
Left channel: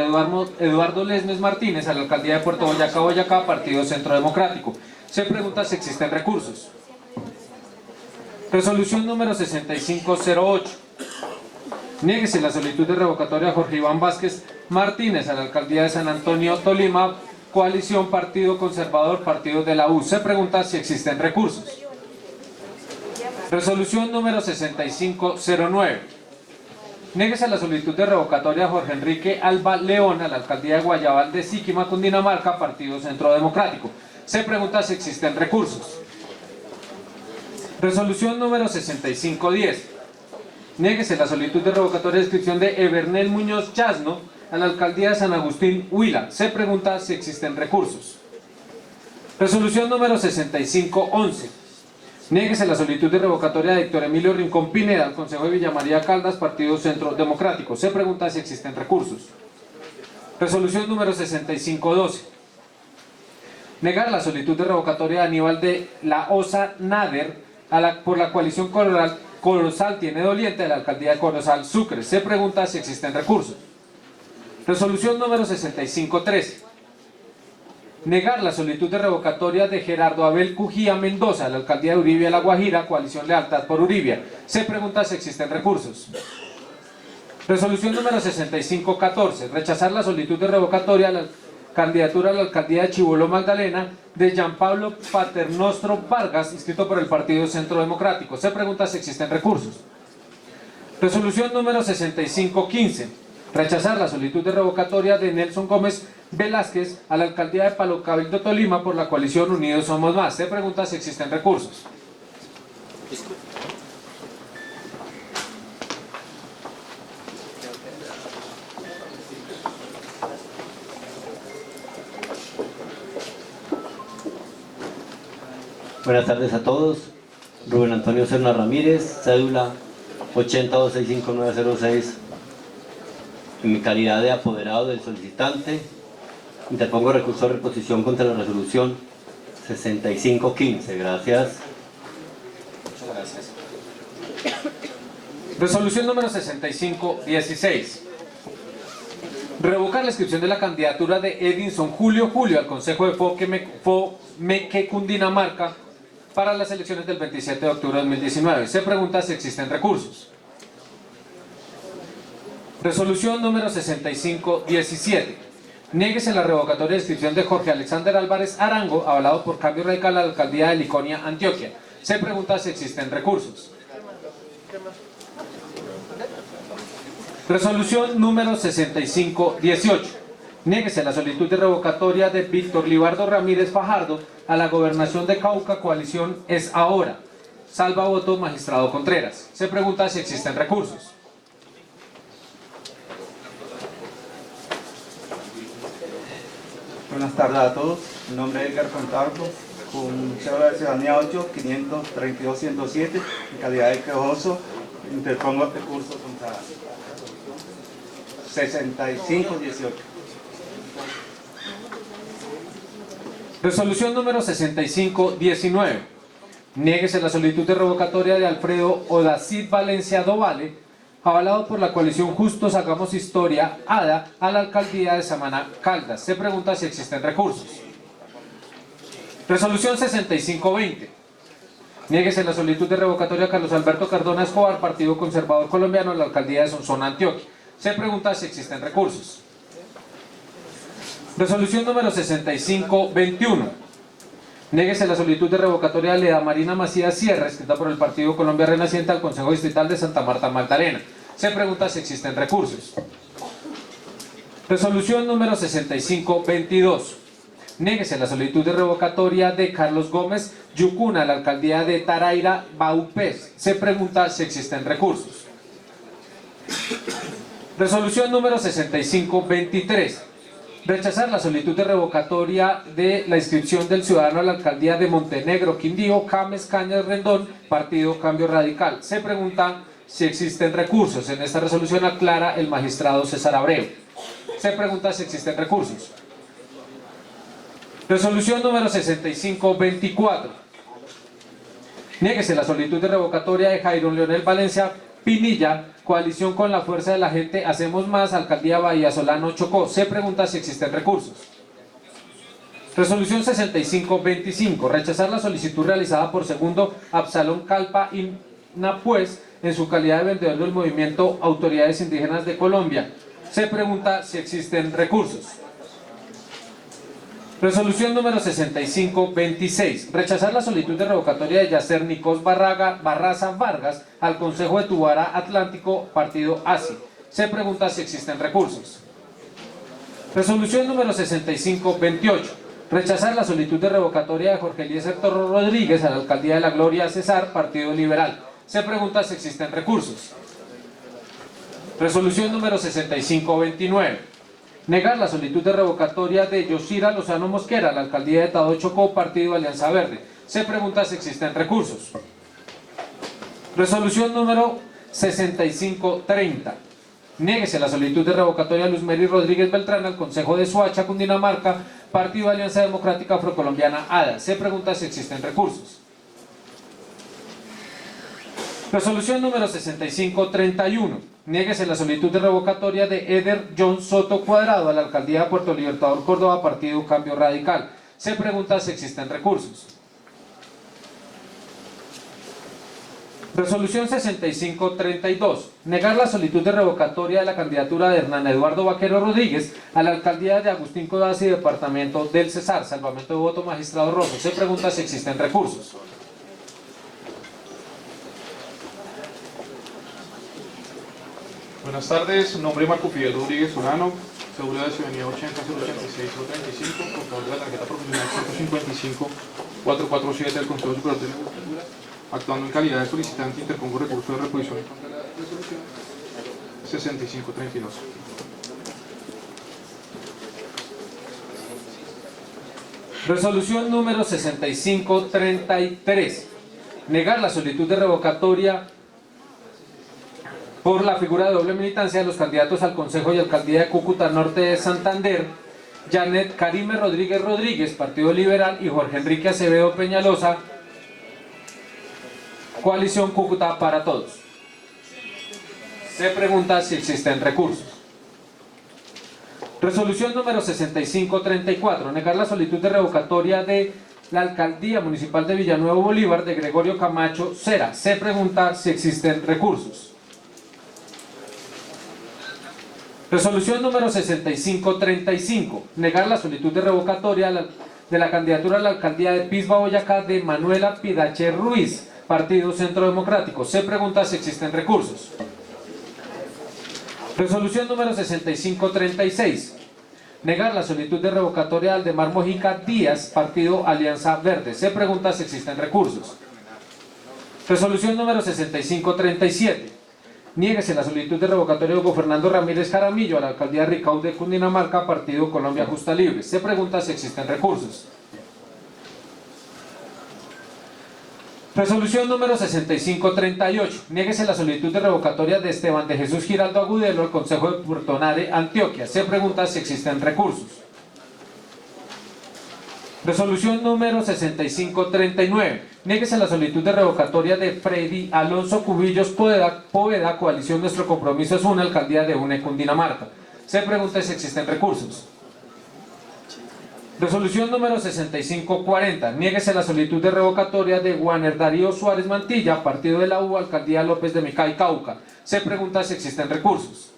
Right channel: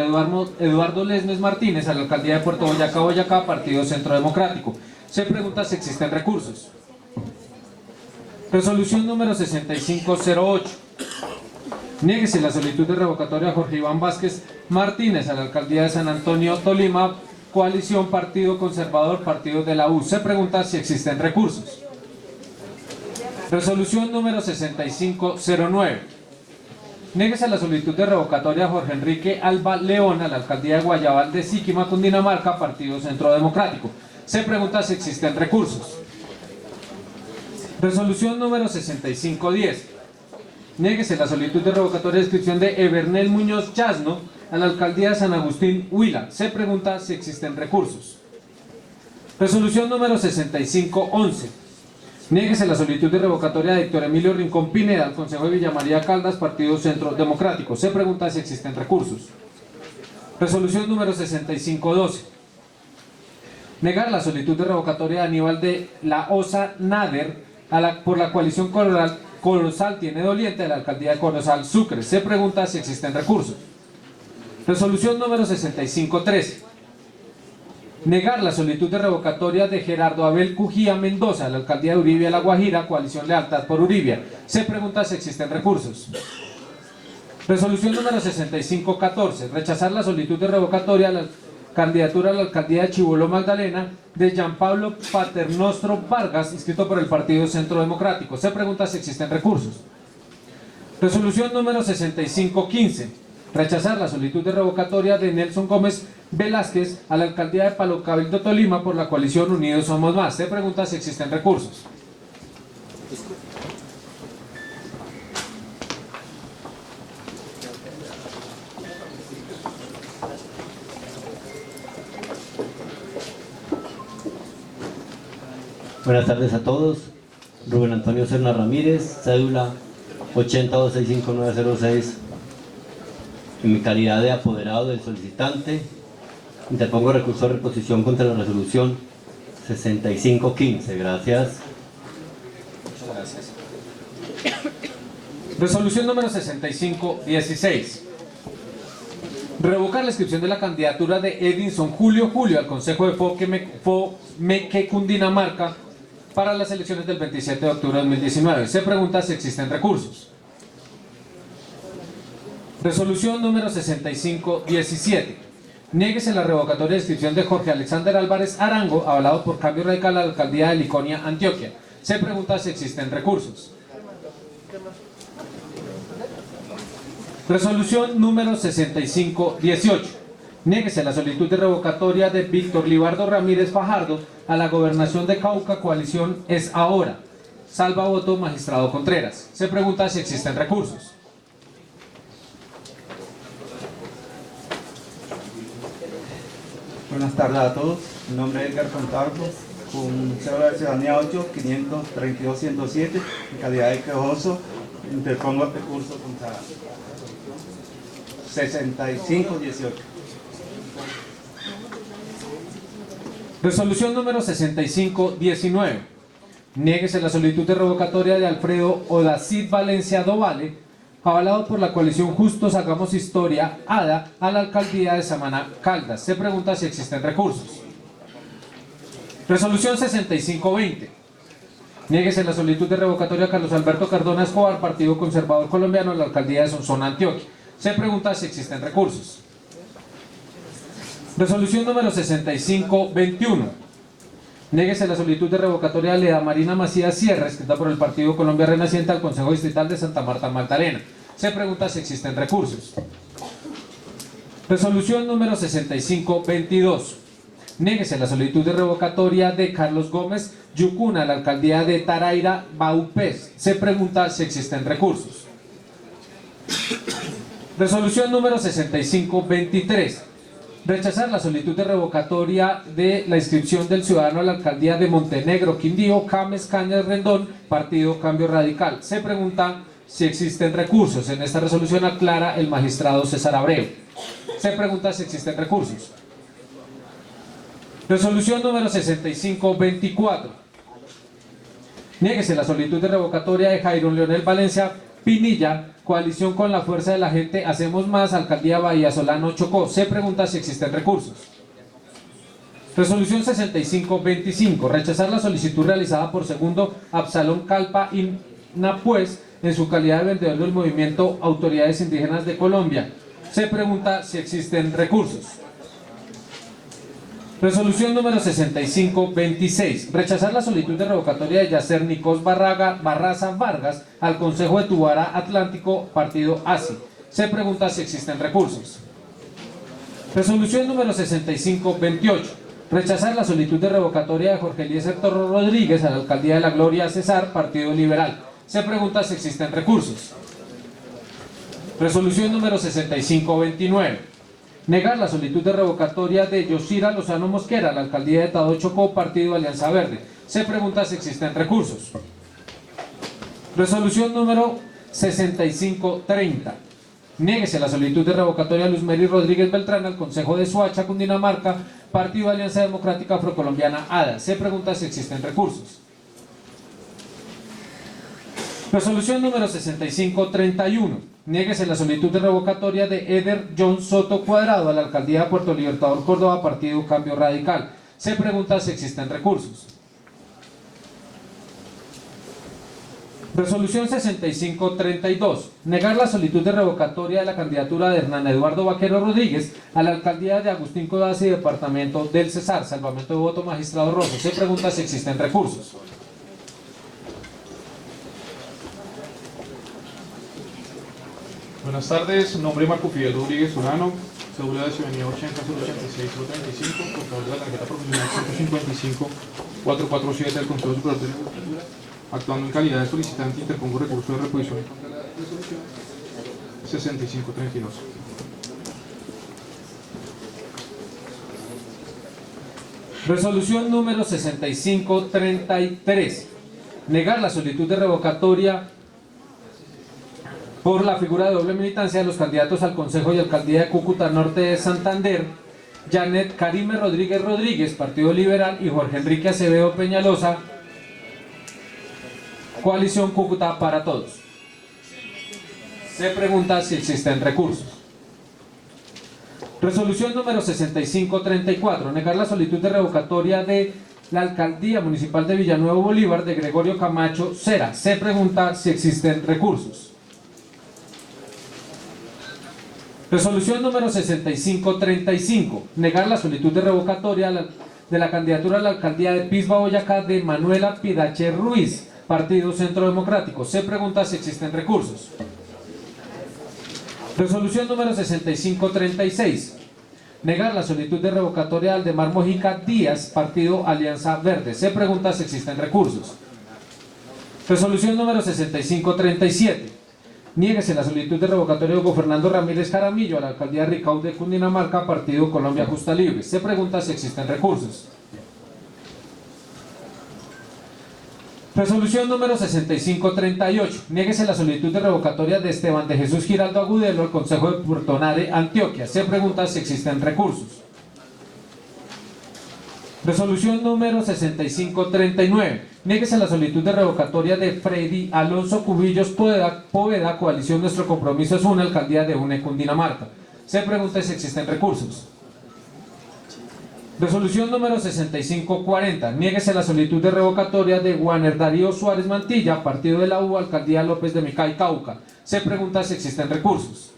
Eduardo Lesmes Martínez a la alcaldía de Puerto Boyacá, Boyacá, Partido Centro Democrático. Se pregunta si existen recursos. Resolución número 6508. Niéguese la solicitud de revocatoria a Jorge Iván Vázquez Martínez a la alcaldía de San Antonio, Tolima, coalición Partido Conservador, Partido de la U. Se pregunta si existen recursos. Resolución número 6509. Niéguese la solicitud de revocatoria a Jorge Enrique Alba León a la alcaldía de Guayabal de Siquima, Cundinamarca, Partido Centro Democrático. Se pregunta si existen recursos. Resolución número 6510. Niéguese la solicitud de revocatoria de inscripción de Evernel Muñoz Chasno a la alcaldía de San Agustín, Huila. Se pregunta si existen recursos. Resolución número 6511. Niéguese la solicitud de revocatoria de Héctor Emilio Rincón Pineda al Consejo de Villa María Caldas, Partido Centro Democrático. Se pregunta si existen recursos. Resolución número 6512. Negar la solicitud de revocatoria de Aníbal de la Osa Nader por la coalición Corozal Tiene Doliente de la alcaldía de Corozal, Sucre. Se pregunta si existen recursos. Resolución número 6513. Negar la solicitud de revocatoria de Gerardo Abel Cujía Mendoza a la alcaldía de Uribia, La Guajira, coalición Lealtad por Uribia. Se pregunta si existen recursos. Resolución número 6514. Rechazar la solicitud de revocatoria a la candidatura a la alcaldía de Chibolo, Magdalena, de Jean Pablo Paternostro Vargas, inscrito por el Partido Centro Democrático. Se pregunta si existen recursos. Resolución número 6515. Rechazar la solicitud de revocatoria de Nelson Gómez Velázquez a la alcaldía de Palo Cabildo, Tolima, por la coalición Unidos Somos Más. Se pregunta si existen recursos. Buenas tardes a todos. Rubén Antonio Serna Ramírez, cédula 8265906. En mi calidad de apoderado del solicitante, interpongo recurso de reposición contra la resolución 6515. Gracias. Muchas gracias. Resolución número 6516. Revocar la inscripción de la candidatura de Edinson Julio al Consejo de Fomeque, Cundinamarca, para las elecciones del 27 de octubre de 2019. Se pregunta si existen recursos. Resolución número 6517. Niéguese la revocatoria de inscripción de Jorge Alexander Álvarez Arango, avalado por Cambio Radical, a la alcaldía de Liconia, Antioquia. Se pregunta si existen recursos. Resolución número 6518. Niéguese la solicitud de revocatoria de Víctor Libardo Ramírez Fajardo a la gobernación de Cauca, coalición Es Ahora. Salva voto magistrado Contreras. Se pregunta si existen recursos. Buenas tardes a todos. Mi nombre es Edgar Contardo, con cédula de ciudadanía 8-532-107, en calidad de quejoso. Interpongo recurso contra 6518. Resolución número 6519. Niéguese la solicitud de revocatoria de Alfredo Odacid Valencia Dovale, avalado por la coalición Justos Hagamos Historia, ADA, a la alcaldía de Samaná, Caldas. Se pregunta si existen recursos. Resolución 6520. Niéguese la solicitud de revocatoria a Carlos Alberto Cardona Escobar, Partido Conservador Colombiano, a la alcaldía de Sonsón, Antioquia. Se pregunta si existen recursos. Resolución número 6521. Niéguese la solicitud de revocatoria de Leda Marina Macías Sierra, escrita por el Partido Colombia Renaciente, al Consejo Distrital de Santa Marta, Magdalena. Se pregunta si existen recursos. Resolución número 6522. Niéguese la solicitud de revocatoria de Carlos Gómez Yucuna a la alcaldía de Taraira, Baupés. Se pregunta si existen recursos. Resolución número 6523. Rechazar la solicitud de revocatoria de la inscripción del ciudadano a la alcaldía de Montenegro, Quindío, Cames, Cañas, Rendón, Partido Cambio Radical. Se pregunta si existen recursos. En esta resolución aclara el magistrado César Abreu. Se pregunta si existen recursos. Resolución número 6524. Niéguese la solicitud de revocatoria de Jairo Leonel Valencia Pinilla, coalición con la Fuerza de la Gente, Hacemos Más, alcaldía Bahía Solano, Chocó. Se pregunta si existen recursos. Resolución 6525. Rechazar la solicitud realizada por segundo Absalón Calpa Inapuez en su calidad de vendedor del movimiento Autoridades Indígenas de Colombia. Se pregunta si existen recursos. Resolución número 6526. Rechazar la solicitud de revocatoria de Yacer Nicos Barraza Vargas al Consejo de Tubara Atlántico, Partido ASI. Se pregunta si existen recursos. Resolución número 6528. Rechazar la solicitud de revocatoria de Jorge Eliezer Torro Rodríguez a la alcaldía de La Gloria Cesar, Partido Liberal. Se pregunta si existen recursos. Resolución número 6529. Negar la solicitud de revocatoria de Yosira Lozano Mosquera a la alcaldía de Tadó Chocó, Partido Alianza Verde. Se pregunta si existen recursos. Resolución número 6530. Niéguese la solicitud de revocatoria de Luz Mary Rodríguez Beltrán al Consejo de Soacha, Cundinamarca, Partido Alianza Democrática Afrocolombiana ADA. Se pregunta si existen recursos. Resolución número 6531. Niéguese la solicitud de revocatoria de Eder John Soto Cuadrado a la alcaldía de Puerto Libertador, Córdoba, Partido Cambio Radical. Se pregunta si existen recursos. Resolución 6532. Negar la solicitud de revocatoria de la candidatura de Hernán Eduardo Vaquero Rodríguez a la alcaldía de Agustín Codazzi, departamento del Cesar. Salvamento de voto, magistrado Rosso. Se pregunta si existen recursos. Buenas tardes, nombre Marco Fidel Rodríguez Solano, cédula de ciudadanía 80-086-035, por favor de la tarjeta profesional 155-447 del Consejo Superior de la Judicatura. Actuando en calidad de solicitante, interpongo recurso de reposición contra la resolución 6532. Resolución número 6533. Negar la solicitud de revocatoria por la figura de doble militancia de los candidatos al Consejo y Alcaldía de Cúcuta Norte de Santander, Janet Karime Rodríguez Rodríguez, Partido Liberal, y Jorge Enrique Acevedo Peñalosa, Coalición Cúcuta para Todos. Se pregunta si existen recursos. Resolución número 6534. Negar la solicitud de revocatoria de la Alcaldía Municipal de Villanueva Bolívar de Gregorio Camacho Cera. Se pregunta si existen recursos. Resolución número 6535. Negar la solicitud de revocatoria de la candidatura a la alcaldía de Pisba, Boyacá, de Manuela Pidache Ruiz, Partido Centro Democrático. Se pregunta si existen recursos. Resolución número 6536. Negar la solicitud de revocatoria de Aldemar Mojica Díaz, Partido Alianza Verde. Se pregunta si existen recursos. Resolución número 6537. Niéguese la solicitud de revocatoria de Hugo Fernando Ramírez Jaramillo a la alcaldía de Ricaud de Cundinamarca, Partido Colombia Justa Libre. Se pregunta si existen recursos. Resolución número 6538. Niéguese la solicitud de revocatoria de Esteban de Jesús Giraldo Agudelo al Consejo de Puertonare, Antioquia. Se pregunta si existen recursos. Resolución número 6539. Niéguese la solicitud de revocatoria de Freddy Alonso Cubillos Poveda, Coalición Nuestro Compromiso es una, alcaldía de UNE, Cundinamarca. Se pregunta si existen recursos. Resolución número 6540. Niéguese la solicitud de revocatoria de Juaner Darío Suárez Mantilla, Partido de la U, alcaldía López de Micay, Cauca. Se pregunta si existen recursos.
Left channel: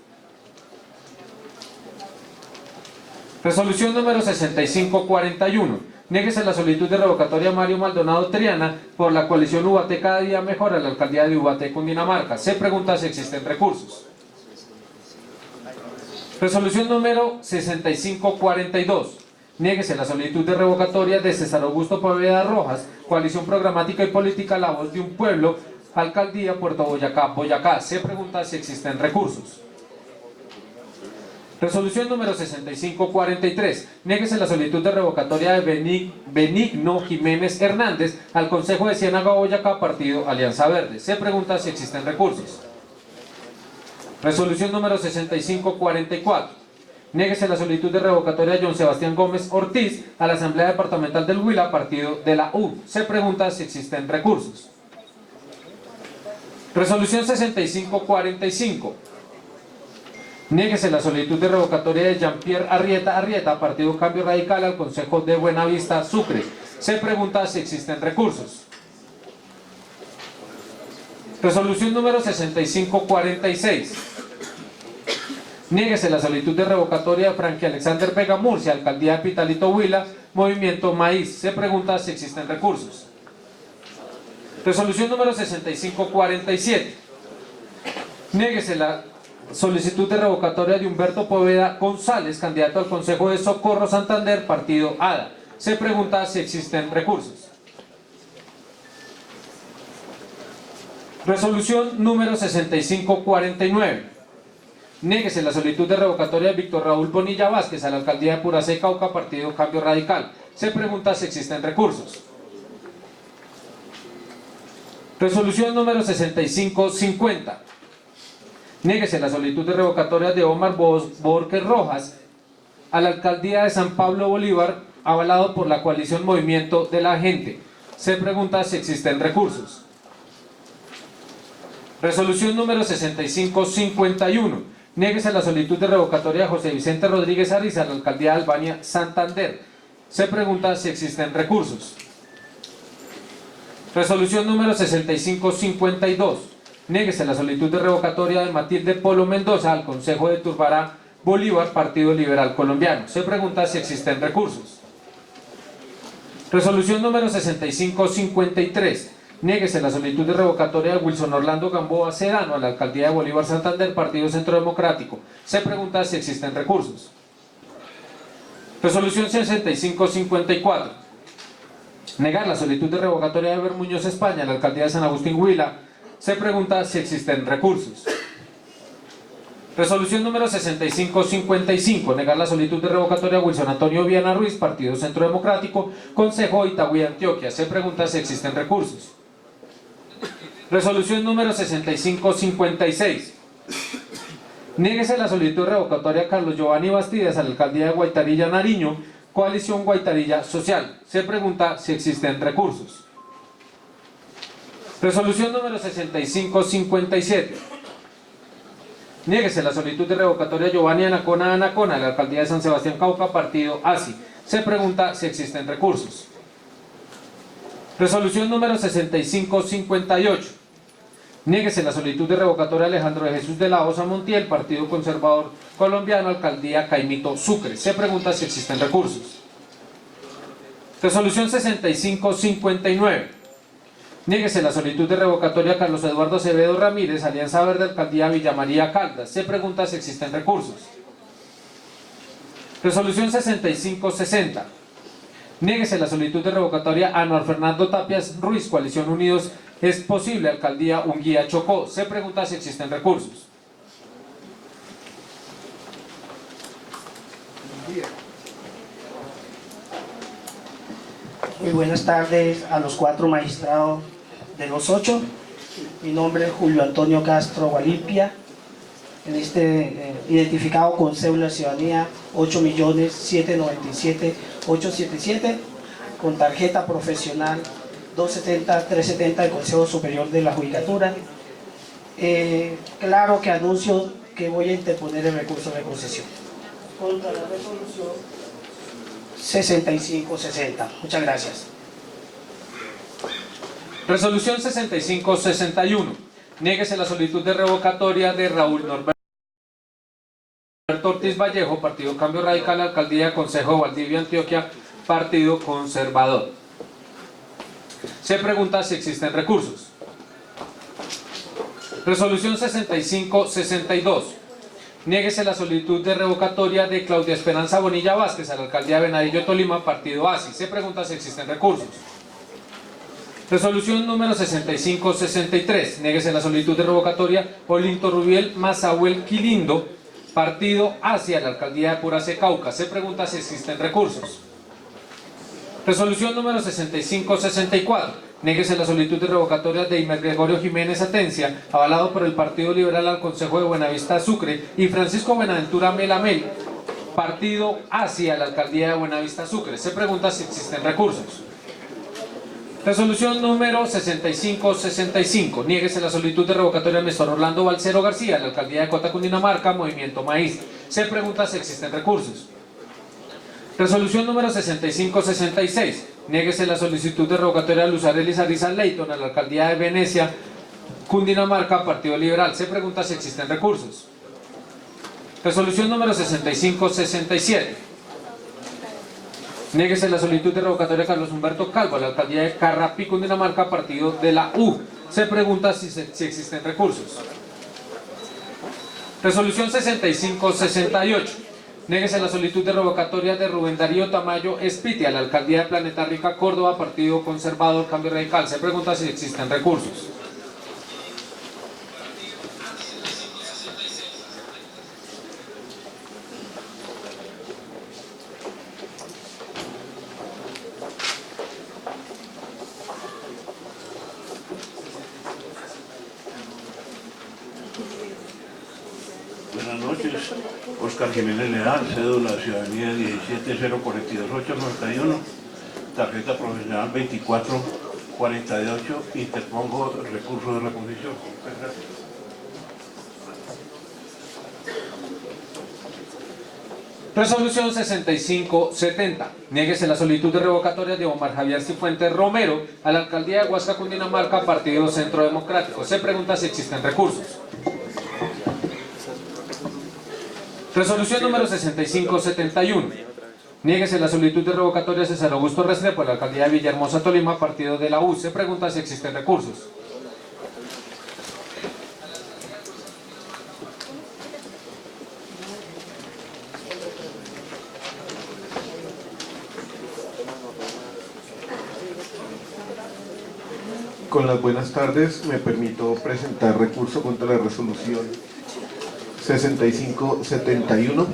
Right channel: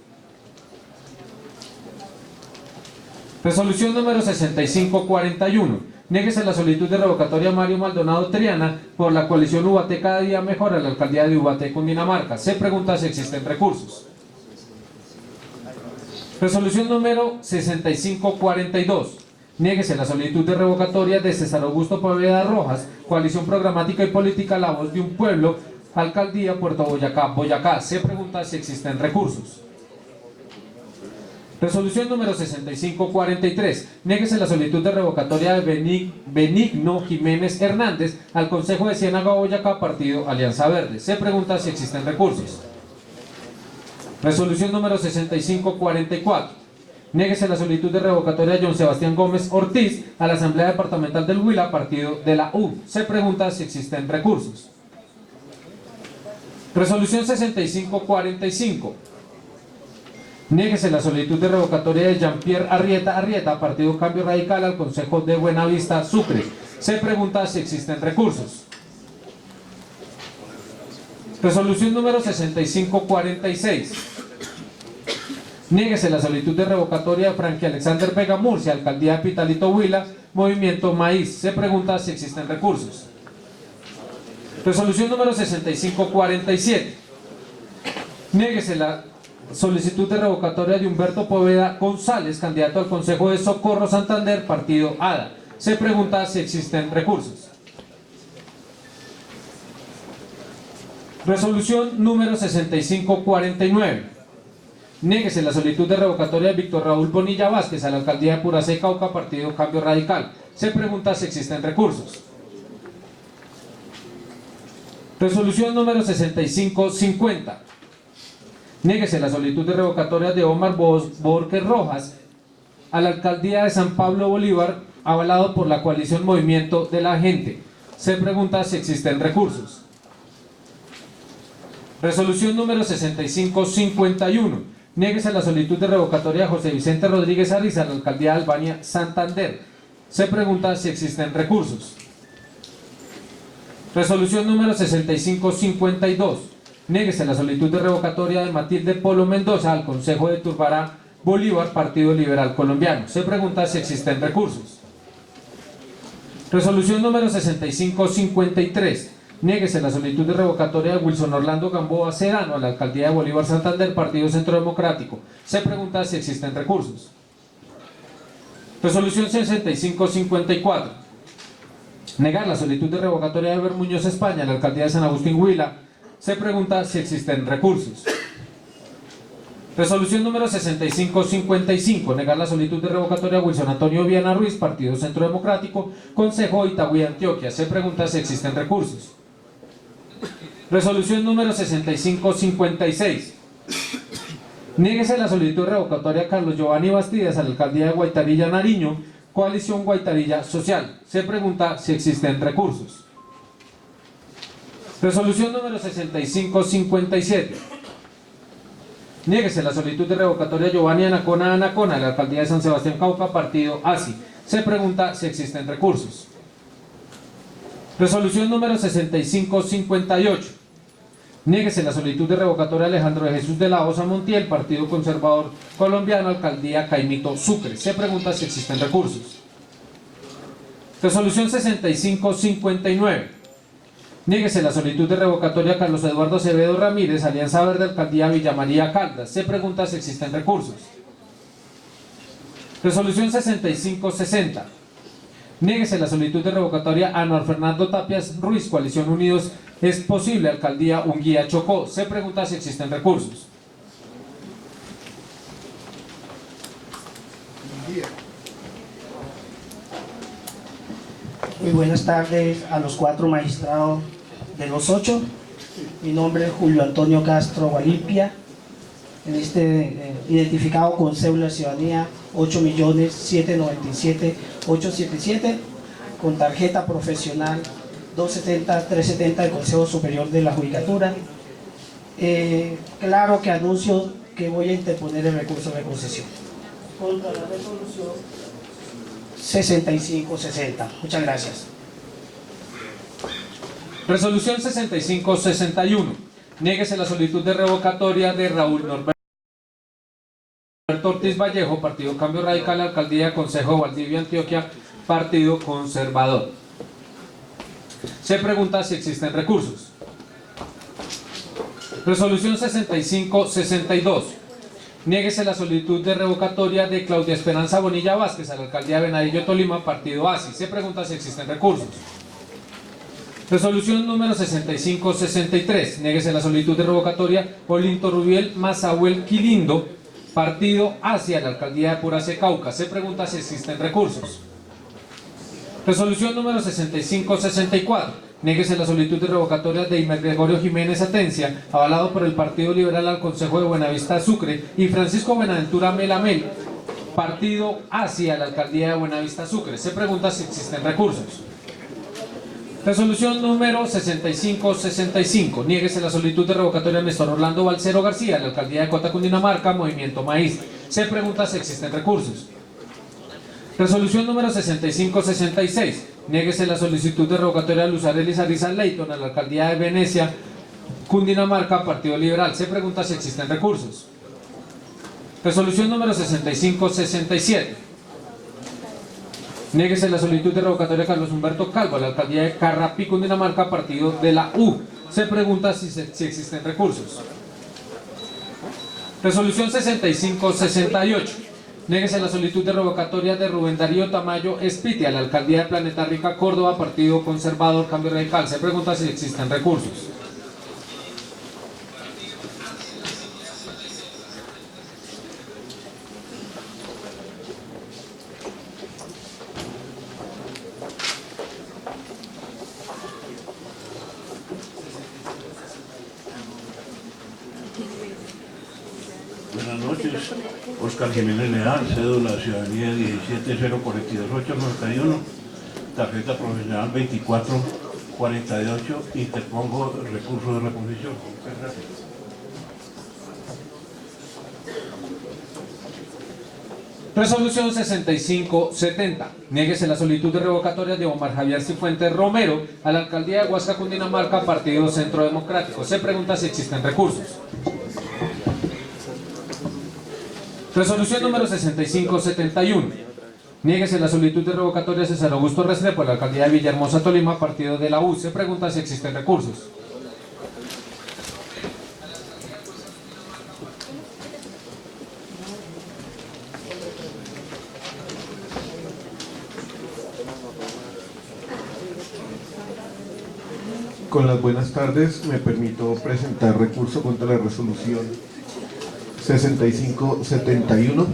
Resolución número 6541. Niéguese la solicitud de revocatoria a Mario Maldonado Triana por la coalición Ubaté Cada Día Mejor a la alcaldía de Ubaté, Cundinamarca. Se pregunta si existen recursos. Resolución número 6542. Niéguese la solicitud de revocatoria de César Augusto Poveda Rojas, Coalición Programática y Política La Voz de un Pueblo, Alcaldía Puerto Boyacá, Boyacá. Se pregunta si existen recursos. Resolución número 6543. Niéguese la solicitud de revocatoria de Benigno Jiménez Hernández al Consejo de Ciénaga Boyacá, Partido Alianza Verde. Se pregunta si existen recursos. Resolución número 6544. Niéguese la solicitud de revocatoria de John Sebastián Gómez Ortiz a la Asamblea Departamental del Huila, Partido de la U. Se pregunta si existen recursos. Resolución 6545. Niéguese la solicitud de revocatoria de Jean-Pierre Arrieta, Partido Cambio Radical, al Consejo de Buenavista, Sucre. Se pregunta si existen recursos. Resolución número 6546. Niéguese la solicitud de revocatoria de Frankie Alexander Vega Murcia, Alcaldía de Pitalito Huila, Movimiento Maíz. Se pregunta si existen recursos. Resolución número 6547. Niéguese la solicitud de revocatoria de Humberto Poveda González, candidato al Consejo de Socorro Santander, Partido ADA. Se pregunta si existen recursos. Resolución número 6549. Niéguese la solicitud de revocatoria de Víctor Raúl Bonilla Vázquez a la Alcaldía de Puracé y Cauca, Partido Cambio Radical. Se pregunta si existen recursos. Resolución número 6550. Niéguese la solicitud de revocatoria de Omar Borges Rojas a la Alcaldía de San Pablo Bolívar, avalado por la coalición Movimiento de la Gente. Se pregunta si existen recursos. Resolución número 6551. Niéguese la solicitud de revocatoria de José Vicente Rodríguez Ariza a la Alcaldía de Albania, Santander. Se pregunta si existen recursos. Resolución número 6552. Niéguese la solicitud de revocatoria de Matilde Polo Mendoza al Consejo de Turbará, Bolívar, Partido Liberal Colombiano. Se pregunta si existen recursos. Resolución número 6553. Niéguese la solicitud de revocatoria de Wilson Orlando Gamboa Sedano a la Alcaldía de Bolívar, Santander, Partido Centro Democrático. Se pregunta si existen recursos. Resolución 6554. Negar la solicitud de revocatoria de Eber Muñoz España a la Alcaldía de San Agustín Huila. Se pregunta si existen recursos. Resolución número 6555. Negar la solicitud de revocatoria a Wilson Antonio Viana Ruiz, Partido Centro Democrático, Consejo Itagüí, Antioquia. Se pregunta si existen recursos. Resolución número 6556. Niéguese la solicitud de revocatoria a Carlos Giovanni Bastidas a la Alcaldía de Guaitarilla, Nariño, Coalición Guaitarilla Social. Se pregunta si existen recursos. Resolución número 6557. Niéguese la solicitud de revocatoria a Giovanni Anacona a la Alcaldía de San Sebastián Cauca, Partido ASI. Se pregunta si existen recursos. Resolución número 6558. Niéguese la solicitud de revocatoria a Alejandro de Jesús de la Osa Montiel, Partido Conservador Colombiano, Alcaldía Caimito Sucre. Se pregunta si existen recursos. Resolución 6559. Niéguese la solicitud de revocatoria a Carlos Eduardo Acevedo Ramírez, Alianza Verde, Alcaldía Villa María Caldas. Se pregunta si existen recursos. Resolución 6560. Niéguese la solicitud de revocatoria a Anuar Fernando Tapias Ruiz, Coalición Unidos es Posible, Alcaldía Unguía Chocó. Se pregunta si existen recursos. Muy buenas tardes a los 4 magistrados de los 8. Mi nombre es Julio Antonio Castro Gualipia, identificado con cédula de ciudadanía 8.797.877, con tarjeta profesional 270-370 del Consejo Superior de la Judicatura. Claro que anuncio que voy a interponer el recurso de concesión contra la resolución 6560. Muchas gracias. Resolución 6561. Niéguese la solicitud de revocatoria de Raúl Norberto Ortiz Vallejo, Partido Cambio Radical, Alcaldía Consejo de Valdivia, Antioquia, Partido Conservador. Se pregunta si existen recursos. Resolución 6562. Niéguese la solicitud de revocatoria de Claudia Esperanza Bonilla Vázquez a la alcaldía de Venadillo, Tolima, partido ASI. Se pregunta si existen recursos. Resolución número 6563. Niéguese la solicitud de revocatoria Olinto Rubiel Mazahuel Quilindo, partido hacia la alcaldía de Puracé, Cauca. Se pregunta si existen recursos. Resolución número 6564. Niéguese la solicitud de revocatoria de Imer Gregorio Jiménez Atencia, avalado por el Partido Liberal al Consejo de Buenavista Sucre, y Francisco Buenaventura Melamel, partido hacia la alcaldía de Buenavista Sucre. Se pregunta si existen recursos. Resolución número 6565. Niéguese la solicitud de revocatoria de Néstor Orlando Balcero García a la alcaldía de Cota, Cundinamarca, Movimiento Maíz. Se pregunta si existen recursos. Resolución número 6566. Niéguese la solicitud de revocatoria de Luz Arelis Ariza Leighton a la alcaldía de Venecia, Cundinamarca, Partido Liberal. Se pregunta si existen recursos. Resolución número 6567. Niéguese la solicitud de revocatoria de Carlos Humberto Calvo a la alcaldía de Carrapí, Cundinamarca, partido de la U. Se pregunta si existen recursos. Resolución 6568. Niéguese la solicitud de revocatoria de Rubén Darío Tamayo Espiti a la alcaldía de Planeta Rica, Córdoba, partido conservador Cambio Radical. Se pregunta si existen recursos. Buenas noches, Oscar Jiménez Leal, cédula ciudadanía 17042-891, tarjeta profesional 2448, interpongo recurso de reposición. Muchas gracias. Resolución 6570. Niéguese la solicitud de revocatoria de Omar Javier Cifuentes Romero a la alcaldía de Huasca, Cundinamarca, partido Centro Democrático. Se pregunta si existen recursos. Resolución número 6571. Niéguese la solicitud de revocatoria de César Augusto Restrepo a la alcaldía de Villahermosa, Tolima, partido de la U. Se pregunta si existen recursos. Con las buenas tardes, me permito presentar recurso contra la resolución 6571.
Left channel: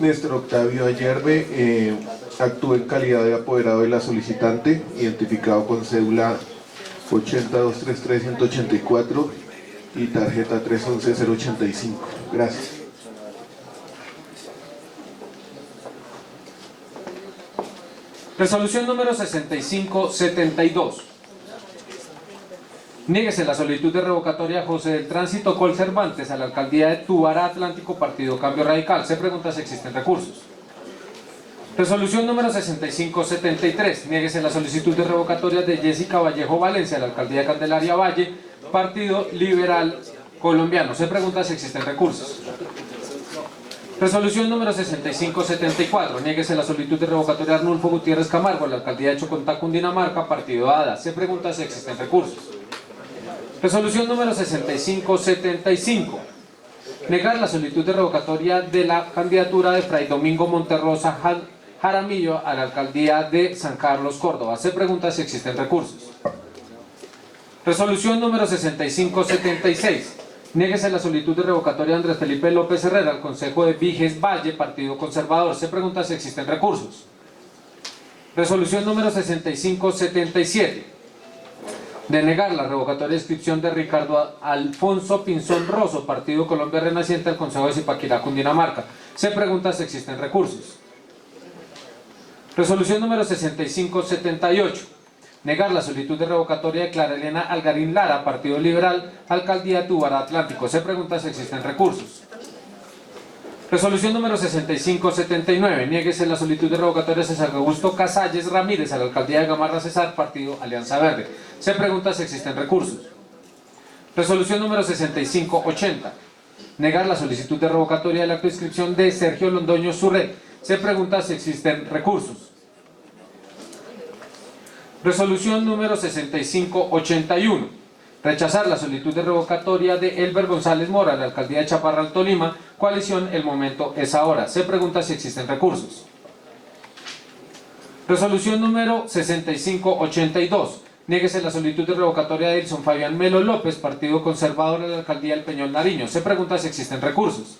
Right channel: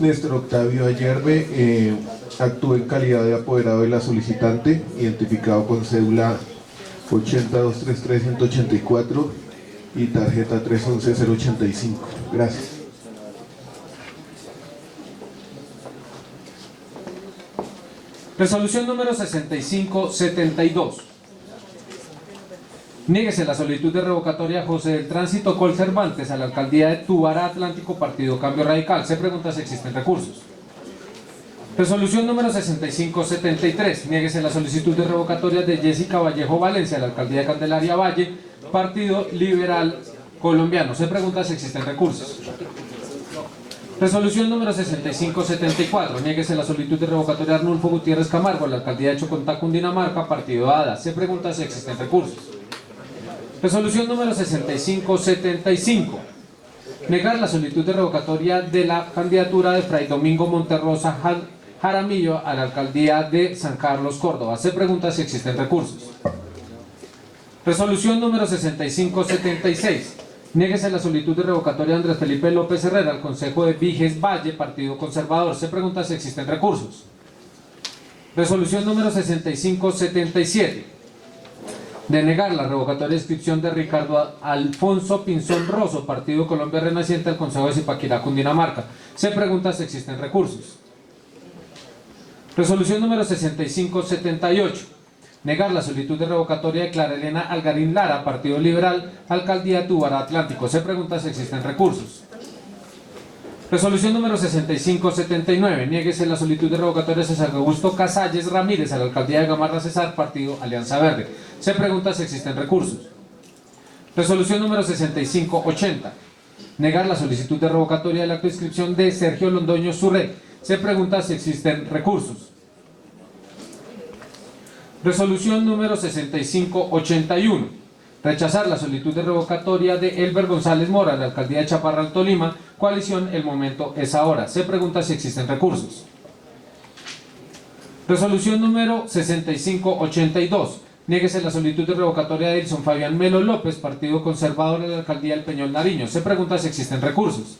Néstor Octavio Ayerbe actúa en calidad de apoderado de la solicitante, identificado con cédula 80233-184 y tarjeta 311-085. Gracias. Resolución número 6572. Niéguese la solicitud de revocatoria a José del Tránsito Col Cervantes a la alcaldía de Tubará Atlántico, partido Cambio Radical. Se pregunta si existen recursos. Resolución número 6573. Niéguese la solicitud de revocatoria de Jessica Vallejo Valencia a la alcaldía de Candelaria Valle, partido Liberal Colombiano. Se pregunta si existen recursos. Resolución número 6574. Niéguese la solicitud de revocatoria de Arnulfo Gutiérrez Camargo a la alcaldía de Chocontá, Cundinamarca, partido ADA. Se pregunta si existen recursos. Resolución número 6575. Negar la solicitud de revocatoria de la candidatura de Fray Domingo Monterrosa Jaramillo a la alcaldía de San Carlos, Córdoba. Se pregunta si existen recursos. Resolución número 6576. Niéguese la solicitud de revocatoria de Andrés Felipe López Herrera al Consejo de Viges Valle, partido conservador. Se pregunta si existen recursos. Resolución número 6577. Denegar la revocatoria de inscripción de Ricardo Alfonso Pinzón Rosso, partido Colombia Renaciente, al Consejo de Zipaquirá, Cundinamarca. Se pregunta si existen recursos. Resolución número 6578. Negar la solicitud de revocatoria de Clara Elena Algarín Lara, partido Liberal, alcaldía de Tubará Atlántico. Se pregunta si existen recursos. Resolución número 6579. Niéguese la solicitud de revocatoria de César Augusto Casalles Ramírez a la alcaldía de Gamarra Cesar, partido Alianza Verde. Se pregunta si existen recursos. Resolución número 6580. Negar la solicitud de revocatoria de la inscripción de Sergio Londoño Surret. Se pregunta si existen recursos. Resolución número 6581. Rechazar la solicitud de revocatoria de Elber González Mora a la alcaldía de Chaparral, Tolima. Coalición, el momento es ahora. Se pregunta si existen recursos. Resolución número 6582. Niéguese la solicitud de revocatoria de Edson Fabián Melo López, Partido Conservador de la alcaldía del Peñol Nariño. Se pregunta si existen recursos.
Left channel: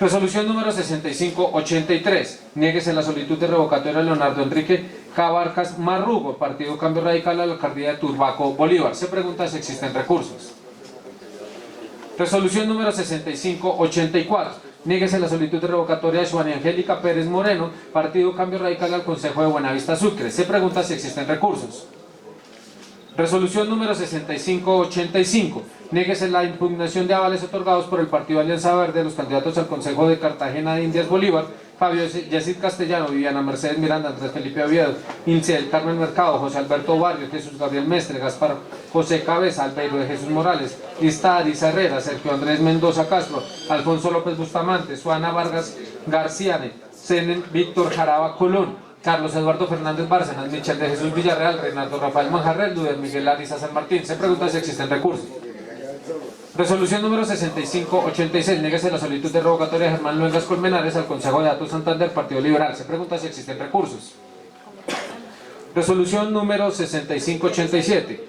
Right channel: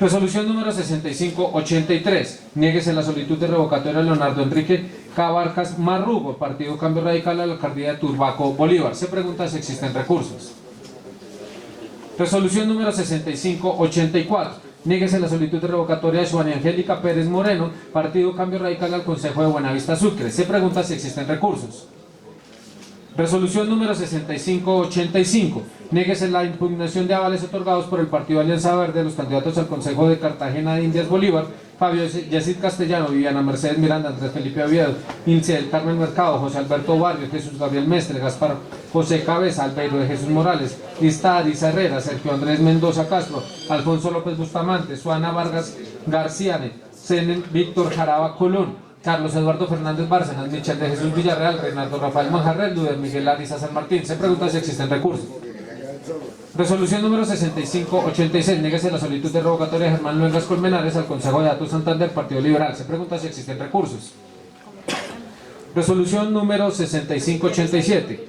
Resolución número 6583. Niéguese la solicitud de revocatoria de Leonardo Enrique Cabarcas Marrugo, Partido Cambio Radical a la alcaldía de Turbaco, Bolívar. Se pregunta si existen recursos. Resolución número 6584. Niéguese la solicitud de revocatoria de Juana Angélica Pérez Moreno, Partido Cambio Radical al Consejo de Buenavista Sucre. Se pregunta si existen recursos. Resolución número 6585. Niéguese la impugnación de avales otorgados por el Partido Alianza Verde a los candidatos al Consejo de Cartagena de Indias Bolívar, Fabio Yacid Castellano, Viviana Mercedes Miranda, Andrés Felipe Oviedo, Ilse del Carmen Mercado, José Alberto Barrios, Jesús Gabriel Mestre, Gaspar José Cabeza, Albeiro de Jesús Morales, Lista Arisa Herrera, Sergio Andrés Mendoza Castro, Alfonso López Bustamante, Suana Vargas Garciane, Senen Víctor Jaraba Colón, Carlos Eduardo Fernández Bárcenas, Michel de Jesús Villarreal, Reinaldo Rafael Manjarres, Luder Miguel Ariza San Martín. Se pregunta si existen recursos. Resolución número 6586. Niéguese la solicitud de revocatoria de Germán Luengas Colmenares al Consejo de Datos Santander, Partido Liberal. Se pregunta si existen recursos. Resolución número 6587.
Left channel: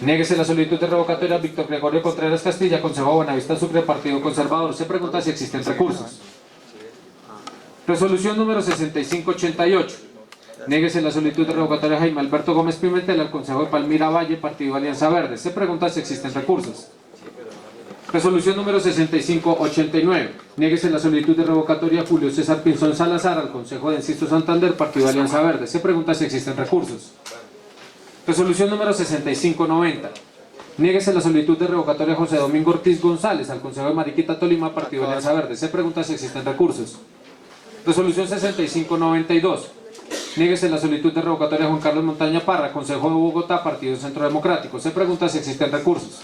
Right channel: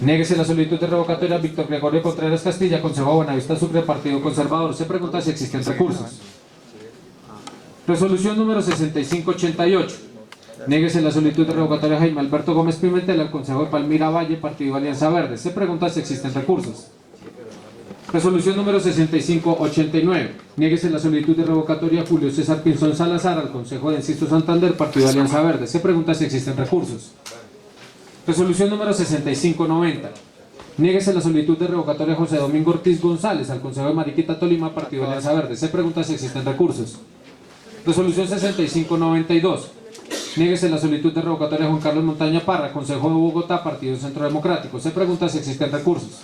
Niéguese la solicitud de revocatoria a Víctor Gregorio Contreras Castilla, Consejo de Buenavista Sucre, Partido Conservador. Se pregunta si existen recursos. Resolución número 6588. Niéguese la solicitud de revocatoria a Jaime Alberto Gómez Pimentel al Consejo de Palmira Valle, Partido Alianza Verde. Se pregunta si existen recursos. Resolución número 6589. Niéguese la solicitud de revocatoria a Julio César Pinzón Salazar al Consejo de Enciso Santander, Partido Alianza Verde. Se pregunta si existen recursos. Resolución número 6590. Niéguese la solicitud de revocatoria a José Domingo Ortiz González al Consejo de Mariquita Tolima, Partido Alianza Verde. Se pregunta si existen recursos. Resolución 6592. Niéguese la solicitud de revocatoria a Juan Carlos Montaña Parra, Consejo de Bogotá, Partido Centro Democrático. Se pregunta si existen recursos.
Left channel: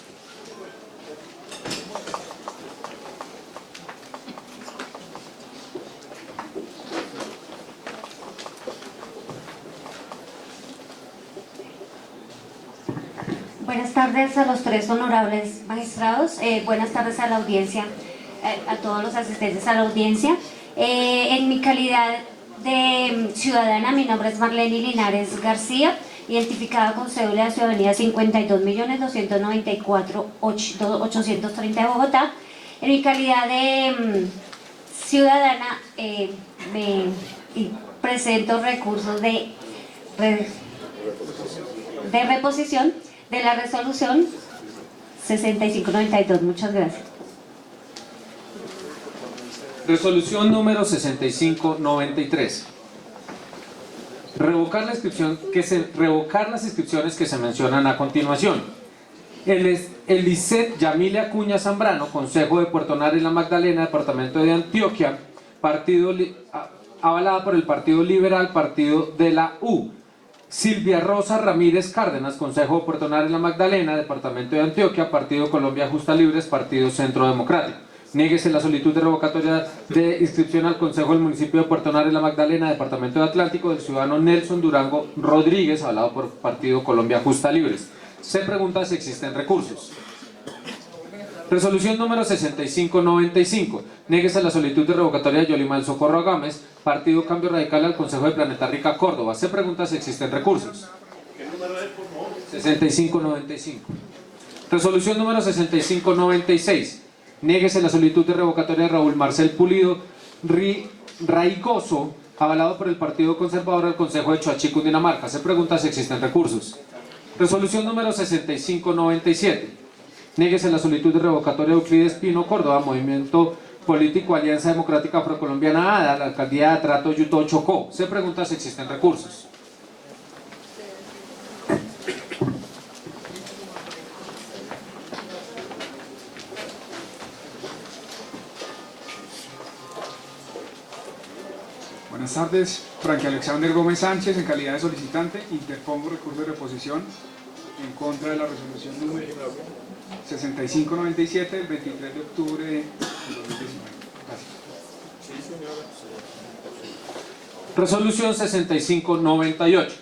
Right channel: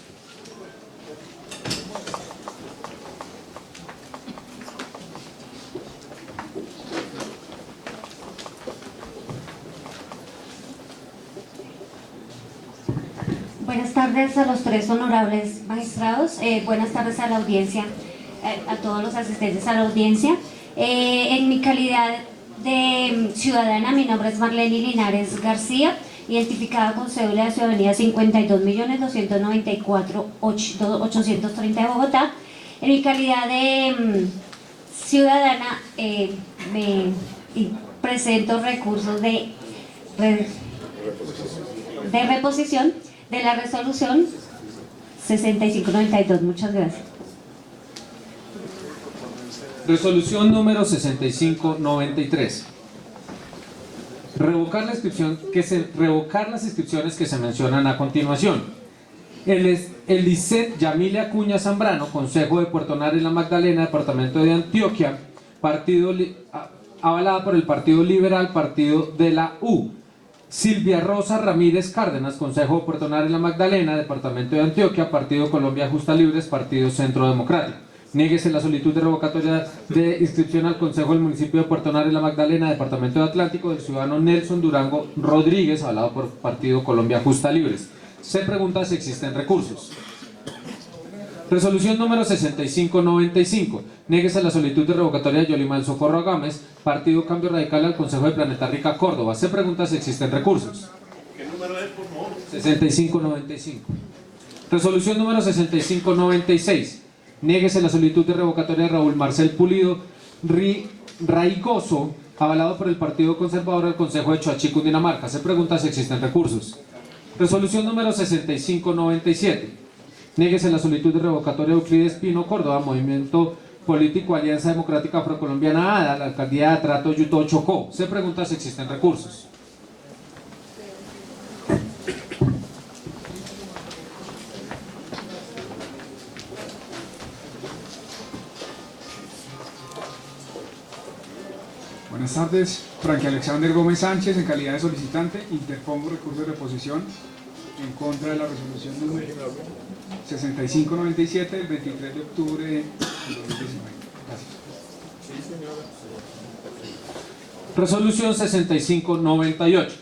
Buenas tardes a los tres honorables magistrados, buenas tardes a la audiencia, a todos los asistentes a la audiencia. En mi calidad de ciudadana, mi nombre es Marlene Linares García, identificada con cédula de ciudadanía 52.294.830 de Bogotá. En mi calidad de ciudadana, me presento recursos de reposición de la resolución 6592. Muchas gracias. Resolución número 6593. Revocar las inscripciones que se mencionan a continuación. El ICET Yamile Acuña Zambrano, Consejo de Puerto Nare y La Magdalena, Departamento de Antioquia, avalada por el Partido Liberal, Partido de la U. Silvia Rosa Ramírez Cárdenas, Consejo de Puerto Nare y La Magdalena, Departamento de Antioquia, Partido Colombia Justa Libres, Partido Centro Democrático. Niéguese la solicitud de revocatoria de inscripción al Consejo del Municipio de Puerto Nare y La Magdalena, Departamento de Atlántico, del ciudadano Nelson Durango Rodríguez, avalado por Partido Colombia Justa Libres. Se pregunta si existen recursos. Resolución número 6595. Niéguese la solicitud de revocatoria de Yolimar Socorro Gámez, Partido Cambio Radical al Consejo de Planeta Rica, Córdoba. Se pregunta si existen recursos. ¿Qué número es, por favor? 6595. Resolución número 6596. Niéguese la solicitud de revocatoria de Raúl Marcel Pulido Raigoso, avalado por el Partido Conservador al Consejo de Choachí, Cundinamarca. Se pregunta si existen recursos. Resolución número 6597. Niéguese la solicitud de revocatoria de Euclides Pino Córdoba, Movimiento Político Alianza Democrática Afrocolombiana ADA, la alcaldía de Atrato, Yutó, Chocó. Se pregunta si existen recursos. Buenas tardes, Frankie Alexander Gómez Sánchez, en calidad de solicitante, interpongo recurso de reposición en contra de la resolución número 6597 del 23 de octubre de 2019. Gracias. Resolución 6598.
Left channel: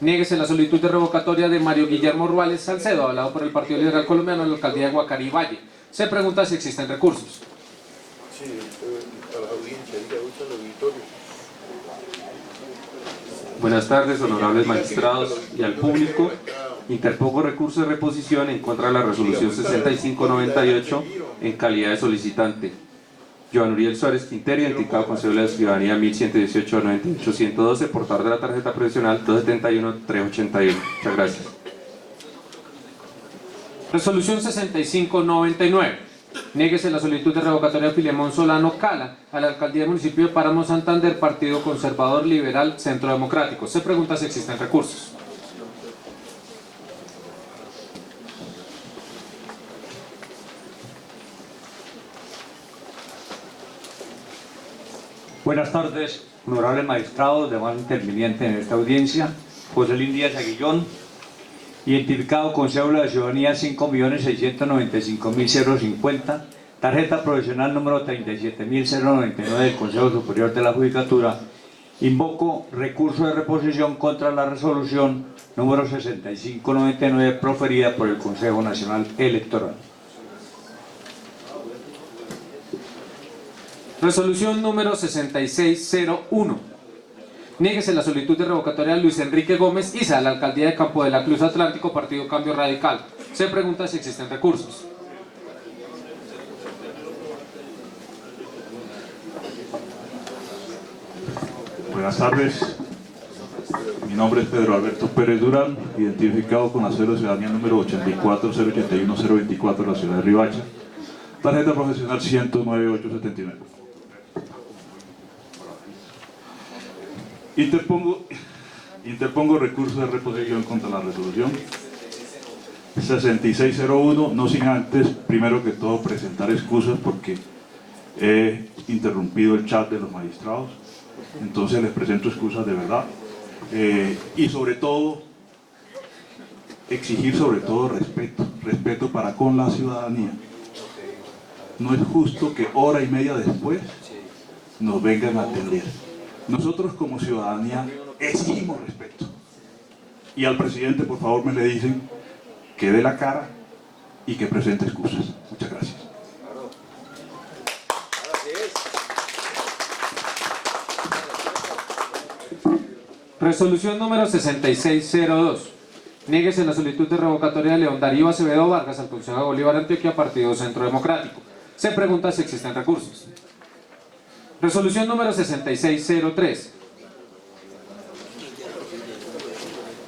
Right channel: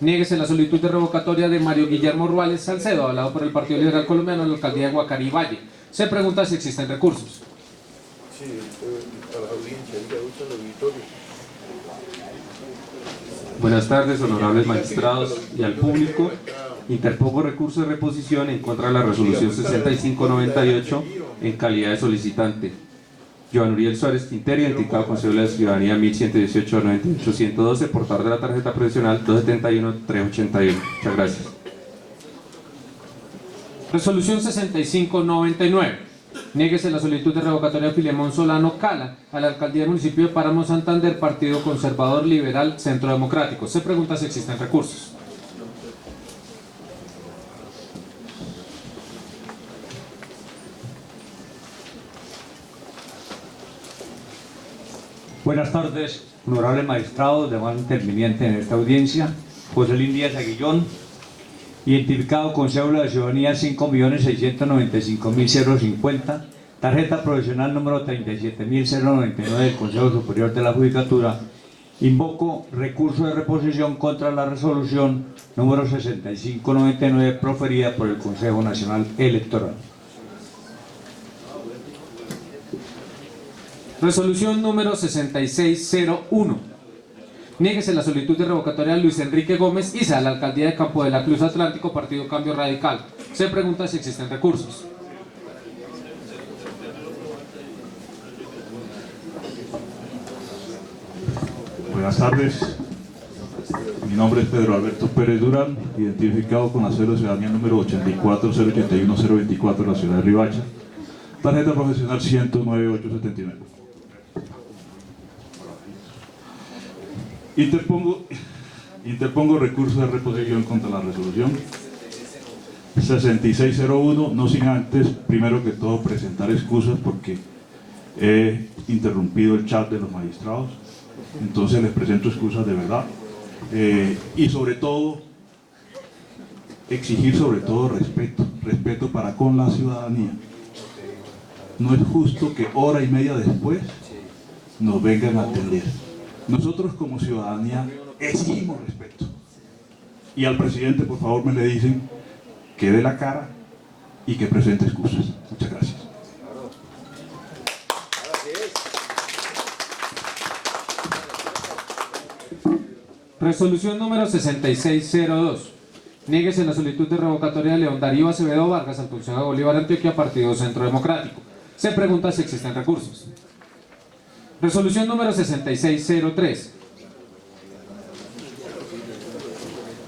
Niéguese la solicitud de revocatoria de Mario Guillermo Ruales Salcedo, avalado por el Partido Liberal Colombiano en la alcaldía de Guacarí Valle. Se pregunta si existen recursos. Sí, a la audiencia, diga usted al auditorio. Buenas tardes, honorables magistrados y al público. Interpongo recurso de reposición en contra de la resolución 6598 en calidad de solicitante. Joan Uriel Suárez Quintero, identificado con cédula de ciudadanía 1118-98-112, portador de la tarjeta profesional 271-381. Muchas gracias. Resolución 6599. Niéguese la solicitud de revocatoria de Filemón Solano Cala a la alcaldía del municipio de Páramo Santander, Partido Conservador Liberal Centro Democrático. Se pregunta si existen recursos. Buenas tardes, honorables magistrados, demás intervinientes en esta audiencia. José Lín Díaz Aguillón, identificado con cédula de ciudadanía 5.695.050, tarjeta profesional número 37.099 del Consejo Superior de la Judicatura. Invoco recurso de reposición contra la resolución número 6599 proferida por el Consejo Nacional Electoral. Resolución número 6601. Niéguese la solicitud de revocatoria de Luis Enrique Gómez Isa a la alcaldía de Campo de la Cruz Atlántico, Partido Cambio Radical. Se pregunta si existen recursos. Buenas tardes. Mi nombre es Pedro Alberto Pérez Durán, identificado con la cédula de ciudadanía número 84081024 de la ciudad de Riohacha. Tarjeta profesional 109879. Interpongo recurso de reposición contra la resolución 6601, no sin antes, primero que todo, presentar excusas porque he interrumpido el chat de los magistrados. Entonces les presento excusas de verdad. Y sobre todo, exigir sobre todo respeto para con la ciudadanía. No es justo que hora y media después nos vengan a atender. Nosotros como ciudadanía exigimos respeto. Y al presidente, por favor, me le dicen que dé la cara y que presente excusas. Muchas gracias. Resolución número 6602. Niéguese la solicitud de revocatoria de León Darío Acevedo Vargas al Consejo de Bolívar Antioquia, Partido Centro Democrático. Se pregunta si existen recursos. Resolución número 6603.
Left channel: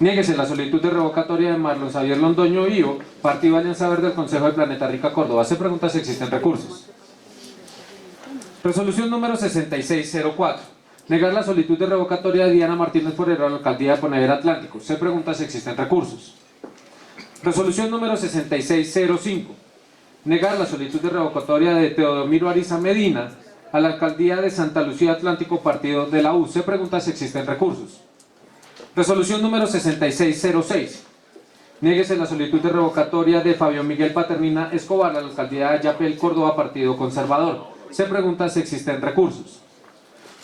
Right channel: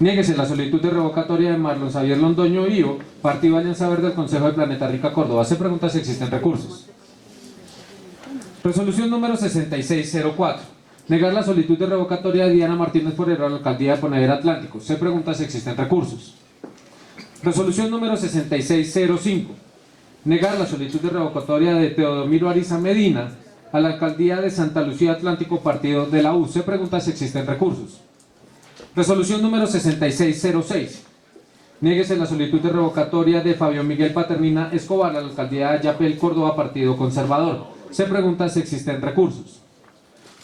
Niéguese la solicitud de revocatoria de Marlon Xavier Londoño Ío, Partido Alianza Verde del Consejo de Planeta Rica Córdoba. Se pregunta si existen recursos. Resolución número 6604. Negar la solicitud de revocatoria de Diana Martínez Forero a la alcaldía de Ponedera Atlántico. Se pregunta si existen recursos. Resolución número 6605. Negar la solicitud de revocatoria de Teodomiro Ariza Medina a la alcaldía de Santa Lucía Atlántico, Partido de la U. Se pregunta si existen recursos. Resolución número 6606. Niéguese la solicitud de revocatoria de Fabio Miguel Paternina Escobar a la alcaldía de Ayapel, Córdoba, Partido Conservador. Se pregunta si existen recursos.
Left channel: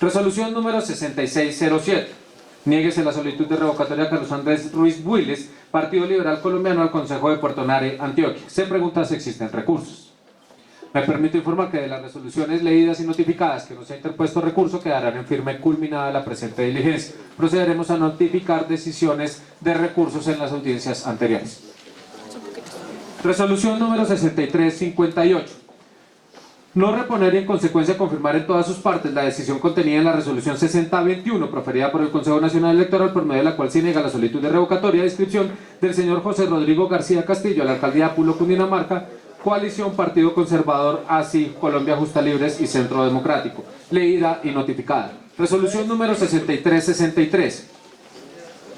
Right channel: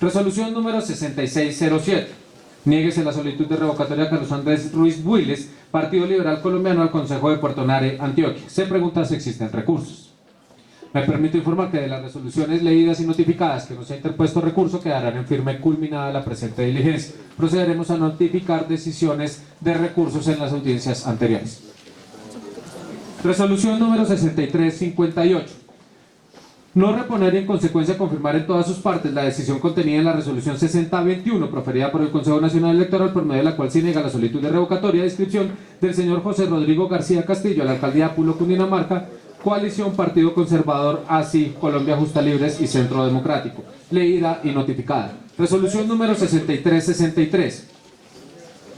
Resolución número 6607. Niéguese la solicitud de revocatoria de Carlos Andrés Ruiz Builes, Partido Liberal Colombiano, al Consejo de Puerto Nare, Antioquia. Se pregunta si existen recursos. Me permito informar que de las resoluciones leídas y notificadas que no se ha interpuesto recurso quedarán en firme culminada la presente diligencia. Procederemos a notificar decisiones de recursos en las audiencias anteriores. Resolución número 6358. No reponer y en consecuencia confirmar en todas sus partes la decisión contenida en la resolución 6021 proferida por el Consejo Nacional Electoral, por medio de la cual se niega la solicitud de revocatoria de inscripción del señor José Rodrigo García Castillo a la alcaldía de Pulo, Cundinamarca, coalición Partido Conservador, ASI, Colombia Justa Libres y Centro Democrático. Leída y notificada. Resolución número 6363.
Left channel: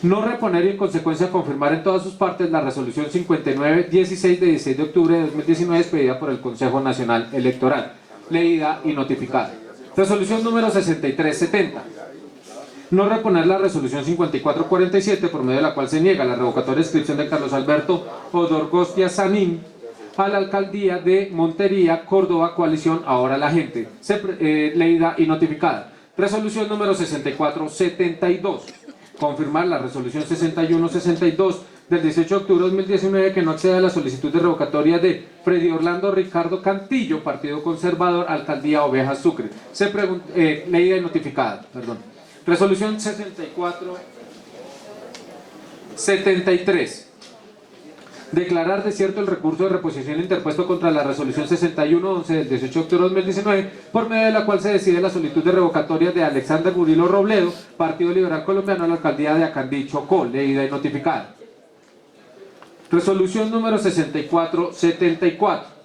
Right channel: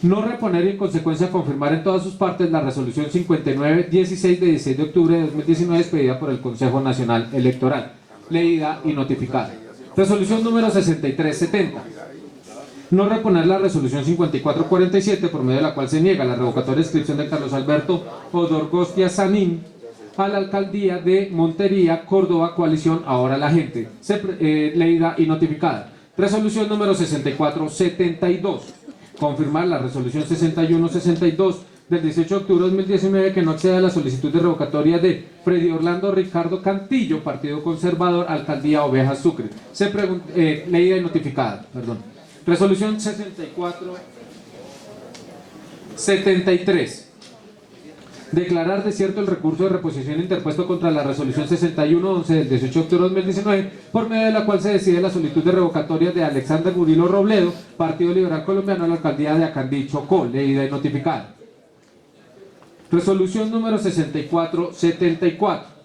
No reponer y en consecuencia confirmar en todas sus partes la resolución 5916 de 16 de octubre de 2019 expedida por el Consejo Nacional Electoral. Leída y notificada. Resolución número 6370. No reponer la resolución 5447 por medio de la cual se niega la revocatoria de inscripción de Carlos Alberto Odorgostia Sanín a la alcaldía de Montería, Córdoba, coalición Ahora la Gente. Leída y notificada. Resolución número 6472. confirmar la resolución 6162 del 18 de octubre de 2019 que no accede a la solicitud de revocatoria de Freddy Orlando Ricardo Cantillo, Partido Conservador, Alcaldía Ovejas Sucre. Leída y notificada. Resolución 6473. Declarar desierto el recurso de reposición interpuesto contra la resolución 6111 del 18 de octubre de 2019, por medio de la cual se decide la solicitud de revocatoria de Alexander Burilo Robledo, Partido Liberal Colombiano, a la alcaldía de Acandí, Chocó, leída y notificada. Resolución número 6474.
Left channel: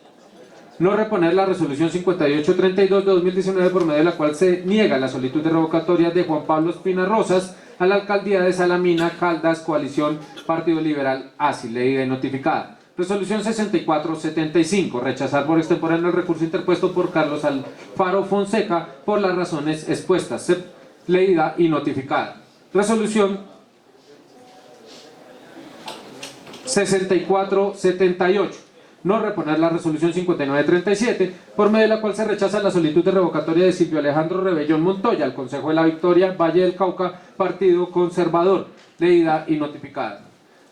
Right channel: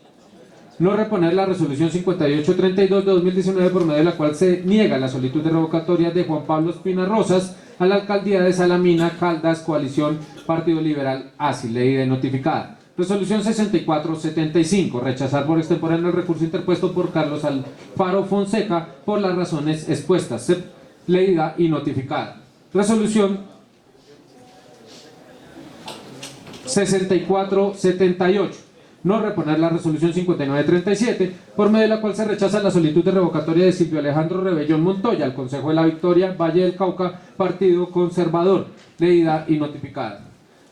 No reponer la resolución 5832 de 2019, por medio de la cual se niega la solicitud de revocatoria de Juan Pablo Espina Rosas a la alcaldía de Salamina, Caldas, coalición Partido Liberal ASI, leída y notificada. Resolución 6475. Rechazar por extemporáneo el recurso interpuesto por Carlos Alfaro Fonseca por las razones expuestas, leída y notificada. Resolución 6478. No reponer la resolución 5937, por medio de la cual se rechaza la solicitud de revocatoria de Silvio Alejandro Rebellón Montoya al Consejo de la Victoria, Valle del Cauca, Partido Conservador, leída y notificada.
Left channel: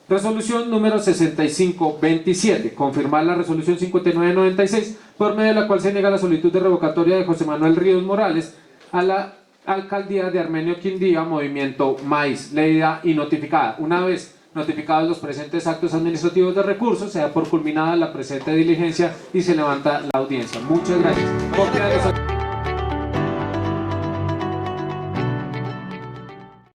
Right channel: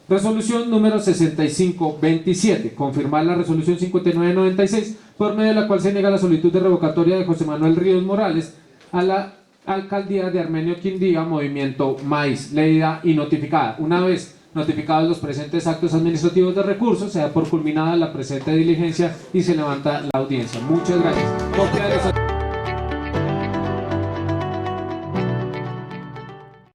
Resolución número 6527. Confirmar la resolución 5996, por medio de la cual se niega la solicitud de revocatoria de José Manuel Ríos Morales a la alcaldía de Armenio Quindía, Movimiento Maíz, leída y notificada. Una vez notificados los presentes actos administrativos de recurso, se da por culminada la presente diligencia y se levanta la audiencia. Muchas gracias.